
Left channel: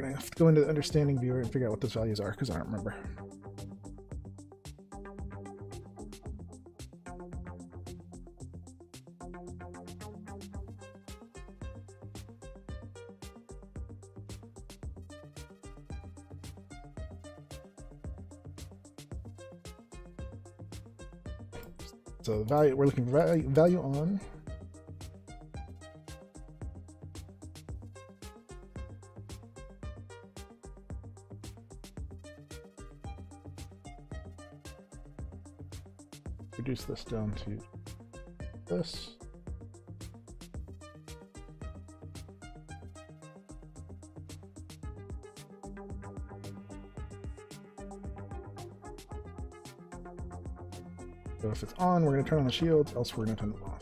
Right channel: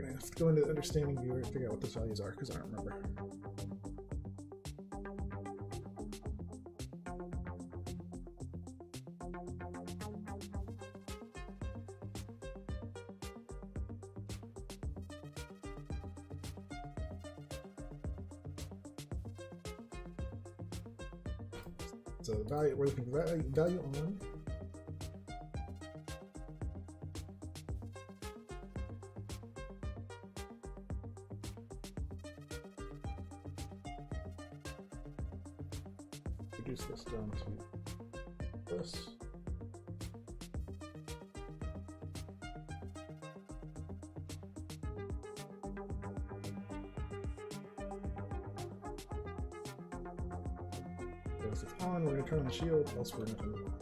I have to go into the understanding viewer and figure out what those values are because I don't remember. So value, we're looking for value on. Reduce this down to this. So if it's on, we're going to turn on the shield, else we're going to turn it off.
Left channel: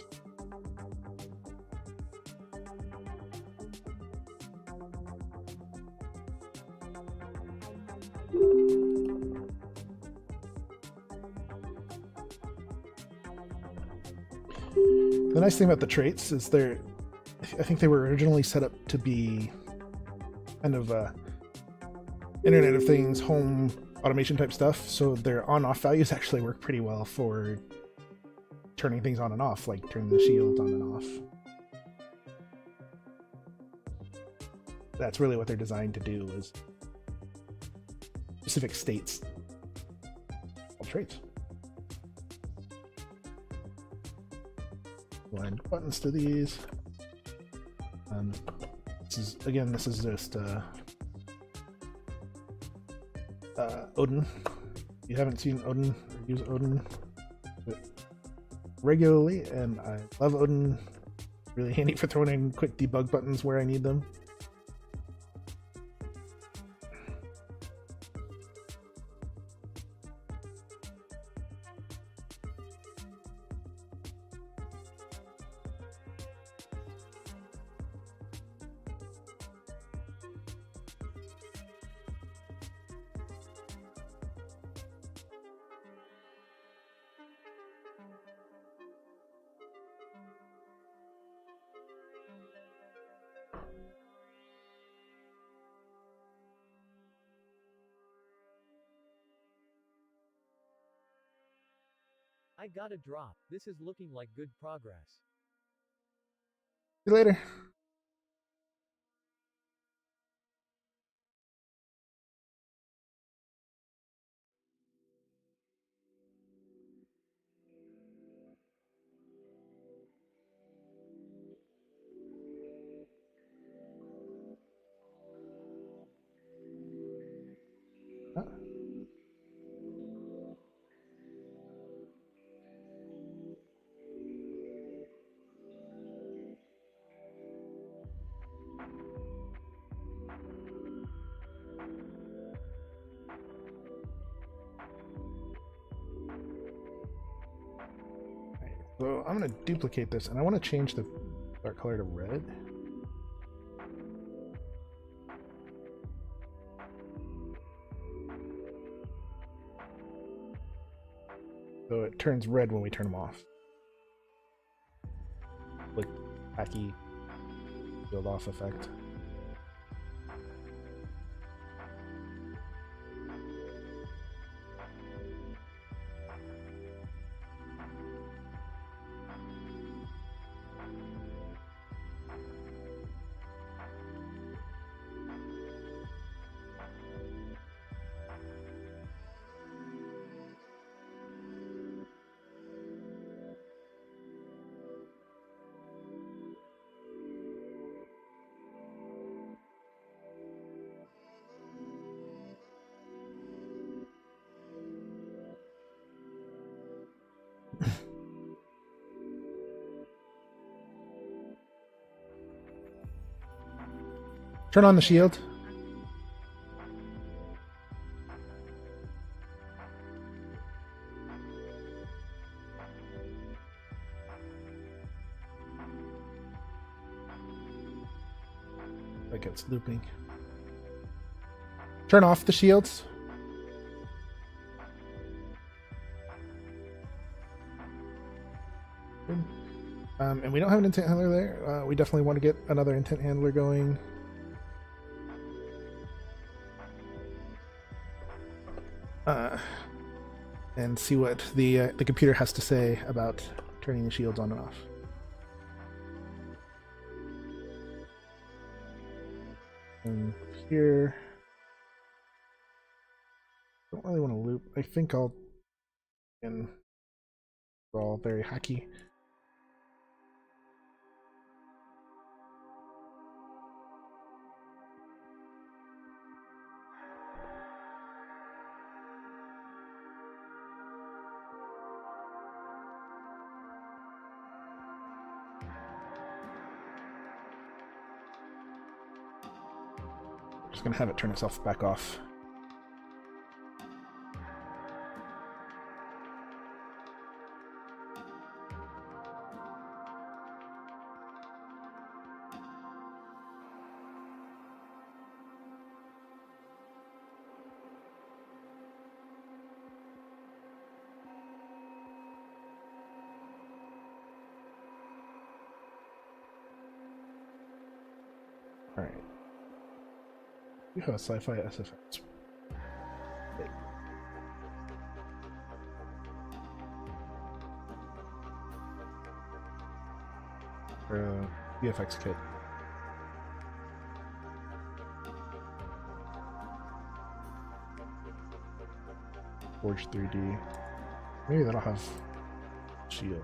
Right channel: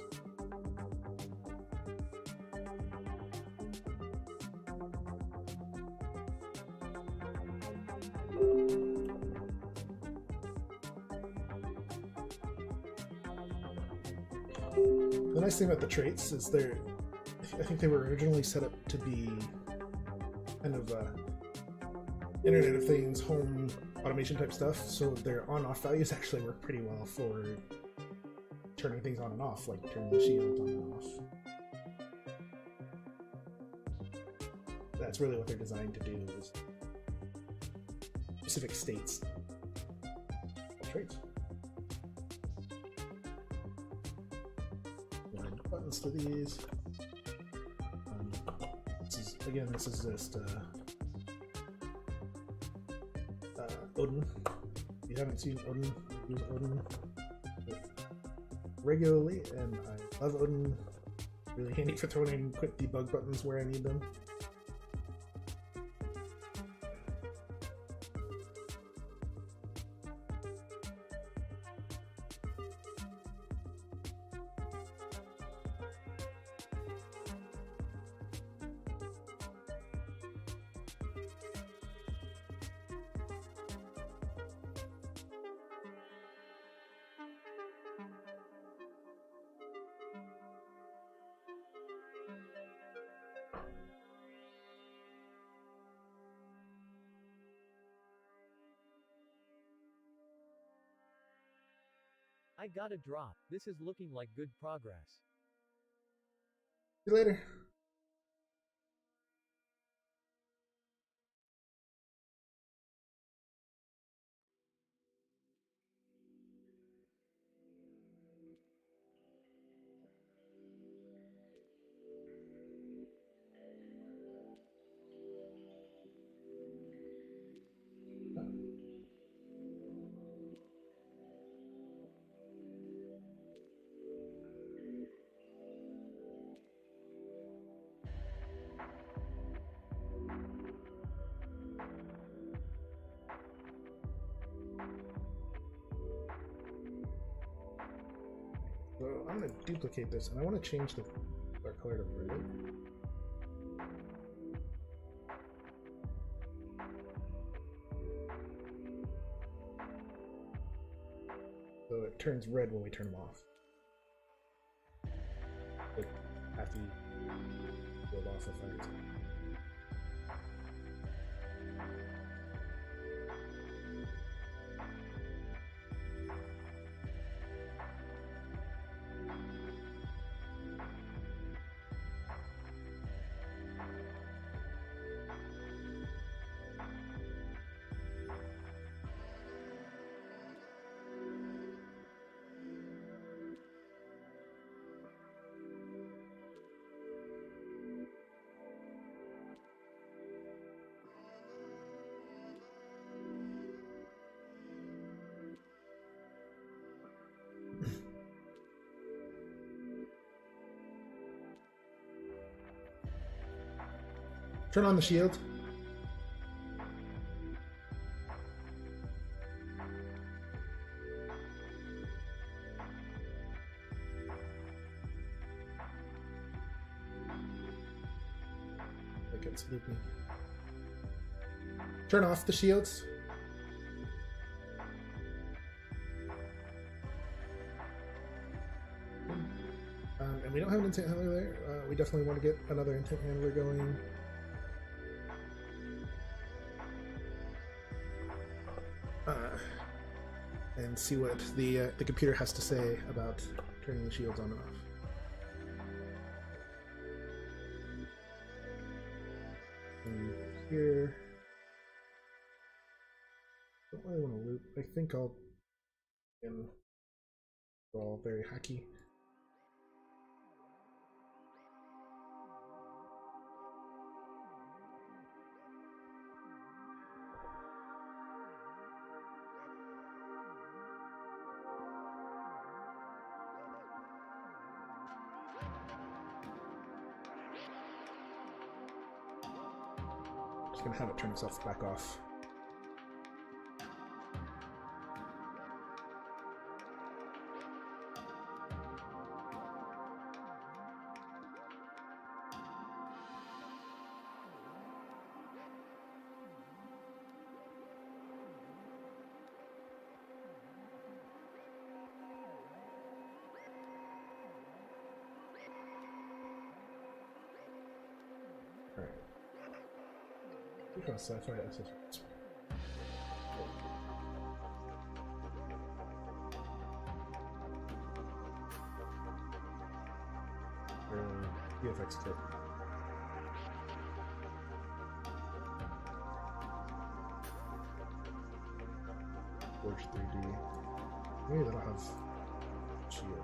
The nice thing about the traits is I think they were originally set up to be kind of Internet of Things, home automation type stuff, so their on-off values actually work pretty well for turning things on and off, like turning the shield on and off. That's really what they're designed to do, is specific states of traits. Blind buttons to these. This is just Odin. If you haven't seen Odin, I use Odin regularly, and I love Odin. Really handy for throwing in quick debug buttons where I need them. I got a drop. This is looking like good progress. See you later. So I'm going to duplicate this, and I want to change the dark color to red. So it turns red when we turn them off. Like hacky field off effect. Turn on the shield. Like it's looping. Turn off the shields. And we don't have an intent handler there. We definitely want to get another intent handler going. And see what the computer has to say about turning the shields on and off. And here, don't really want to loop. I think I'll. And we're all very hacky. Just gonna have it turn itself back off. All right. You have a sci-fi SFX. Or VFX kit. Forge 3D. Maybe that'll have shield.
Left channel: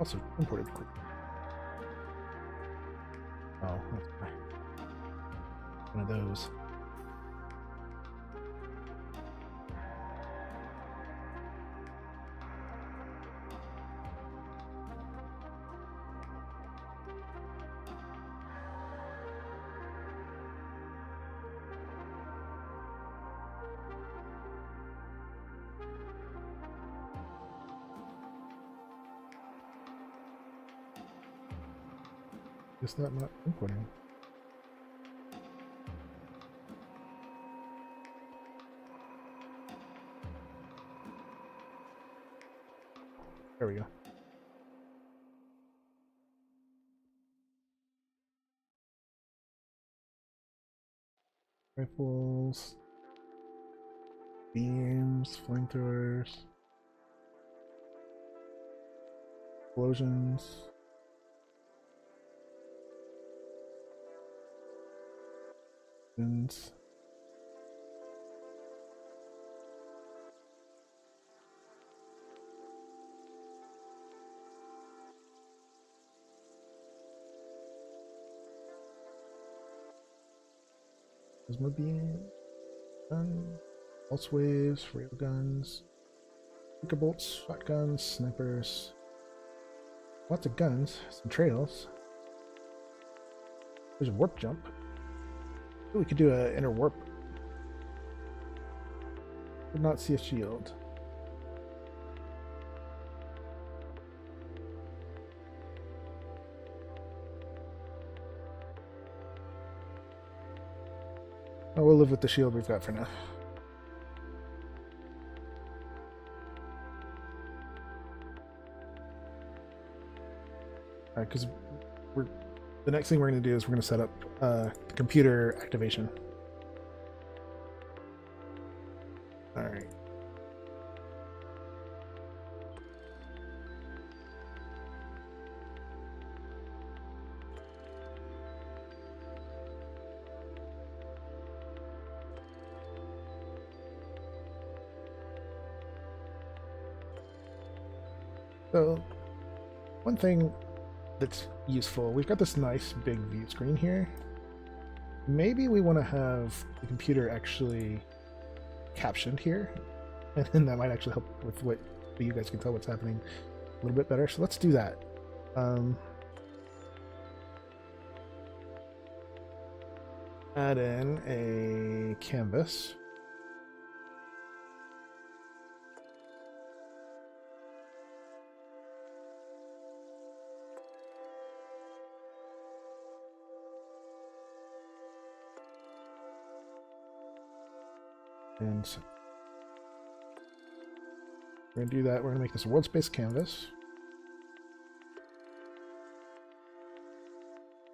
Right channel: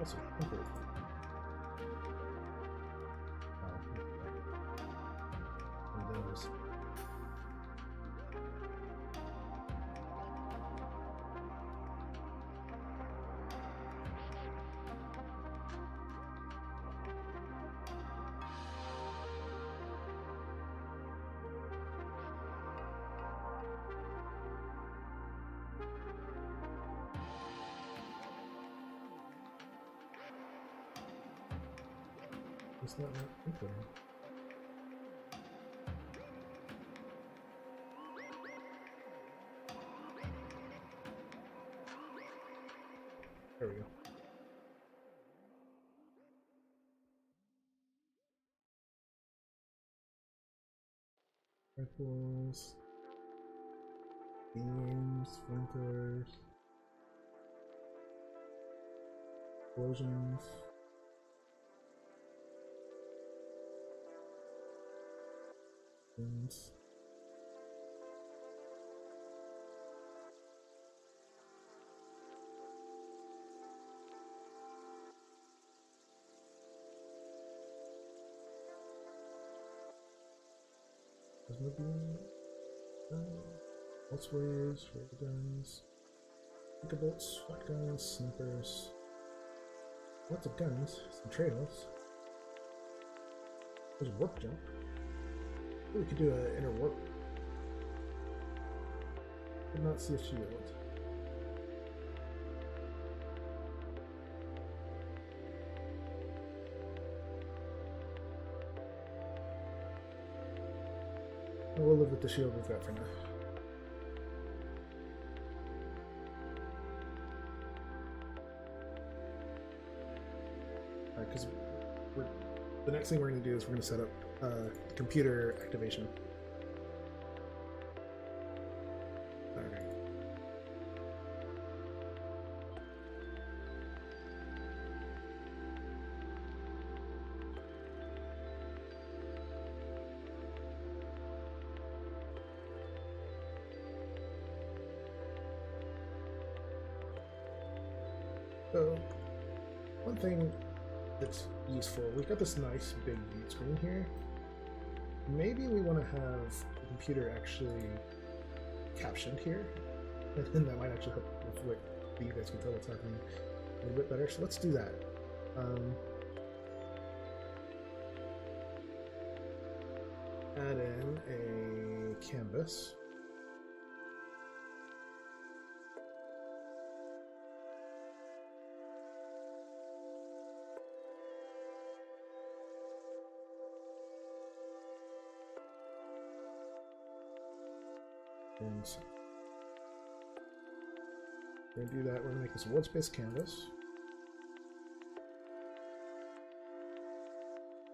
Also imported. Oh, that's fine. One of those. It's not importing. There we go. Rifles, beams, flamethrowers, explosions. Guns. There's more beams. pulse waves, railguns, speaker bolts, shotguns, snipers. Lots of guns, some trails. There's a warp jump. Ooh, we could do an inner warp. Did not see a shield. Oh, we'll live with the shield we've got for now. Alright, because the next thing we're going to do is we're going to set up computer activation. Alright. So, one thing that's useful, we've got this nice big view screen here. Maybe we want to have the computer actually captioned here, and then that might actually help with what you guys can tell what's happening a little bit better. So let's do that. Add in a canvas. And we're going to do that. We're going to make this a world space canvas.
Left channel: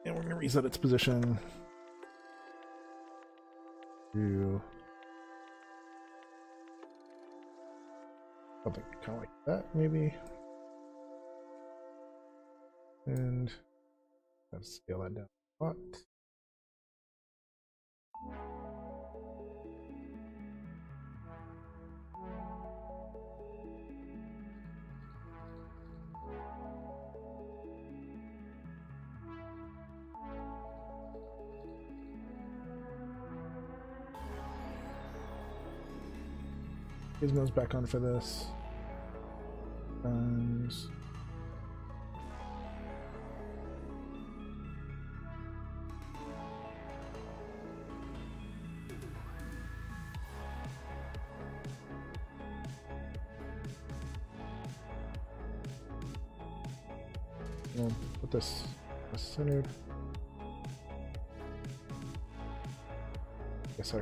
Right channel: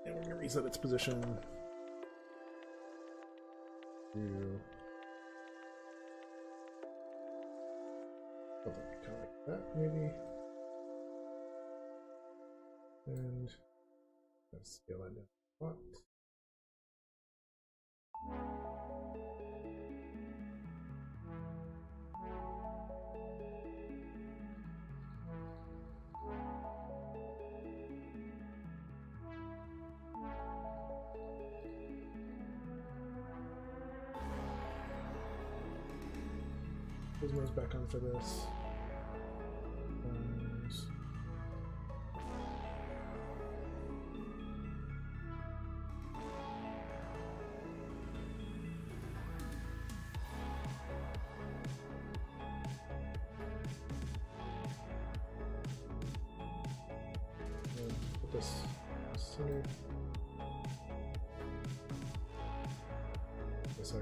And we're going to reset its position to something kind of like that, maybe. And let's scale that down a lot. Gizmo's back on for this. And put this centered. Yes, sir.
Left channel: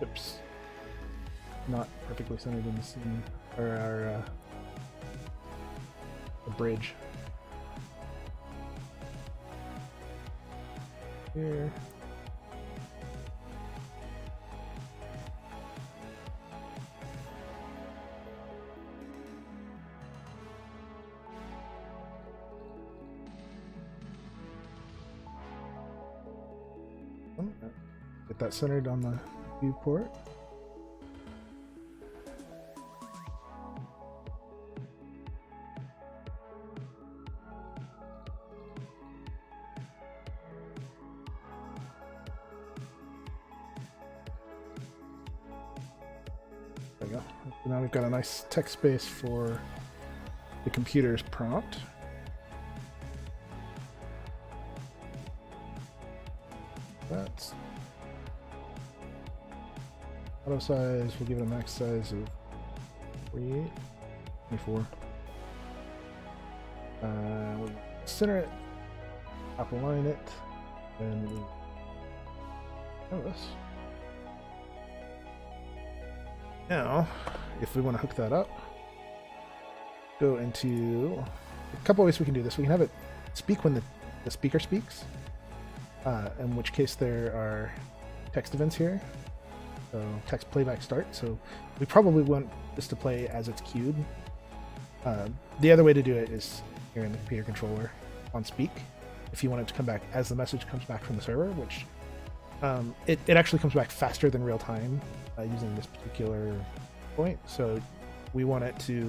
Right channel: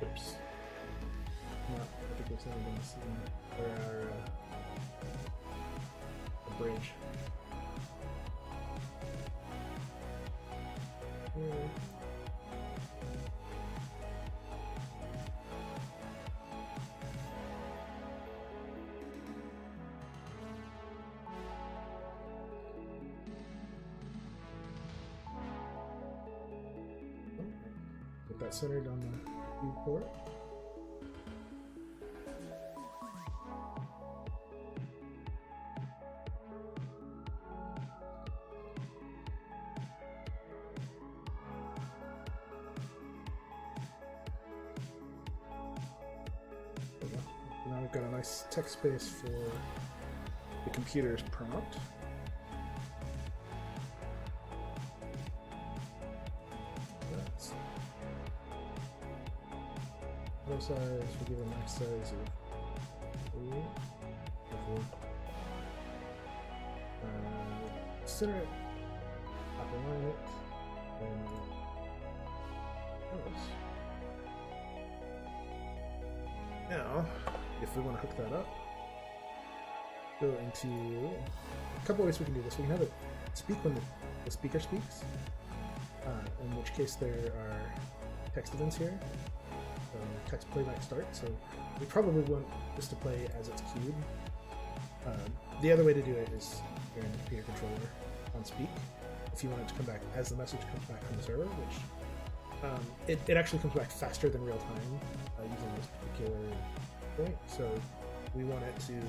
Oops. Not perfectly centered in the scene, or our the bridge. Here. Get that centered on the viewport. There we go. So now we've got a nice text space for the computer's prompt. That's auto size, we'll give it a max size of 48, 24. Center it, top align it, and canvas. Now, if we want to hook that up, go into a couple ways we can do this. We can have it speak when the speaker speaks, in which case there are text events here. So text playback start. So we probably want this to play as it's queued. The other way to do it is here in the computer controller on speak. If you want it to come back as the message comes back from the server, which it actually comes back faster than real time using this particular point. So we want it to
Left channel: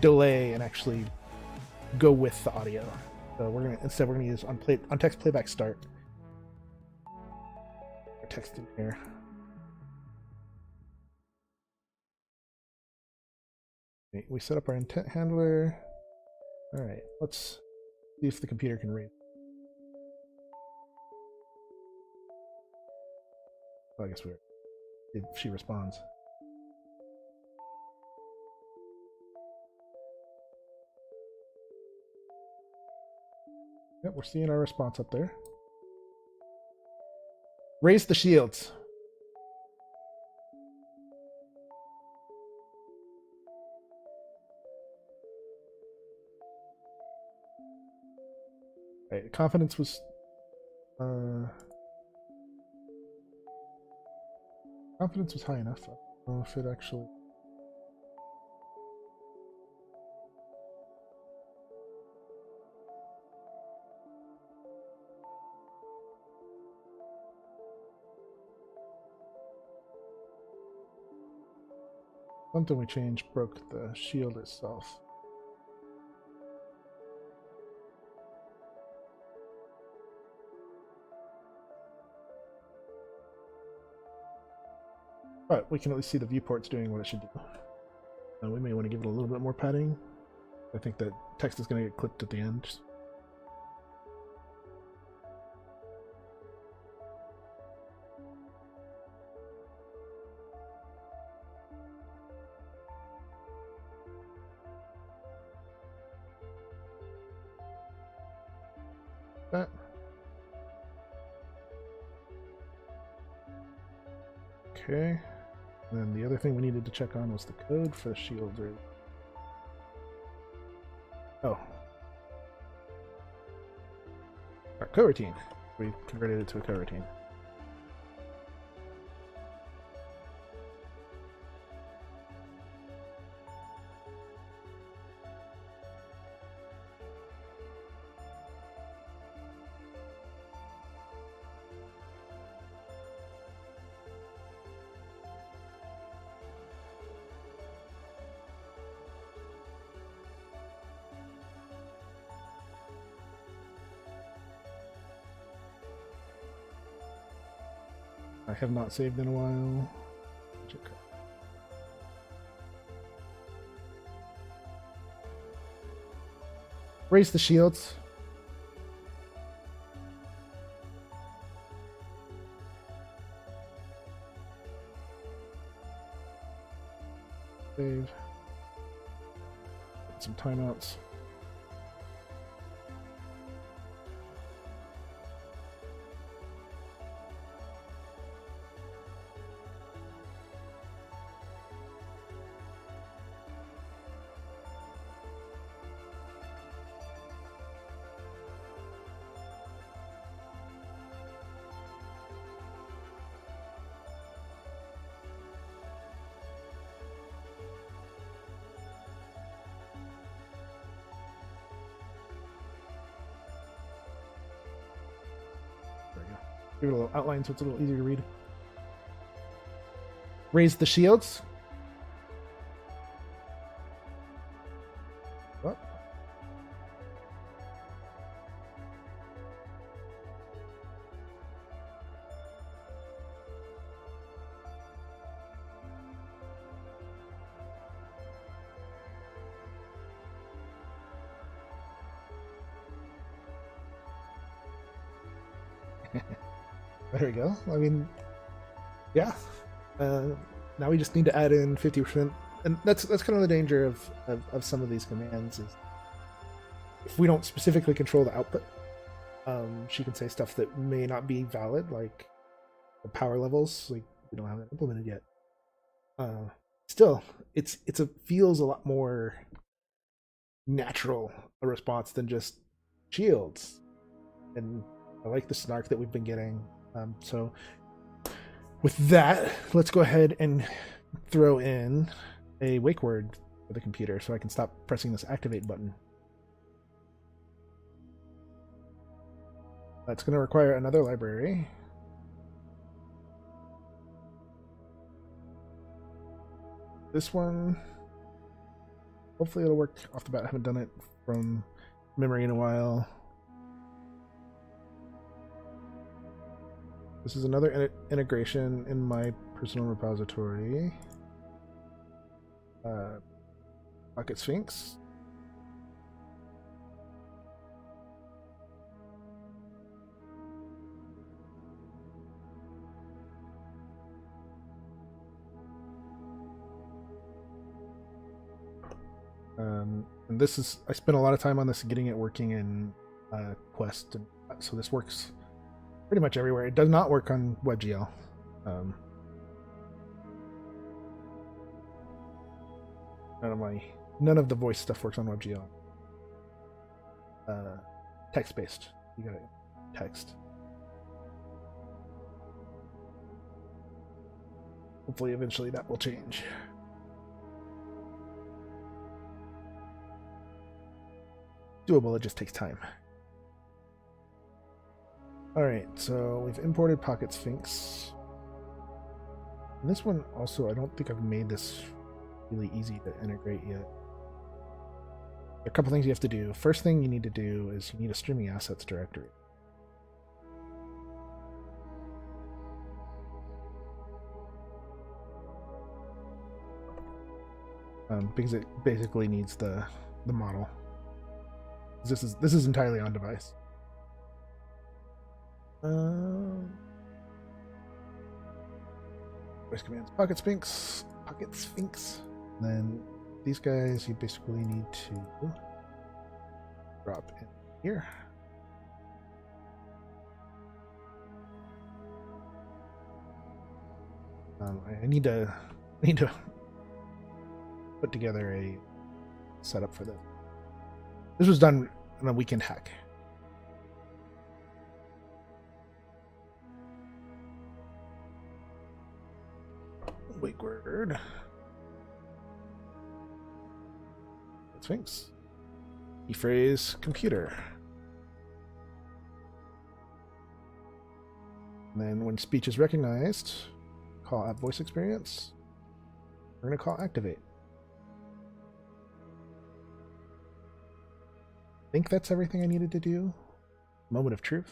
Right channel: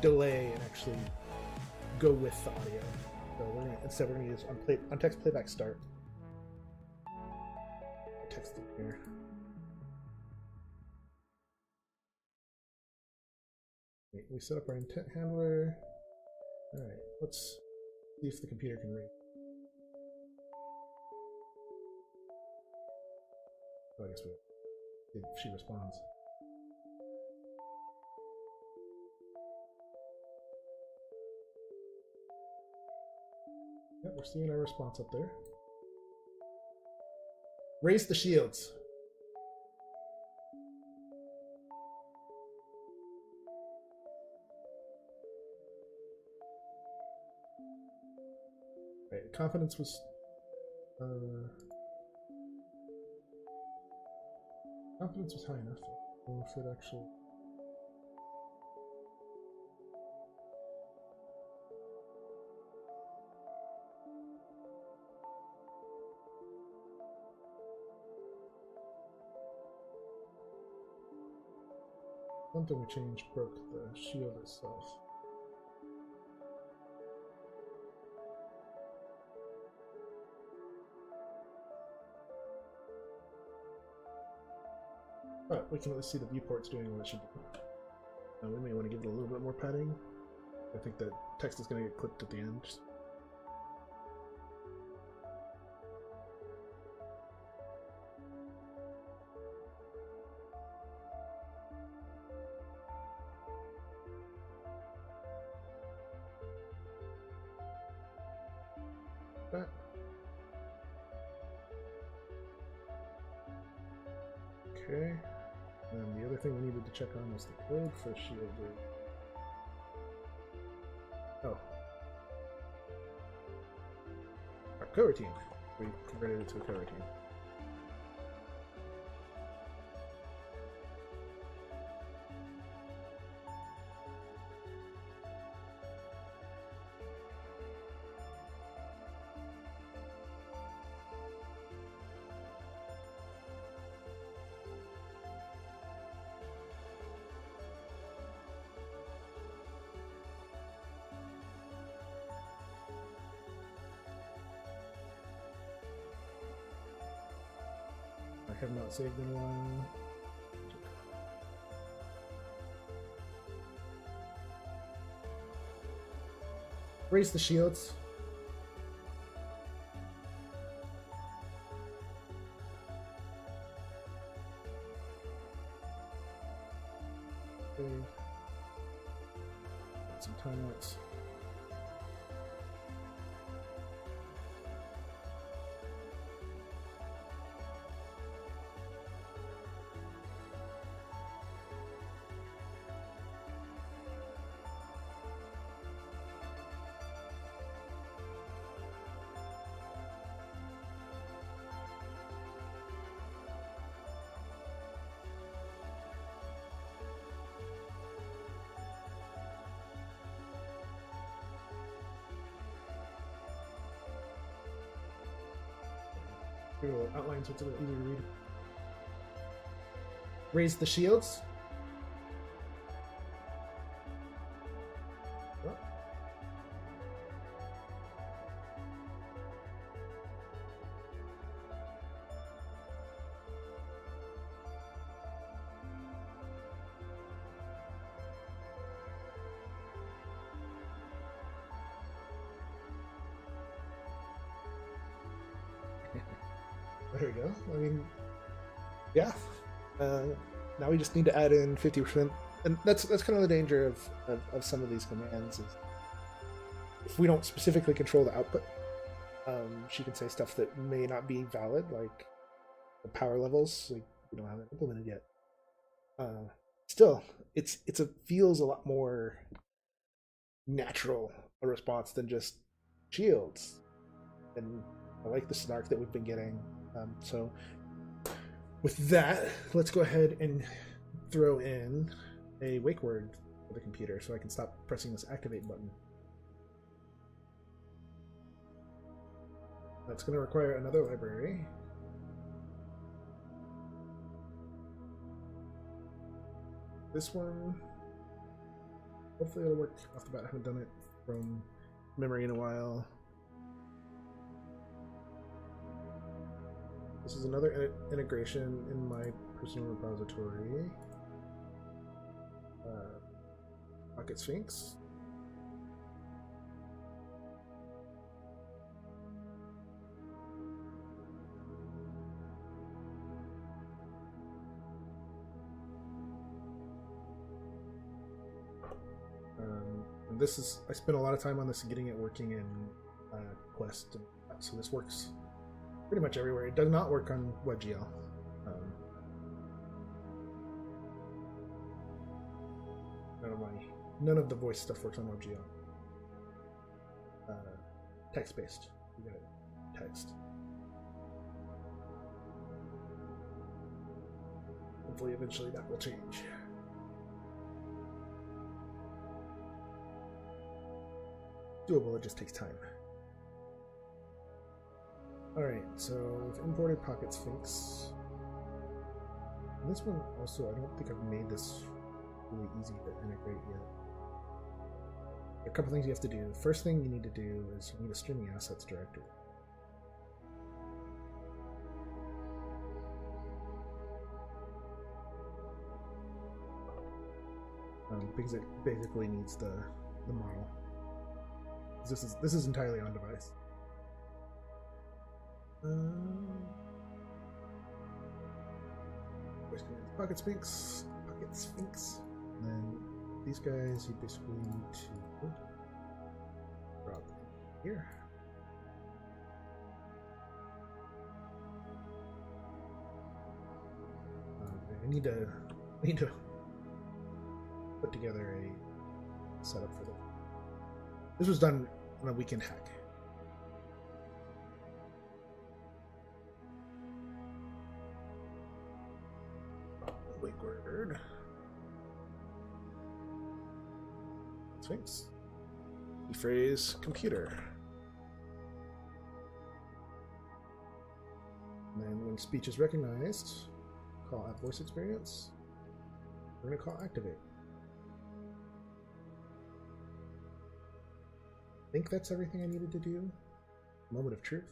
delay and actually go with the audio. So we're gonna use on text playback start. Text in here. Okay, we set up our intent handler. All right, let's see if the computer can read. Well, I guess we're if she responds. Yep, we're seeing our response up there. Raise the shields. Right, confidence was confidence was high enough. I don't know if it actually. Something we changed broke the shield itself. But we can at least see the viewport's doing what it should do. We may want to give it a little bit more padding. I think that text is going to get clipped at the end. That. Okay. And then the other thing we needed to check on was the code for the shield. Oh. Our coroutine. We converted it to a coroutine. I have not saved in a while. Raise the shields. Save. Some timeouts. Give it a little outline so it's a little easier to read. Raise the shields. What? There we go. I mean, yeah. Now we just need to add in 50%, and that's kind of the danger of some of these commands is if we don't specifically control the output, she can say stuff that may not be valid, like the power levels. Like we don't have that implemented yet. Still, it feels a lot more natural a response than just shields, and I like the snark that we've been getting. So with that, let's go ahead and throw in a wake word for the computer so I can stop pressing this activate button. That's going to require another library. This one, hopefully it'll work off the bat. I haven't done it from memory in a while. This is another integration in my personal repository. PocketSphinx. And this is, I spent a lot of time on this getting it working in Quest, and so this works pretty much everywhere. It does not work on WebGL. None of the voice stuff works on WebGL. Text-based. You gotta text. Hopefully, eventually that will change. Doable, it just takes time. Alright, so we've imported PocketSphinx. And this one also, I don't think I've made this really easy to integrate yet. There are a couple things you have to do. First thing you need to do is you need a streaming assets directory. Because it basically needs the model. This is entirely on device. Voice commands PocketSphinx. And then these guys you basically need to drop in here. I need to put together a setup for this. This was done on a weekend hack. Wake word. Sphinx. Key phrase computer. And then when speech is recognized, call app voice experience. We're going to call activate. I think that's everything I needed to do. Moment of truth.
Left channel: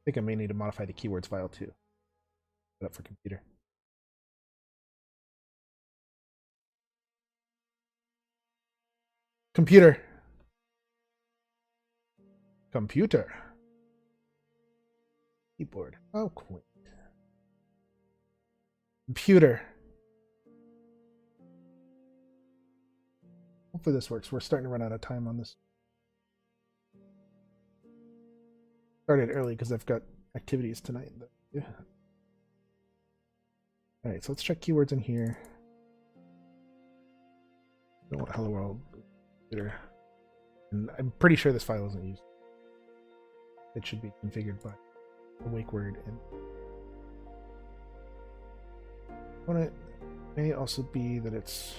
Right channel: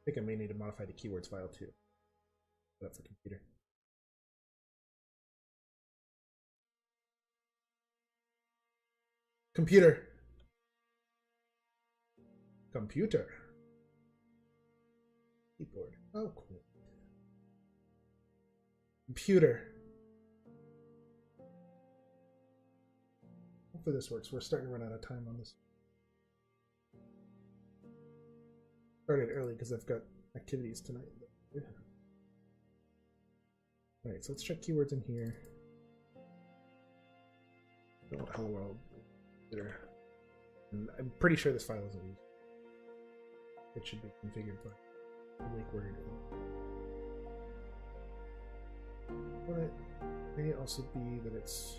I think I may need to modify the keywords file too. Set up for computer. Computer. Computer. Keyboard. Oh, cool. Computer. Hopefully this works. We're starting to run out of time on this. Started early because I've got activities tonight. Yeah. Alright, so let's check keywords in here. I don't want hello world. And I'm pretty sure this file isn't used. It should be configured by the wake word. And it may also be that it's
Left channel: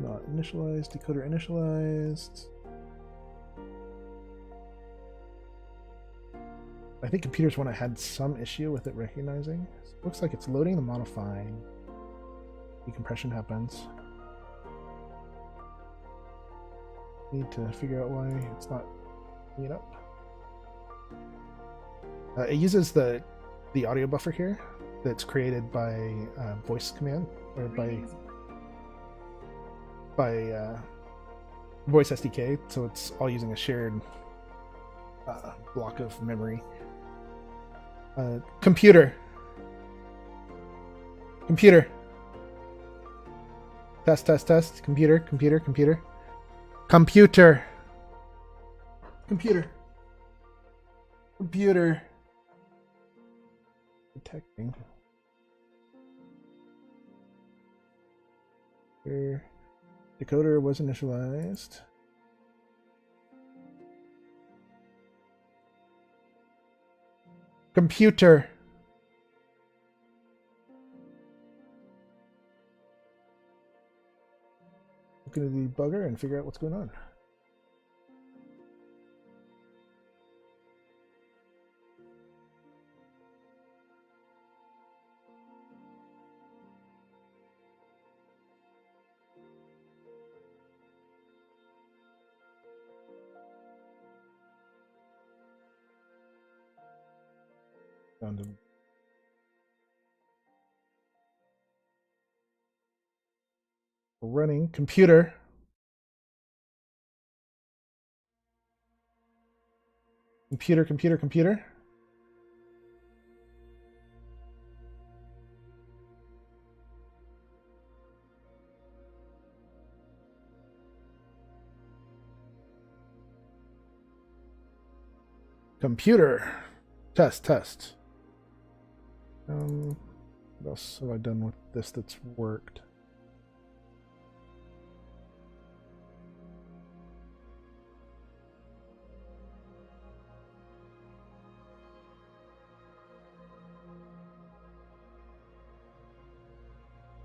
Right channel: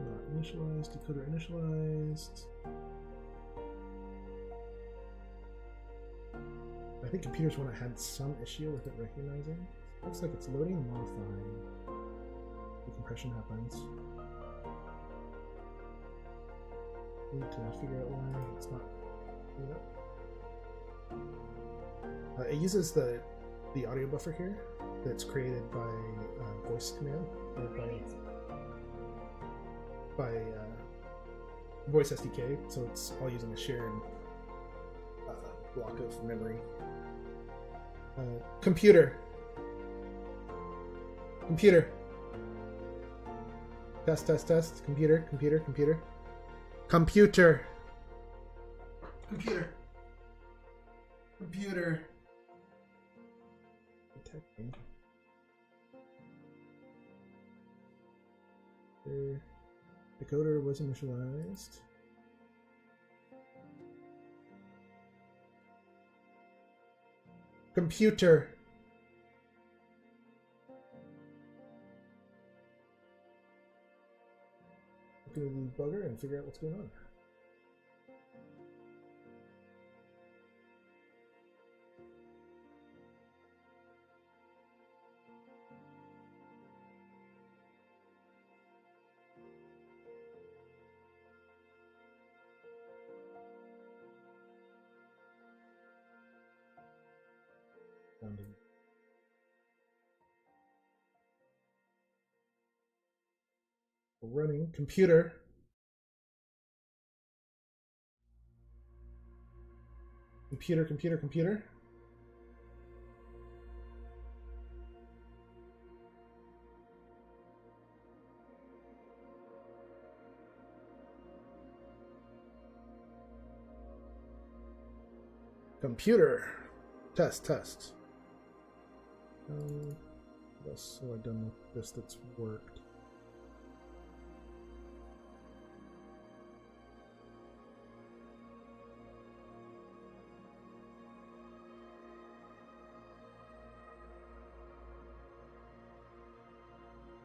not initialized, decoder initialized. I think computers one I had some issue with it recognizing. So it looks like it's loading the modifying. Decompression happens. Need to figure out why it's not picking it up. It uses the audio buffer here that's created by voice command or by voice SDK, so it's all using a shared block of memory. Computer. Test. Computer. Detecting. Here. Decoder was initialized. Computer. Look at the debugger and figure out what's going on. Found him. Running computer. Computer. Computer. Test. What else have I done with this that's worked?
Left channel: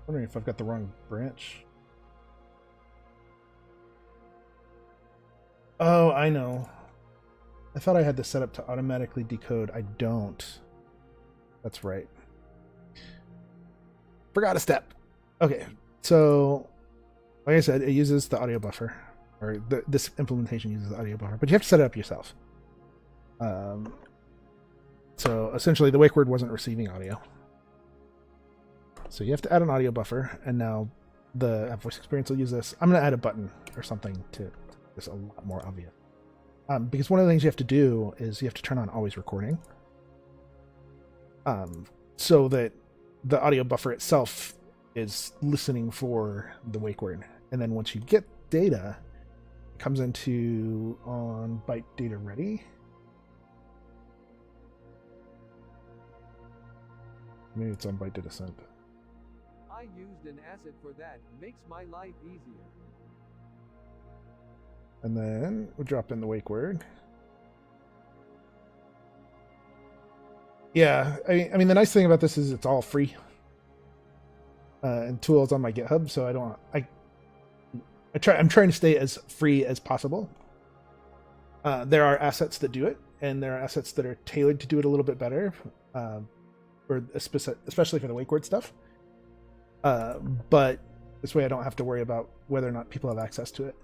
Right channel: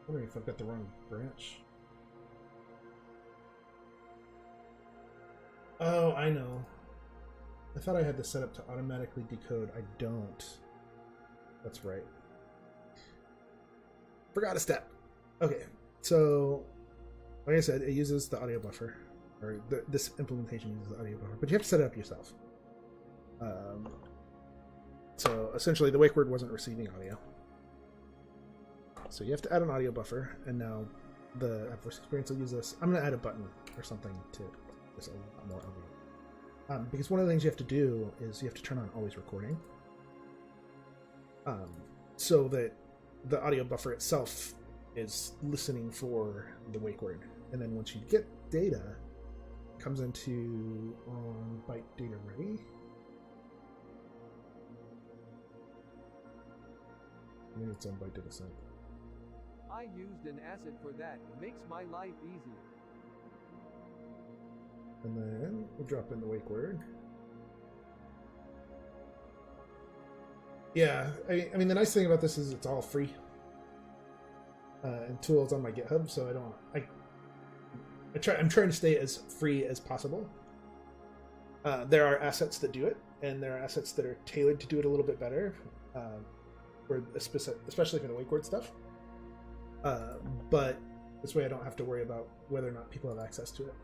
Wondering if I've got the wrong branch. Oh, I know. I thought I had this set up to automatically decode. I don't. That's right. Forgot a step. Okay, so like I said, it uses the audio buffer, or this implementation uses the audio buffer, but you have to set it up yourself. So essentially, the wake word wasn't receiving audio. So you have to add an audio buffer, and now the app voice experience will use this. I'm going to add a button or something to make this a lot more obvious. Because one of the things you have to do is you have to turn on always recording, so that the audio buffer itself is listening for the wake word. And then once you get data, it comes into on byte data ready. Maybe it's on byte data sent. I used an asset for that. Makes my life easier. And then we'll drop in the wake word. Yeah, I mean the nice thing about this is it's all free. And tools on my GitHub, so I'm trying to stay as free as possible. There are assets that do it, and there are assets that are tailored to do it a little bit better, especially for the wake word stuff. But this way I don't have to worry about whether or not people have access to it.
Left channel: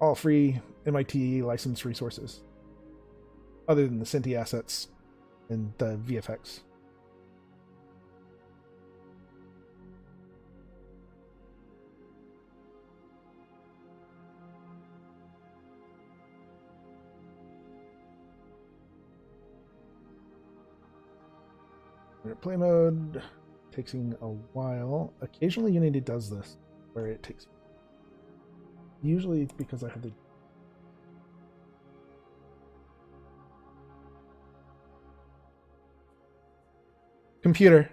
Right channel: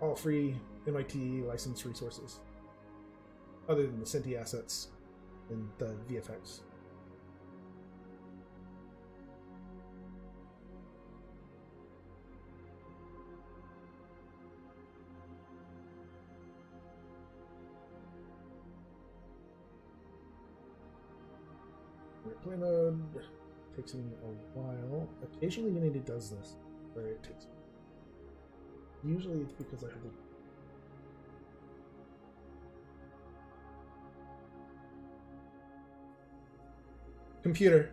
All free MIT licensed resources, other than the Synty assets and the VFX. Play mode taking a while. Occasionally Unity does this, where it takes. Usually it's because I have the. Computer.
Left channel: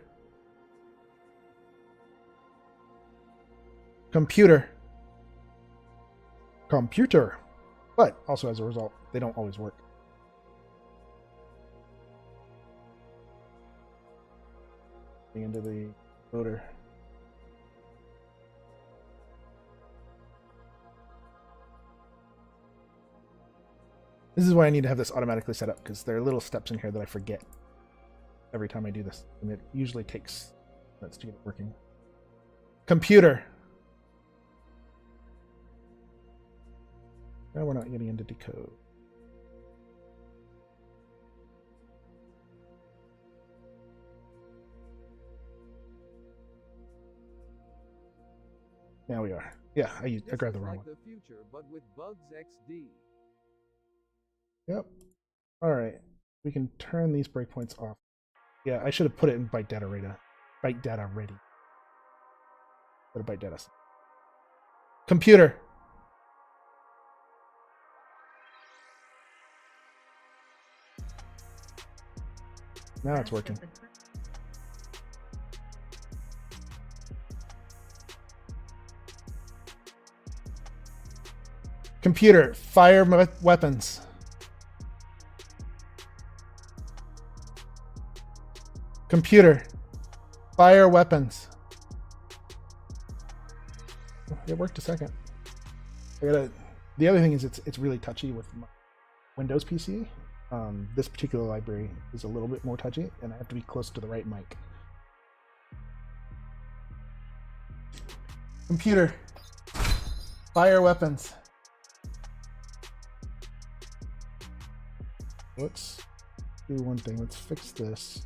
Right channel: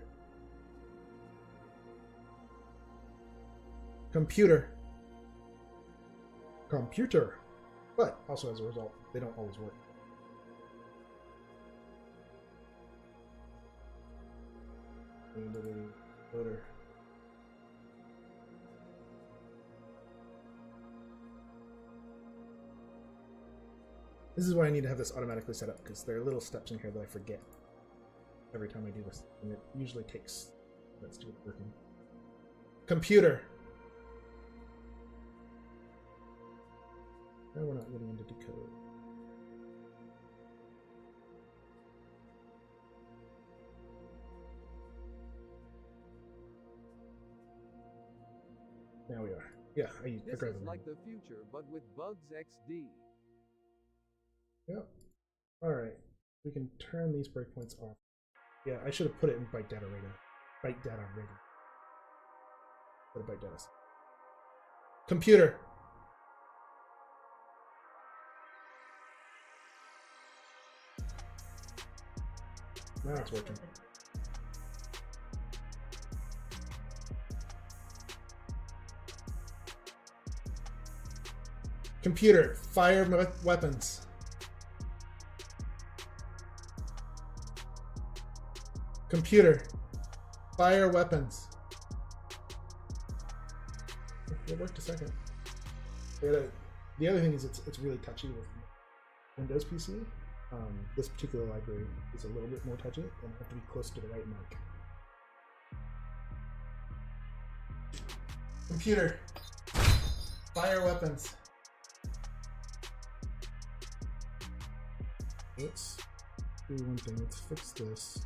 But also as a result, they don't always work. Into the motor. This is why I need to have this automatically set up, because there are little steps in here that I forget every time I do this, and it usually takes minutes to get it working. Computer. Now we're not getting into decode. Now we are. Yeah, I grabbed the wrong like one. the future, but with bugs XD. Yep. All right. We can turn these breakpoints off. Yeah, I should have put it in byte data ready. Byte data ready. Put a byte data. Computer. Now it's working. Computer, fire weapons. Computer, fire weapons. It worked a second. The other thing is it's really touchy with Windows PC. This particular library is a little bit more touchy, and I have to be close to the right mic. Computer, fire weapons. let's do one thing. Let's fix this.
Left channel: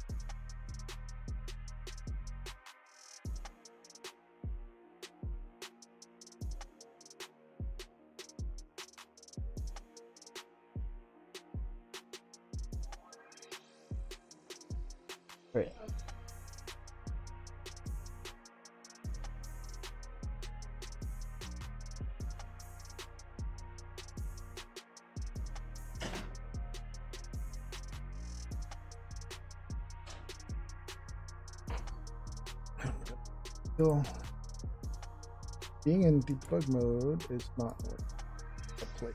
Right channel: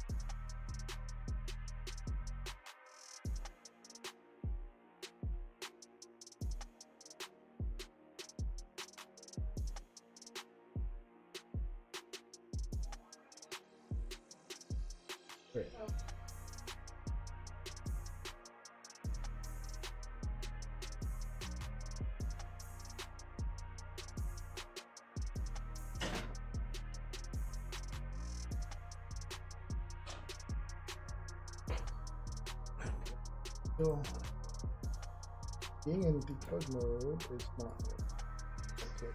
Right. So, being in debug mode is not working. Play.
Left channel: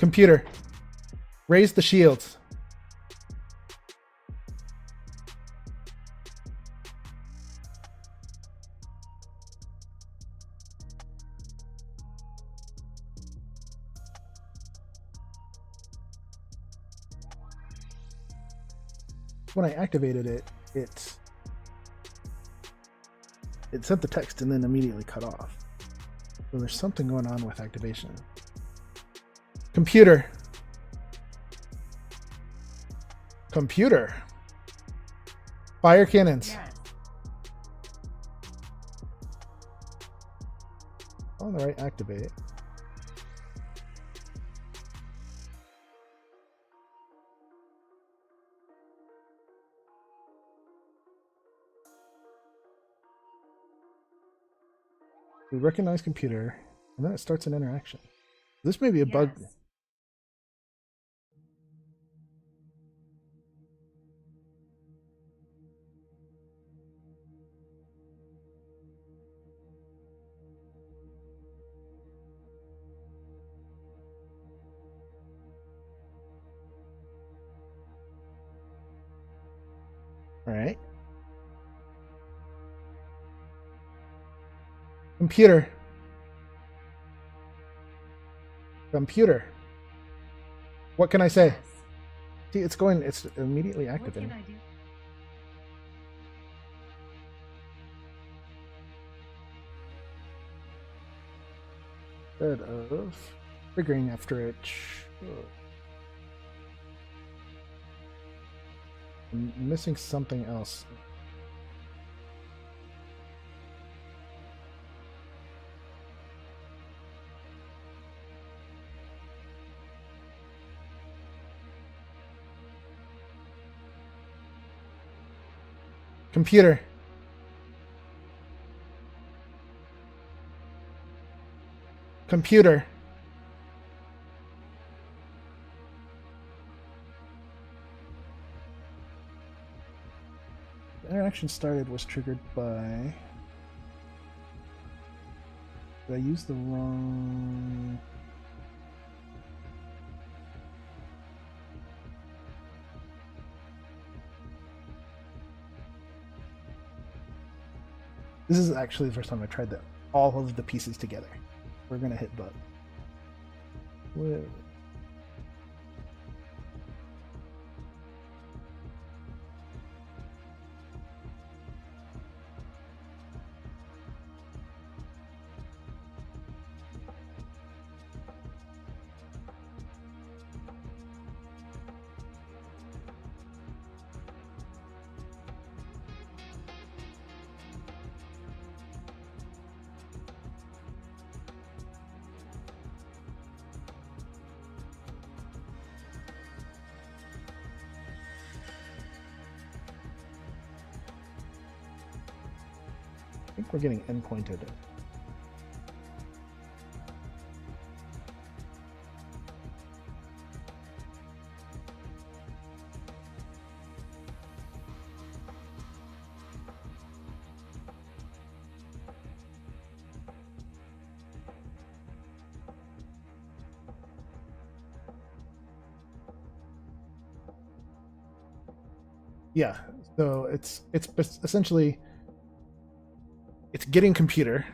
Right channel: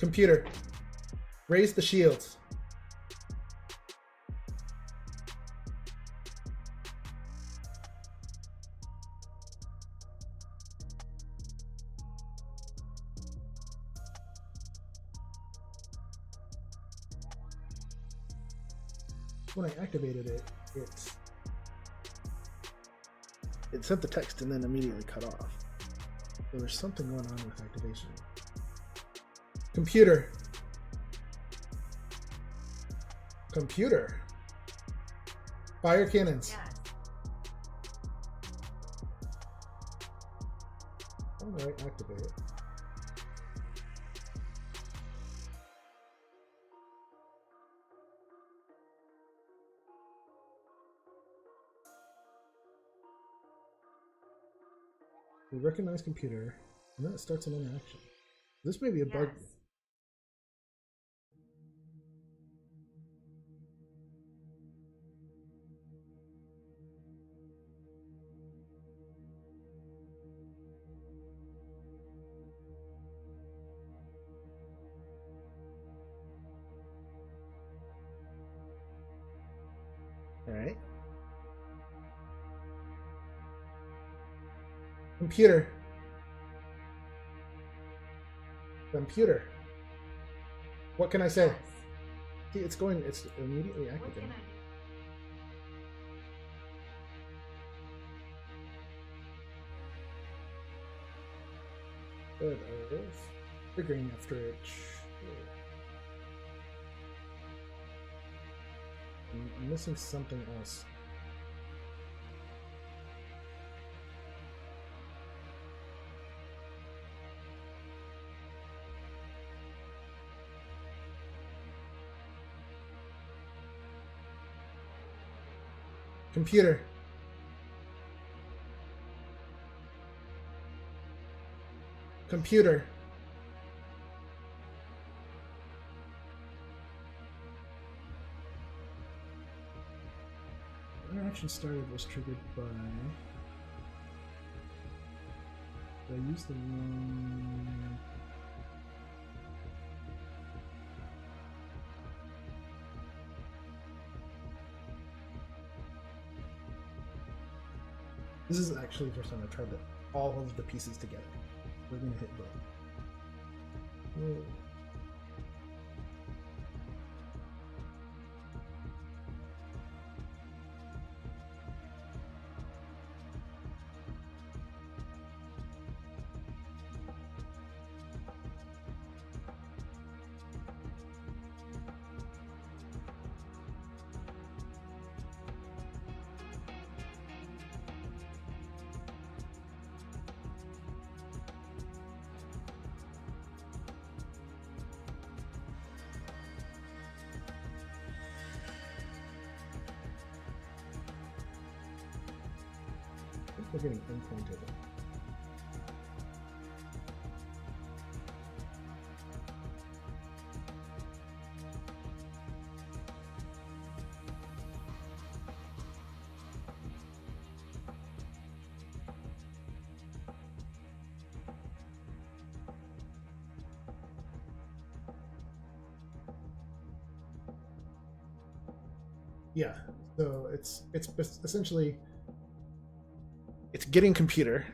Computer, raise the shields. When I activated it, it sent the text and then immediately cut off. So there's something going on with activation. Computer. Computer. Fire cannons. Yes. All right, activate it. We recognize computer, and then it starts an interaction. This may be a bug. Yes. All right. Computer. Computer. What can I say? Yes. See, it's going, it's immediately What activating. can I do? Instead of triggering after it. I'm missing something else. Computer. Computer. The interaction started was triggered by... Did I use the wrong... This is actually the first time I tried all of the pieces together. We're gonna hit button. Whoa. I think we're getting endpointed. Yeah, so it's essentially it's getting computer.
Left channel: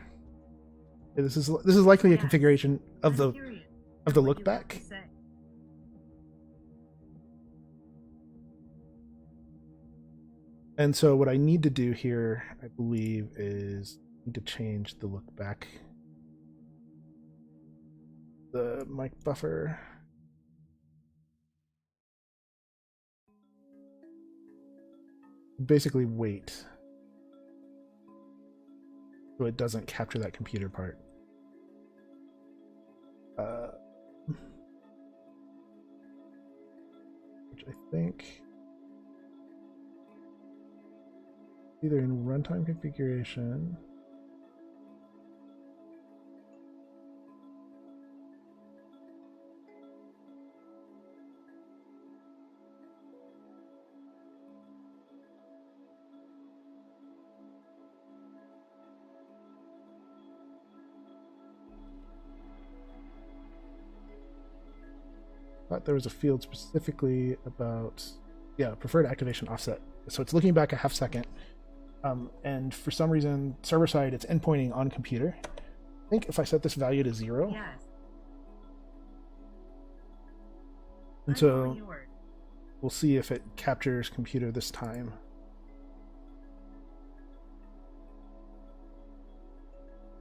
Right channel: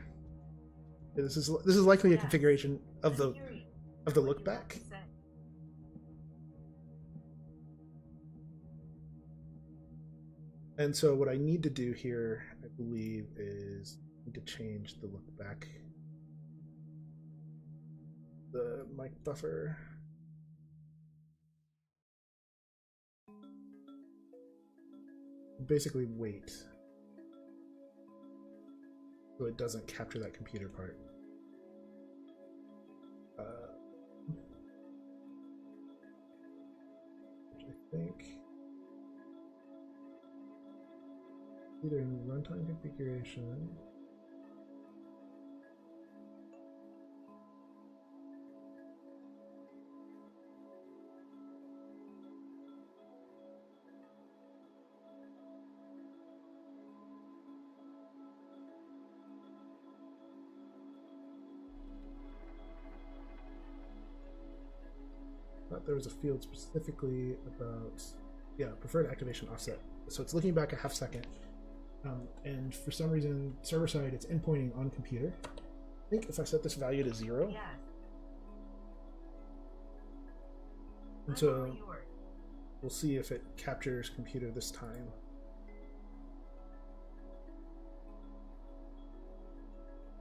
This is likely a Yes. configuration of I'm the curious. of the look back. And so what I need to do here, I believe, is I need to change the look back. The mic buffer. Basically wait. So it doesn't capture that computer part. Which I think either in runtime configuration. But there was a field specifically about, yeah, preferred activation offset. So it's looking back a half second. And for some reason, server side, it's endpointing on computer. I think if I set this value to 0, yes. And so we'll see if it captures computer this time.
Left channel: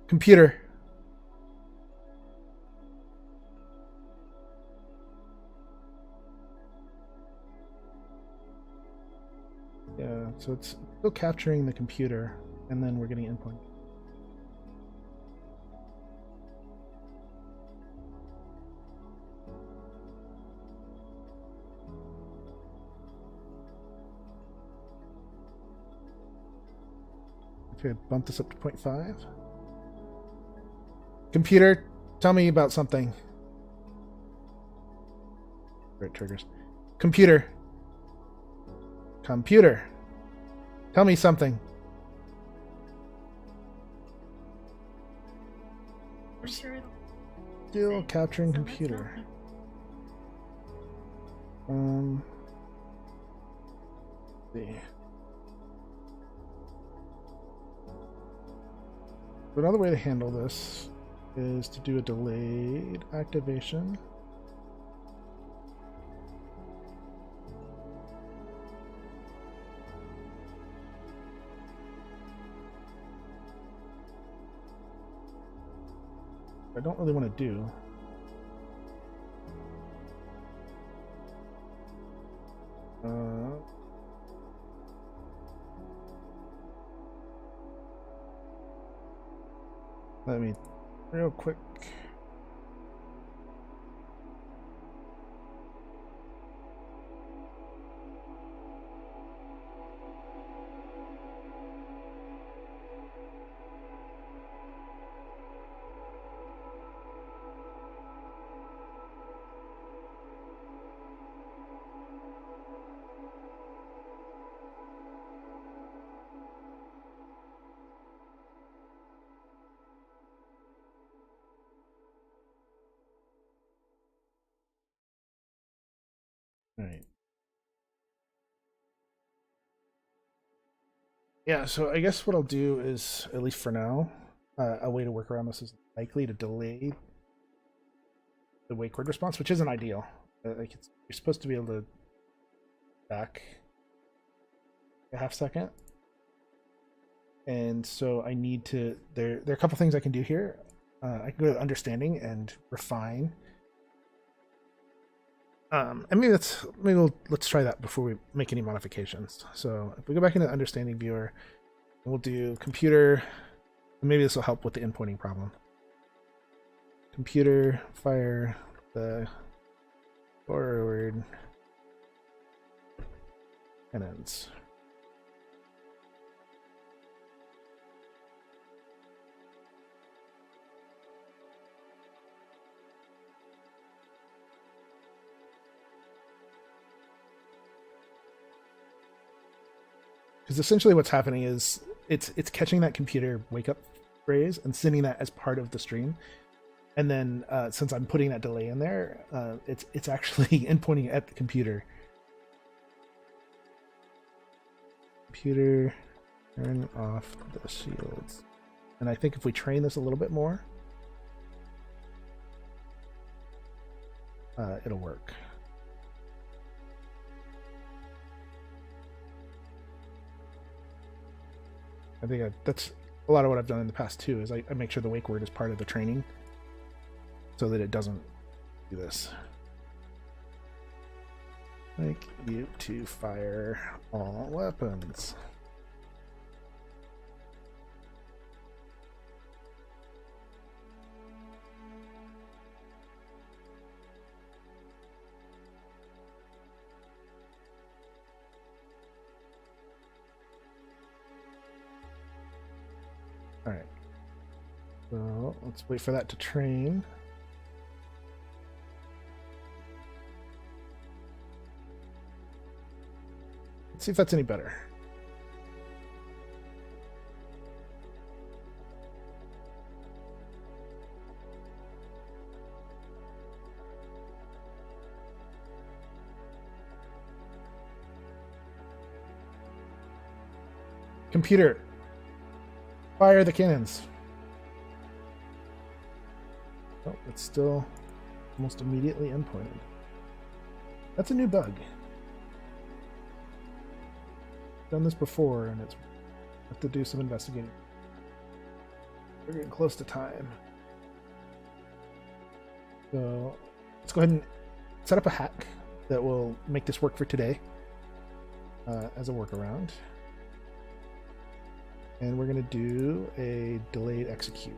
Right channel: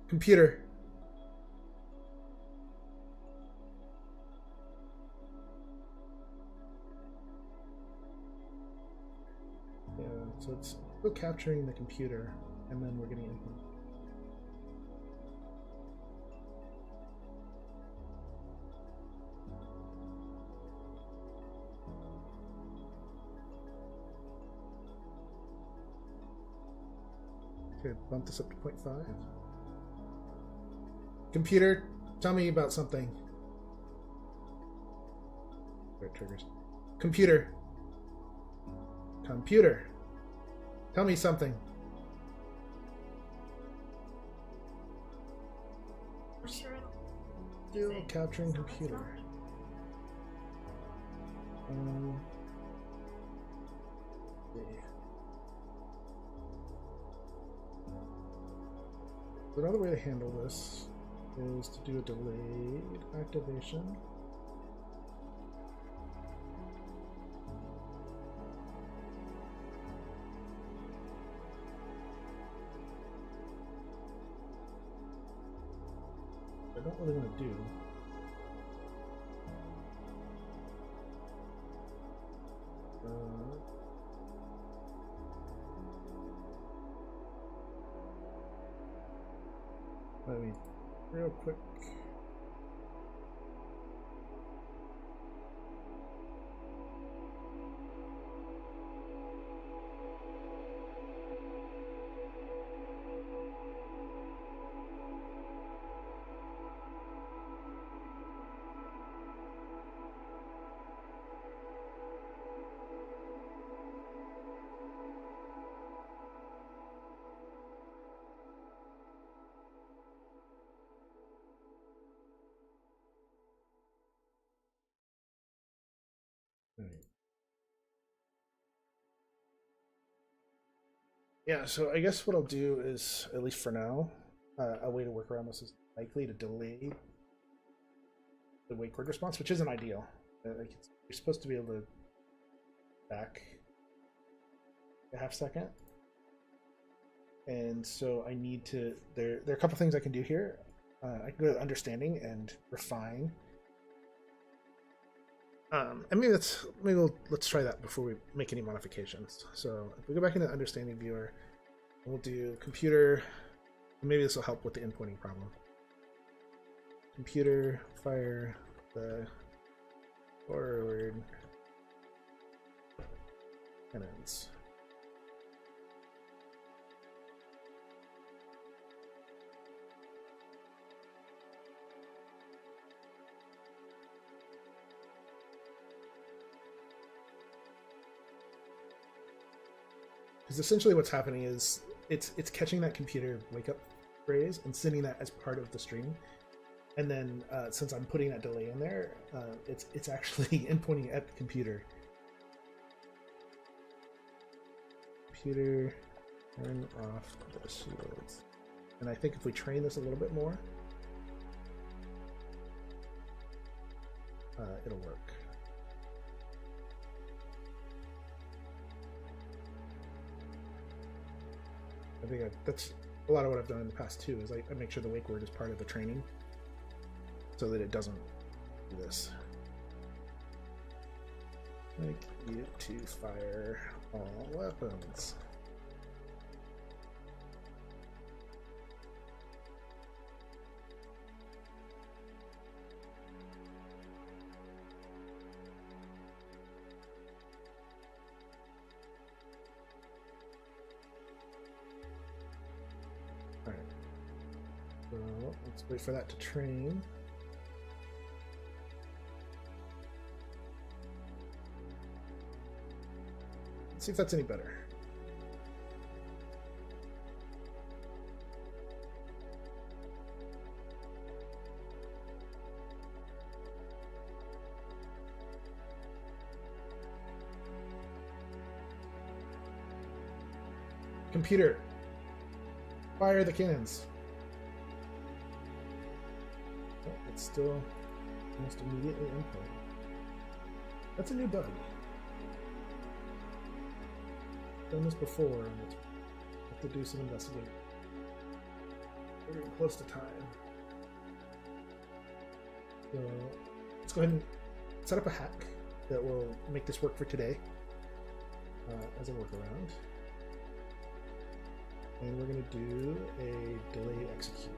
Computer. Yeah, so it's still capturing the computer, and then we're getting endpoint. Okay, bump this up to 0.5. Computer, tell me about something. Where it triggers. Computer. Computer, tell me something. Still capturing computer. See. Another way to handle this is to do a delayed activation. I don't really want to do. Let me real quick. All right. Yeah, so I guess what I'll do is, at least for now, a way to work around this is likely to delay the wake word response, which isn't ideal. Like you're supposed to be able to back a half second. And so I need to, there are a couple things I can do here. I can go to understanding and refine. And maybe let's try that before we make any modifications. So if we go back into the understanding viewer, we'll do computer. Maybe this will help with the endpointing problem. Computer, fire the forward cannons. Because essentially what's happening is it's catching that computer wake up phrase and sending that as part of the stream. And then since I'm putting that delay in there, it's actually endpointing at the computer. Computer, turn off the shields. And I think if we train this a little bit more, it'll work. I think that's a lot of what I've done in the past too, is I make sure the wake word is part of the training so that it doesn't do this. Like you to fire all weapons. All right. So let's wait for that to train. Let's see if that's any better. Computer, fire the cannons. Oh, it's still almost immediately endpoint. That's a new bug. Done this before, and it's have to do some investigating. We're getting close to time, so let's go ahead and set up a hack that will make this work for today as a workaround. And we're going to do a delayed execute.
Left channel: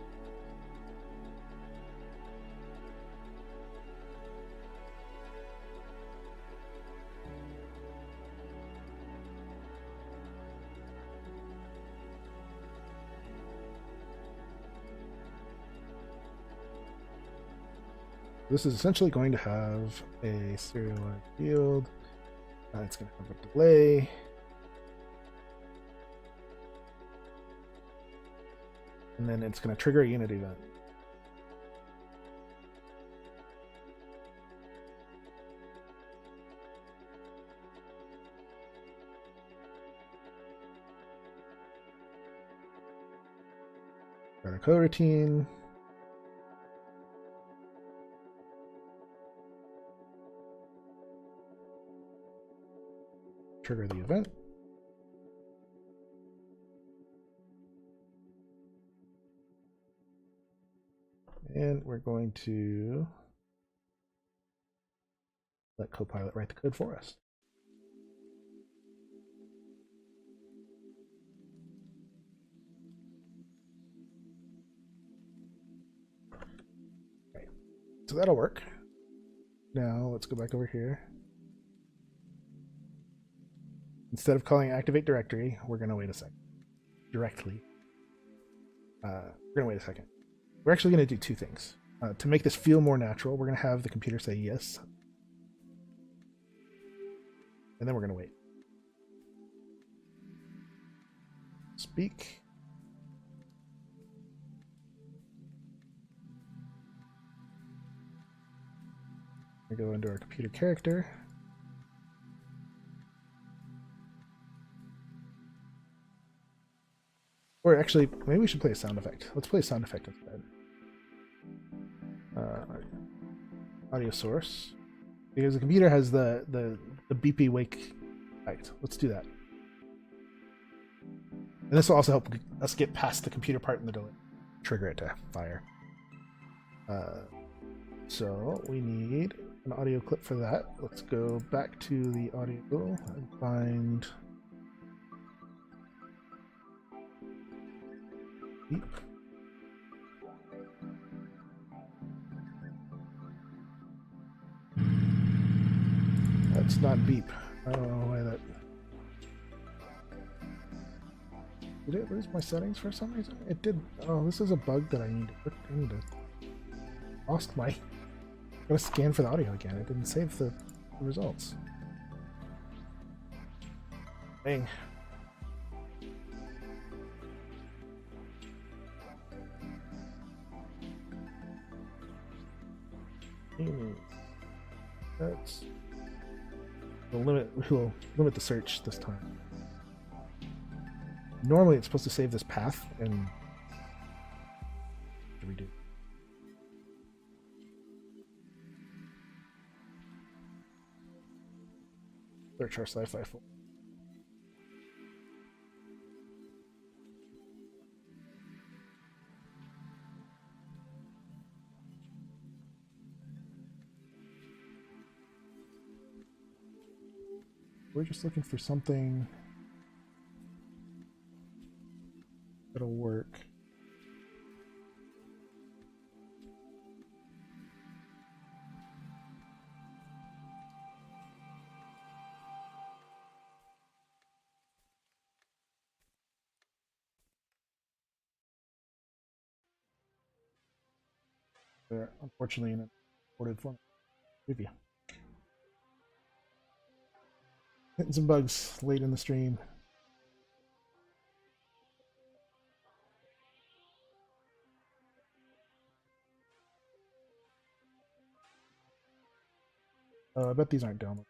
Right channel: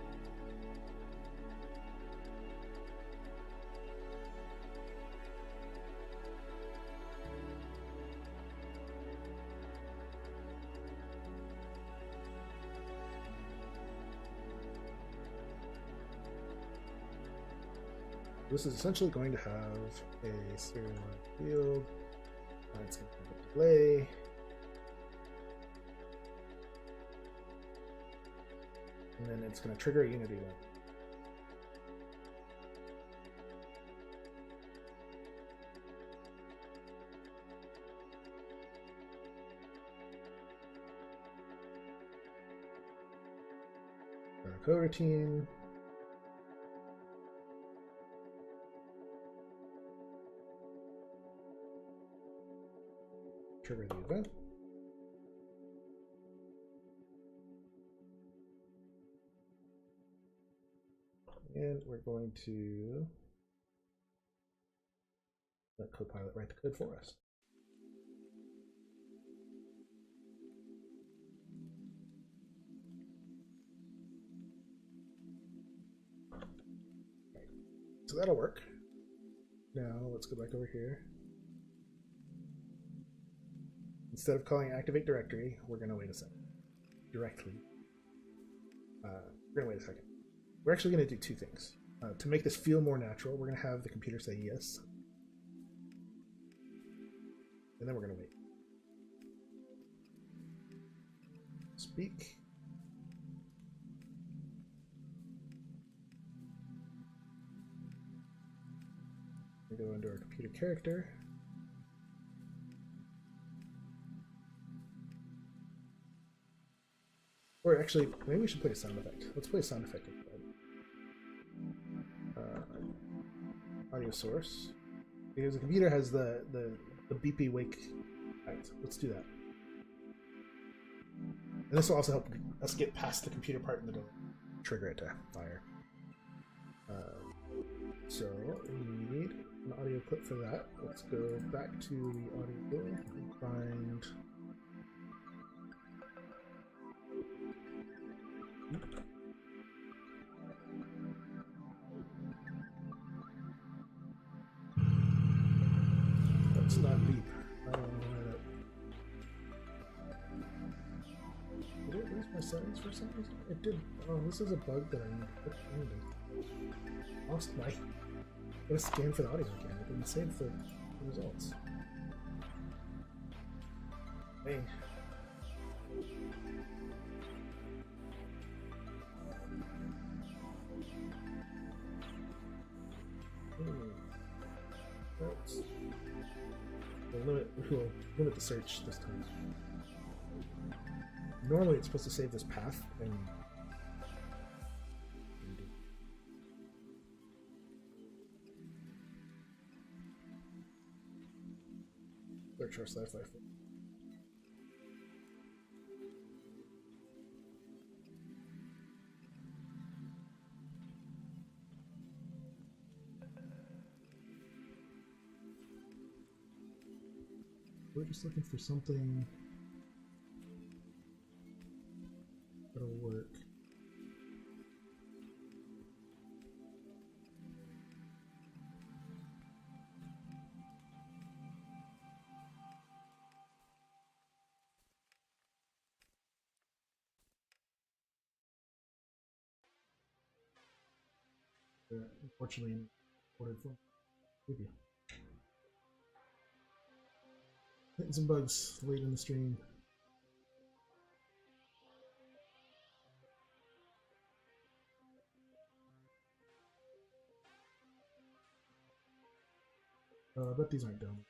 This is essentially going to have a serialized field. It's going to have a delay. And then it's going to trigger a unit event. Got a coroutine. Trigger the event. And we're going to let Copilot write the code for us. Okay. So that'll work. Now let's go back over here. Instead of calling activate directory, we're going to wait a second. Directly. We're going to wait a second. We're actually going to do two things. To make this feel more natural, we're going to have the computer say yes. And then we're going to wait. Speak. We go into our computer character. Or actually, maybe we should play a sound effect. Let's play a sound effect instead. Audio source, because the computer has the beepy wake effect. Let's do that, and this will also help us get past the computer part in the delay. Trigger it to fire. So we need an audio clip for that. Let's go back to the audio and find beep. That's not beep. I don't know why that. Did it lose my settings for some reason? It did. Oh, this is a bug that I need to. Lost my. I'm gonna scan for the audio again. It didn't save the results. Dang. That's. We'll limit the search this time. Normally it's supposed to save this path and redo. Search our sci-fi folder. We're just looking for something that'll work. They're unfortunately in a recorded form. Preview. Hitting some bugs late in the stream. I bet these aren't downloaded.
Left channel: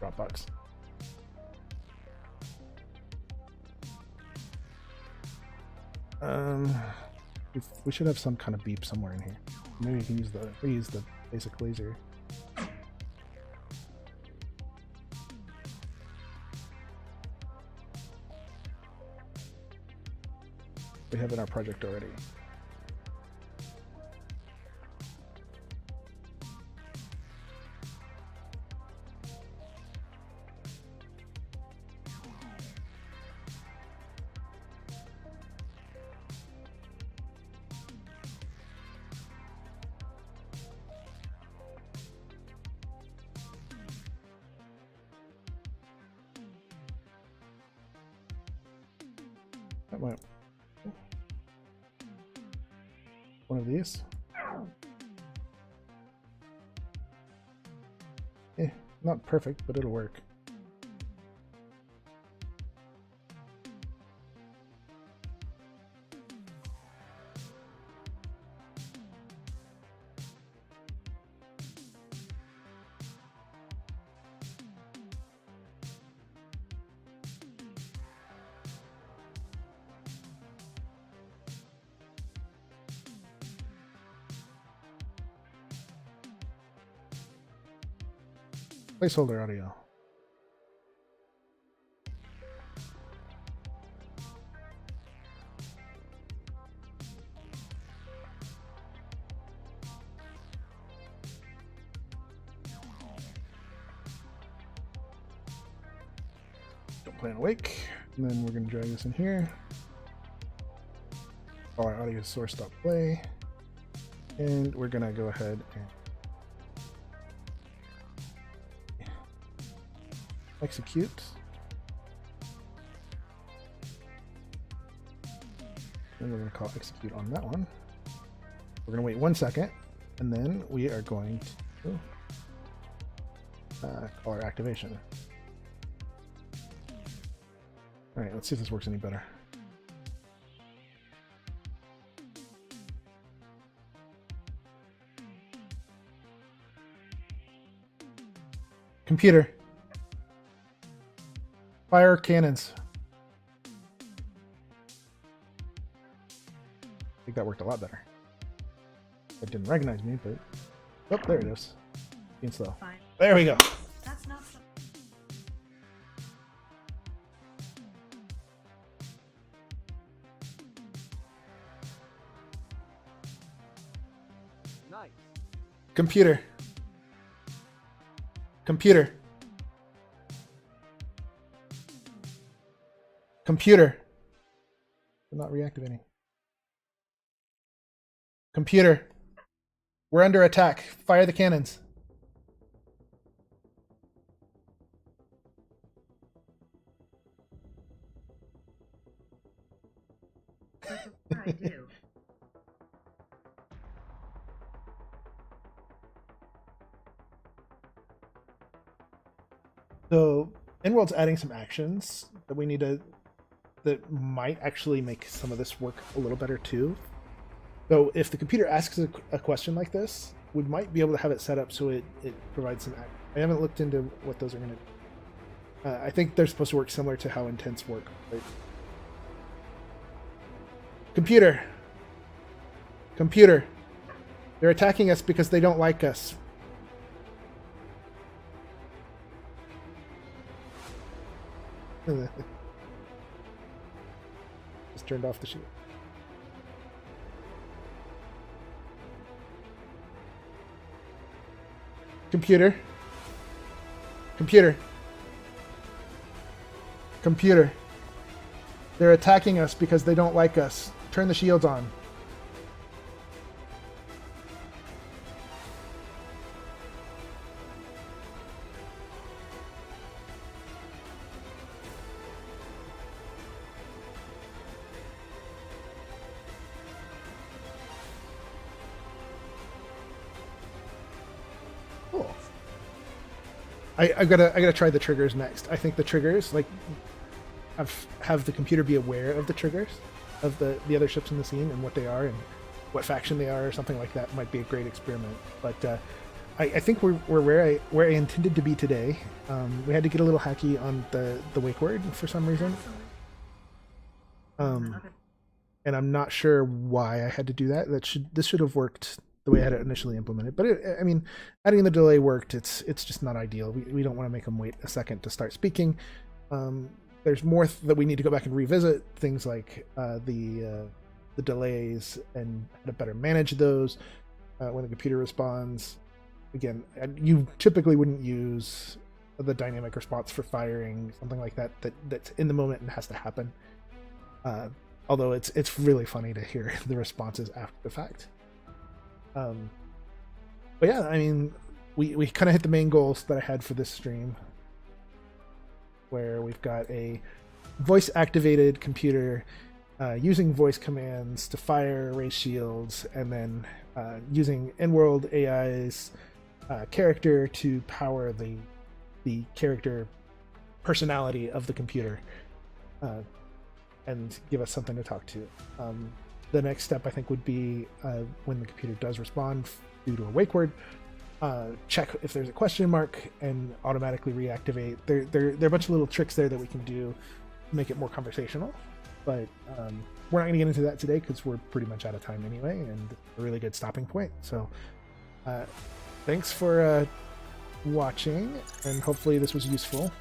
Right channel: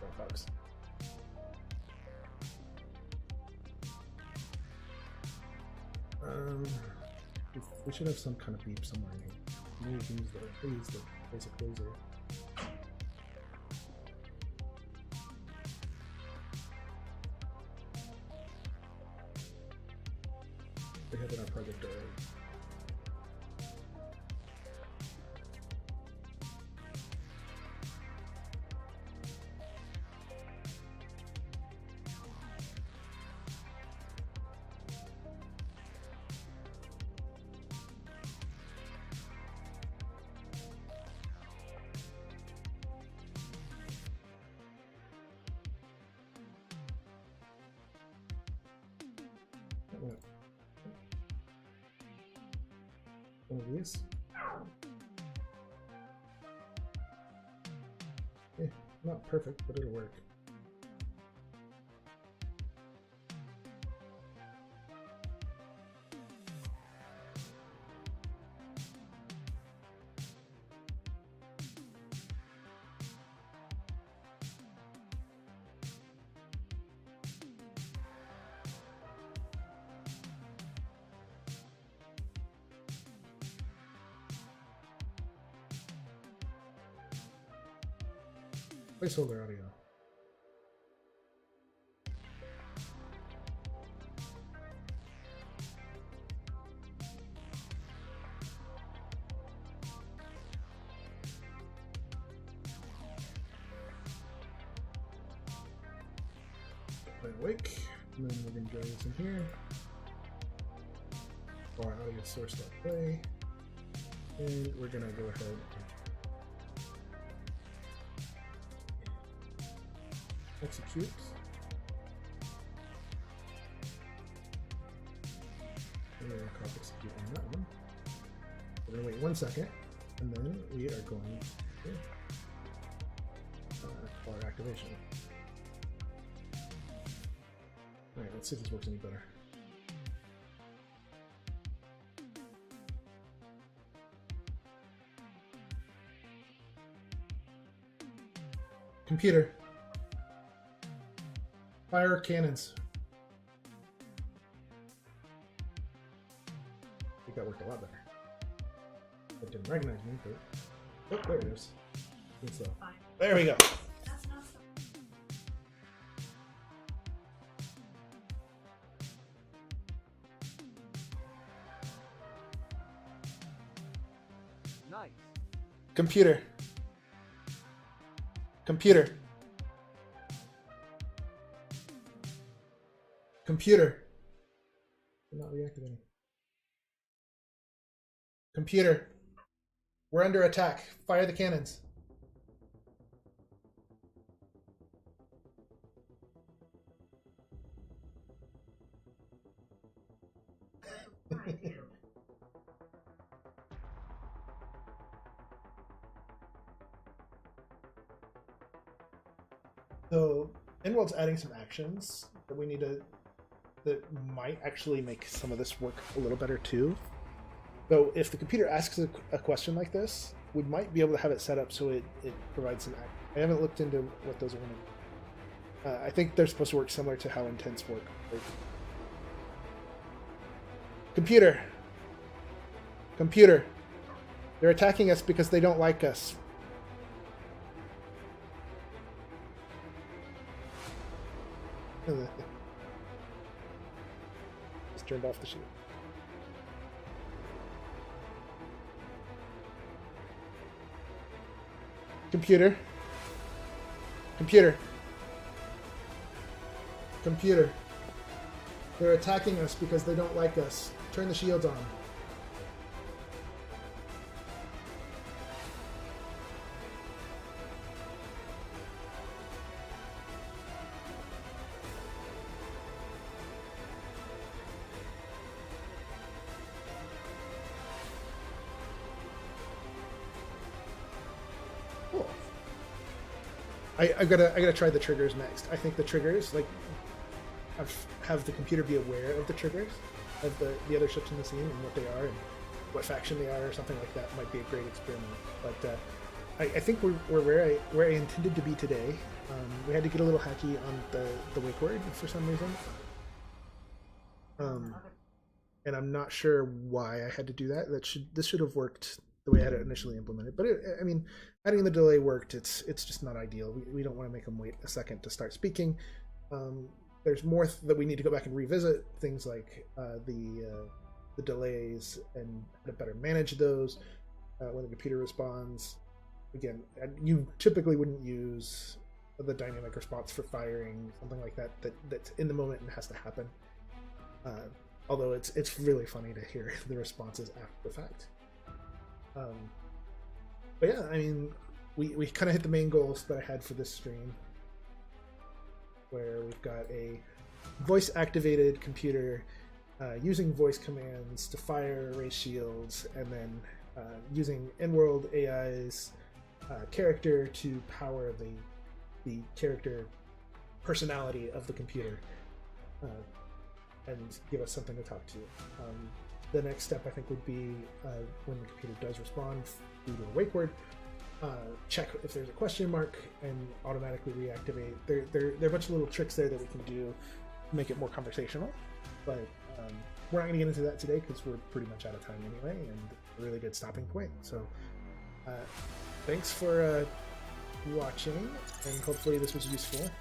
Dropbox. We should have some kind of beep somewhere in here. Maybe we can use the basic laser. We have in our project already. That went. One of these. Not perfect, but it'll work. Placeholder audio. Don't play on awake. And then we're going to drag this in here. Call our audio source.play. And we're going to go ahead and execute. And we're going to call execute on that one. We're going to wait 1 second, and then we are going to call our activation. All right, let's see if this works any better. Computer. Fire cannons. I think that worked a lot better. It didn't recognize me, but oh, there it is. Being slow. Fine. There we go. That's not so. Nice. Computer. Computer. Computer. We're not reactivating. Computer. We're under attack. Fire the cannons. I do. So InWorld's adding some actions that we need to, that might actually make some of this work a little better too. So if the computer asks a question like this, we might be able to have it set up so it provides some action. I haven't looked into what those are going to do. I think they're supposed to work similar to how intents work. Right? Computer. Computer. They're attacking us because they don't like us. Just turned off the shield. Computer. Computer. Computer. They're attacking us because they don't like us. Turn the shields on. Cool. I gotta try the triggers next. I think the triggers, like, have the computer be aware of the triggers of the other ships in the scene and what they are and what faction they are or something like that might be a great experiment. But I think we're where I intended to be today. We had to get a little hacky on the wake word for some reason. And I'm not sure why I had to do that. This should have worked the way I had it initially implemented. But I mean, adding the delay worked. It's just not ideal. We don't want to make them wait a second to start speaking. There's more that we need to go back and revisit, things like the delays and how to better manage those when the computer responds. Again, you typically wouldn't use the dynamic response for firing, something like that's in the moment and has to happen. Although it's really funny to hear the responses after the fact. But yeah, I mean, we kind of hit the main goals that I had for this stream, where we've got a voice-activated computer using voice commands to fire raise shields, and then using InWorld AI's character to power the character personality of the computer and give us something to talk to. The next step, I think, would be when the computer does respond due to a wake word, check if there's a question mark and automatically reactivate. There are a bunch of little tricks there that we can do to make it more conversational, but we're not going to get into that today because we're pretty much out of time anyway, and a really good stopping point. So thanks for watching, and hopefully this was useful.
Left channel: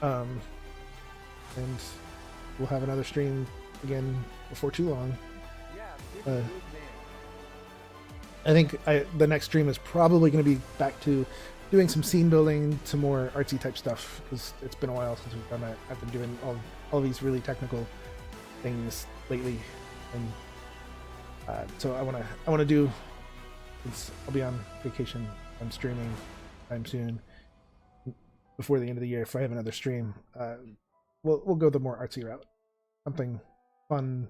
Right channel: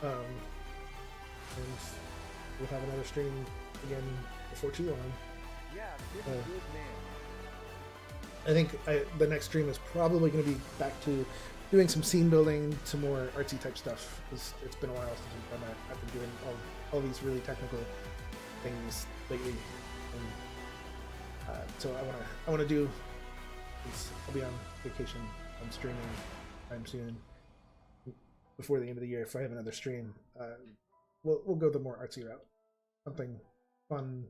And we'll have another stream again before too long. Yeah, good man. I think the next stream is probably going to be back to doing some scene building, some more artsy type stuff, because it's been a while since we've done that. I've been doing all these really technical things lately, and so I want to do. I'll be on vacation. I'm streaming time soon before the end of the year. If I have another stream, we'll go the more artsy route, something fun.